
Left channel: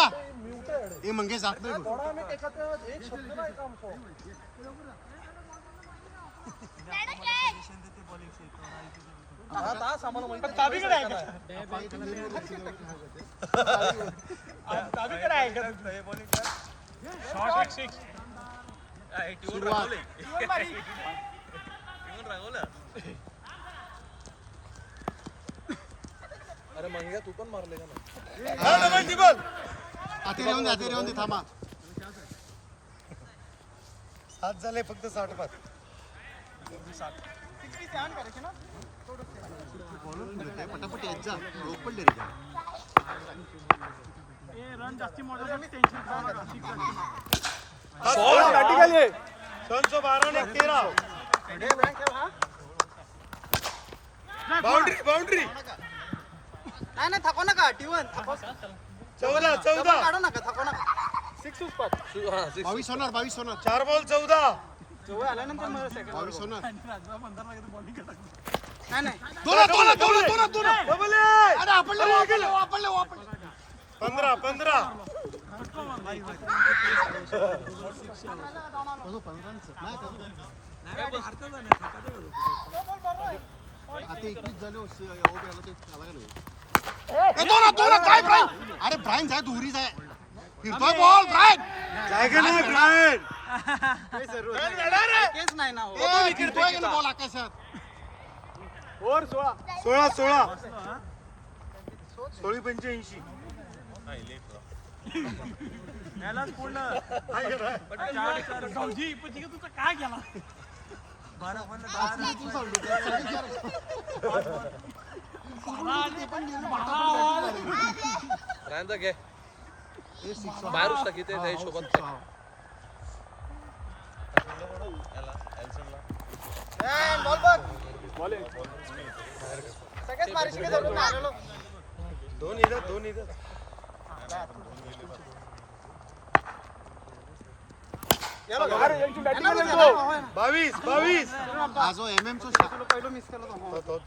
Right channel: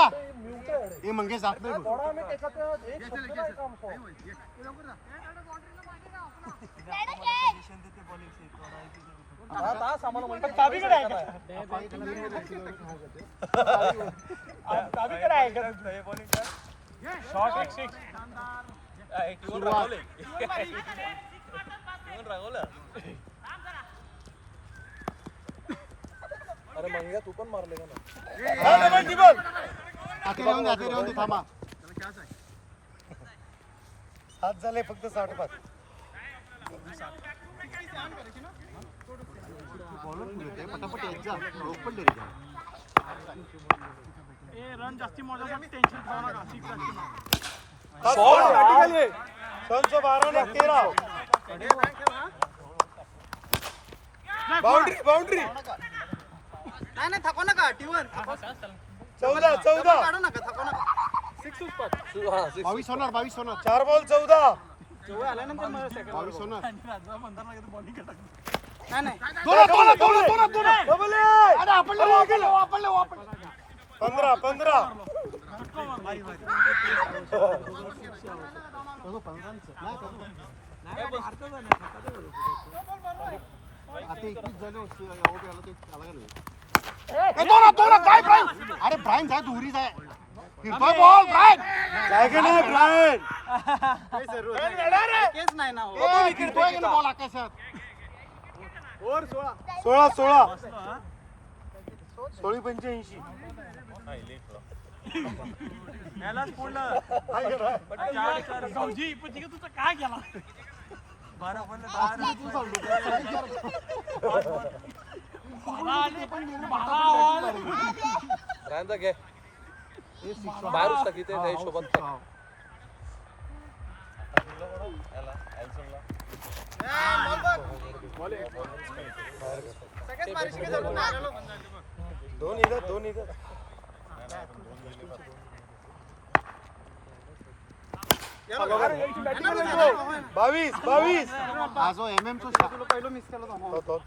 हे मंगे जात नाही अरे मंग्या तू पण मारले का थांबा 7 झाले फक्त 60 पटापट येत जा ओपन रे बाउंड्री नाही थकवा नका T1 14 डबल काढू नका थकू नका 6 पाच 22 होणार 4 बॉल 14 जवळ आल्यानंतर मला सेकंड वर बघू. नाही नाही 15 अरे ब्रायन जाय दुरी जाय फिरतोय बॉल ब्रायन जाय का नाही ब्रायन काही जरूरत नाही ऐकेच नाही ना हो फिरतोय का बॉल आकाशात 16 85 बाहेर टाकी ते त्या हिशोबात सगळ्यात मारीशी काही जरूरत नाही आलेलो. दोन इधर या बघा. येणारच आहे ना, होय ना. 22 तुला जो MM तुला पहिलं मिस केलं होतं, हो.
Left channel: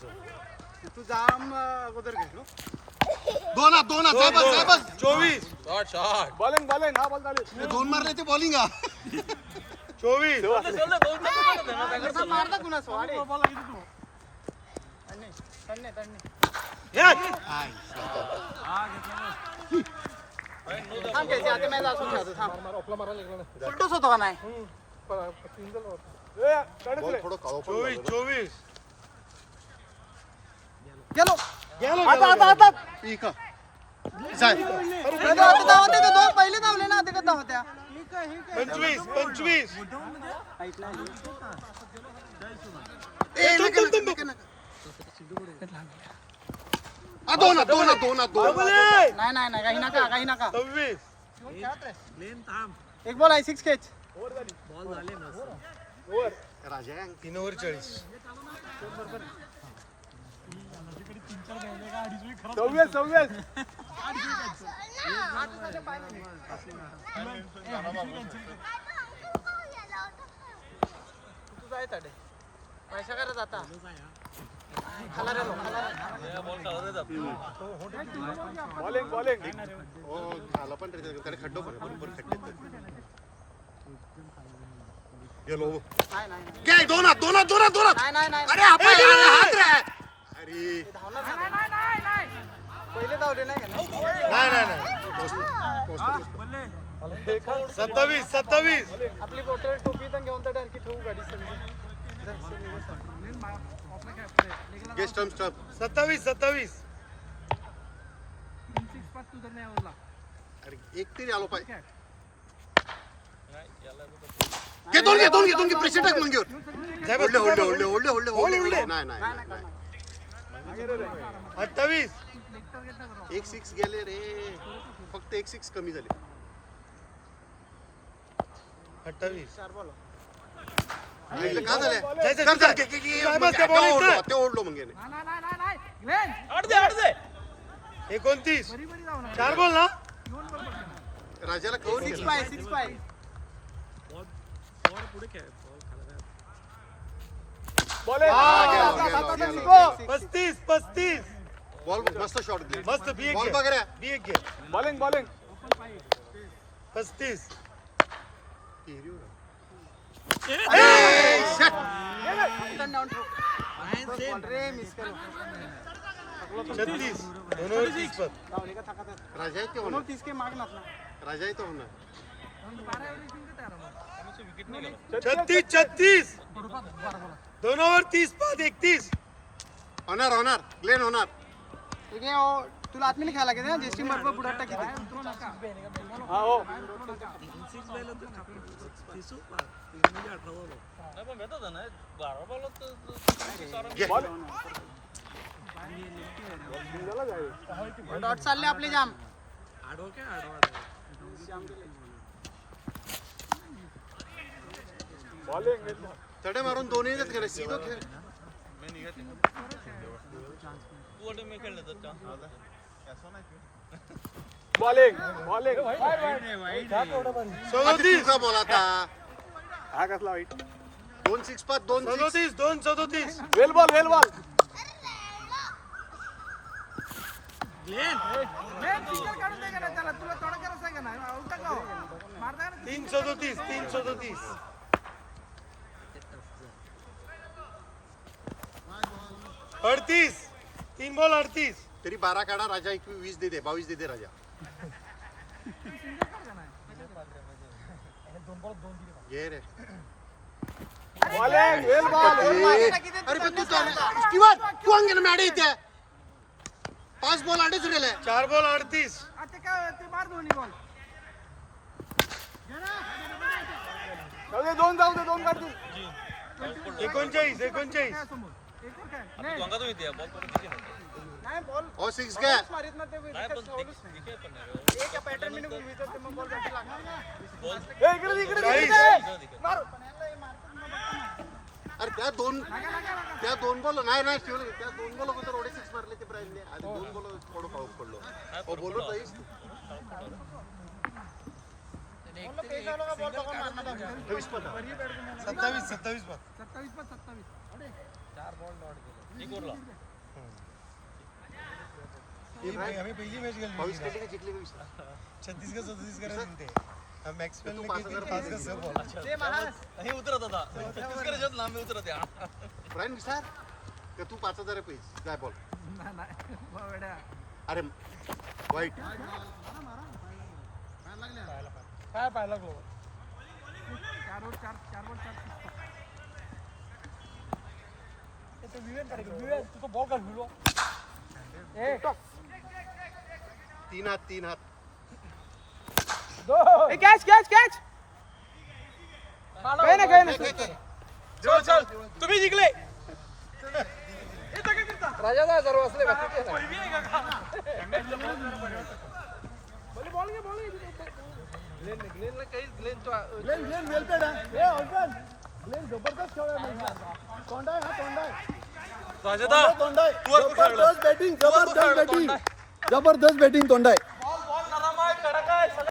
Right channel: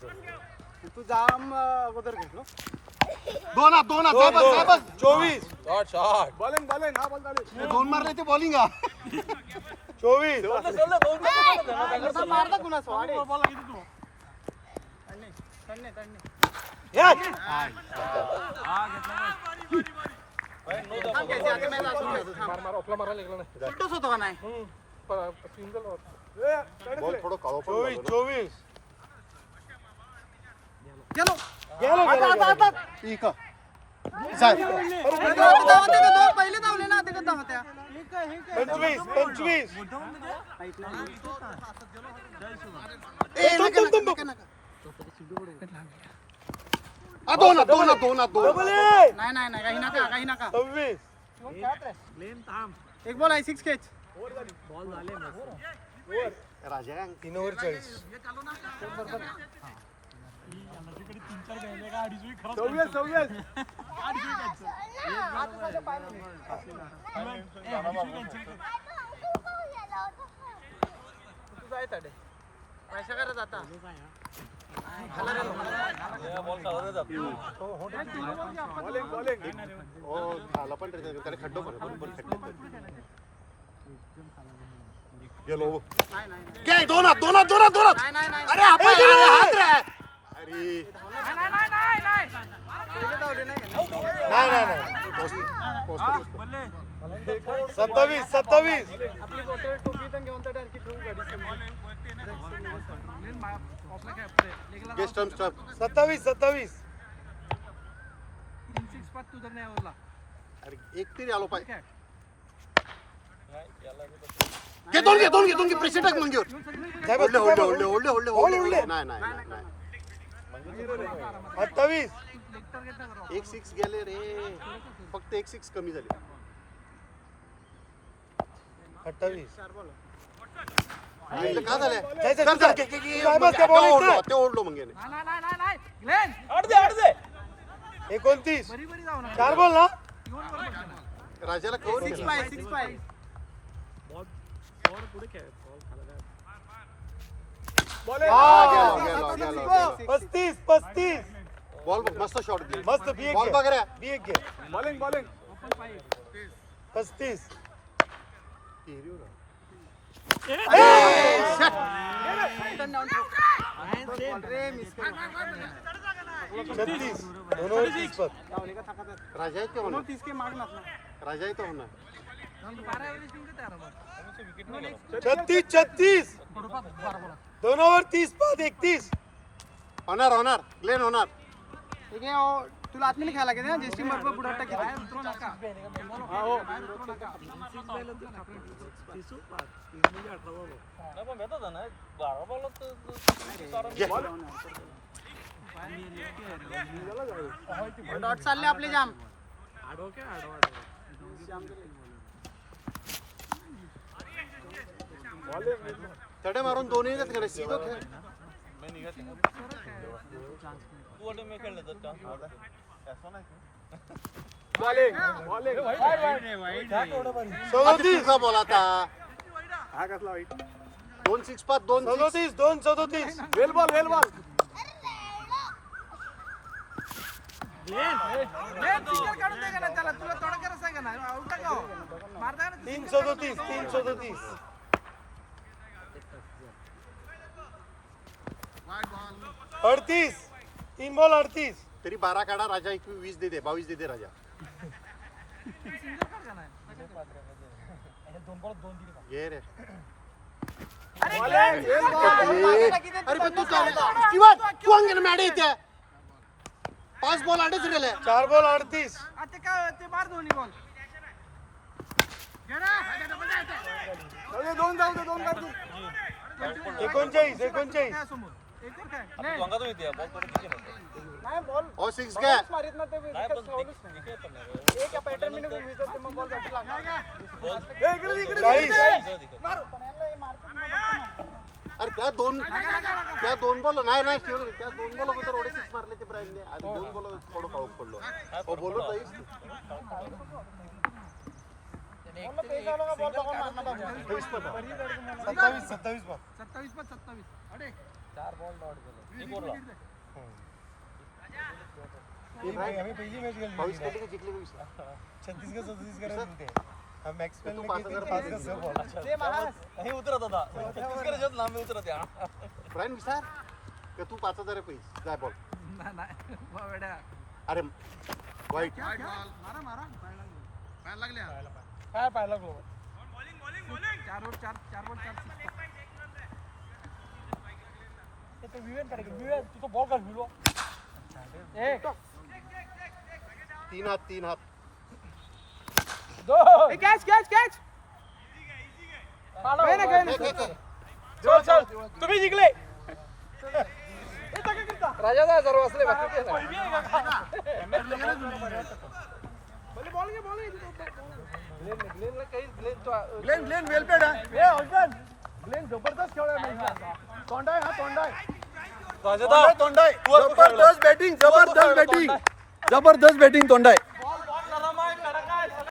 तू जाम अगोदर घेतलो 24 बॉलिंग हा बॉल चालू 2 मारले ते बॉलिंग 24 तसा मारला कुणाच वाडे तन्ने थांब त्याची आता मॅच असून खेळतो थांब सुट्टोच होतो का नाही 24 गेलो आता जाय आता धावत आहे ते दोन पहिले धावले ना ते का धावत्या 25 हाईट नाही दोन नाही काही नका 26 एक बॉल आहे 6 कॅच राजा 3 ओव्हर 40 तुझा आहे ताडे पैसा करत आता खाला रे हो झाला पण त्याने खड्डो पण बरोबर खड्डे गेलो नाही काय दोनात नाही अरे आपण हात रे अरे धावणार ना पहिले धावले नाही का 27 आपली बोटल टोपी तर घेऊन तर डायरेक्ट ठेवू गाडी गेस्ट स्टम्प 27 अरे एक तरी आलो पाहिजे घे प्रेशर टाक मंगेवर होल्ड नाही 28 एक 6 गेले रे फक्त एक 6 कमी झाले 28 चार बॉल का झालं ते ओढलो मग याने 29 4 बॉल ना राजाला कवर 6 पाय गेलो 35 बॉल मस्त शॉट दे मस्त बी बॉल बघ रे बी एक घे बॉलिंग 35 बॉल रे मिस केलो 36 2 ओव्हर 30 पर धावले का थकात राजा आहे ते दोनों होणार 30 के मागणार ना राजा आहे तो होणार 36 2 ओव्हर 30 बाद 31 होणार प्लेन होणार ठीक आहे तुला आत्मीने खेळायला लागेल ना जेस्टिंग बरोबर बुडाटा किती डॉट चालले आपले जाम तडे मारून दोन्ही गेले सीधो खेळ तुझा बॉल आता हा कसला वाईट 2-6 2-37 वेल बॉल 38 तरी 12 काढा राजा 21 दे 22 दे राजा ये रे अरे पण तू स्टीवन तू अंगण मॅडे इथे 5 बॉल आडेच रेले 4 बॉल 38 दोन जाऊ दे 39 नाही बॉल ओ 6 घ्या मारित ना ते विकेट ठेवलंच नाही एक पॅटर्न मध्ये घुमवितो ते मग बॉल बॅटरी लागणार अरे त्या दोन बॉल नाही ठेवले त्या 2 बॉल अगोदर एवढे 6 मारले ते ब्राईनने आणि 2 बॉल थोडं पाऊस पडलो ओ बोलत जाईस 27 पता 27 22 कधी का जिंकले 26 तू 5000 ब्राईन विचार का तू 5000 पैसे काय बॉल अरे वाईट तीन हात कॅच कॅच कॅच तुम्ही जिंकले जबरदस्त बॅटिंग तोंडाय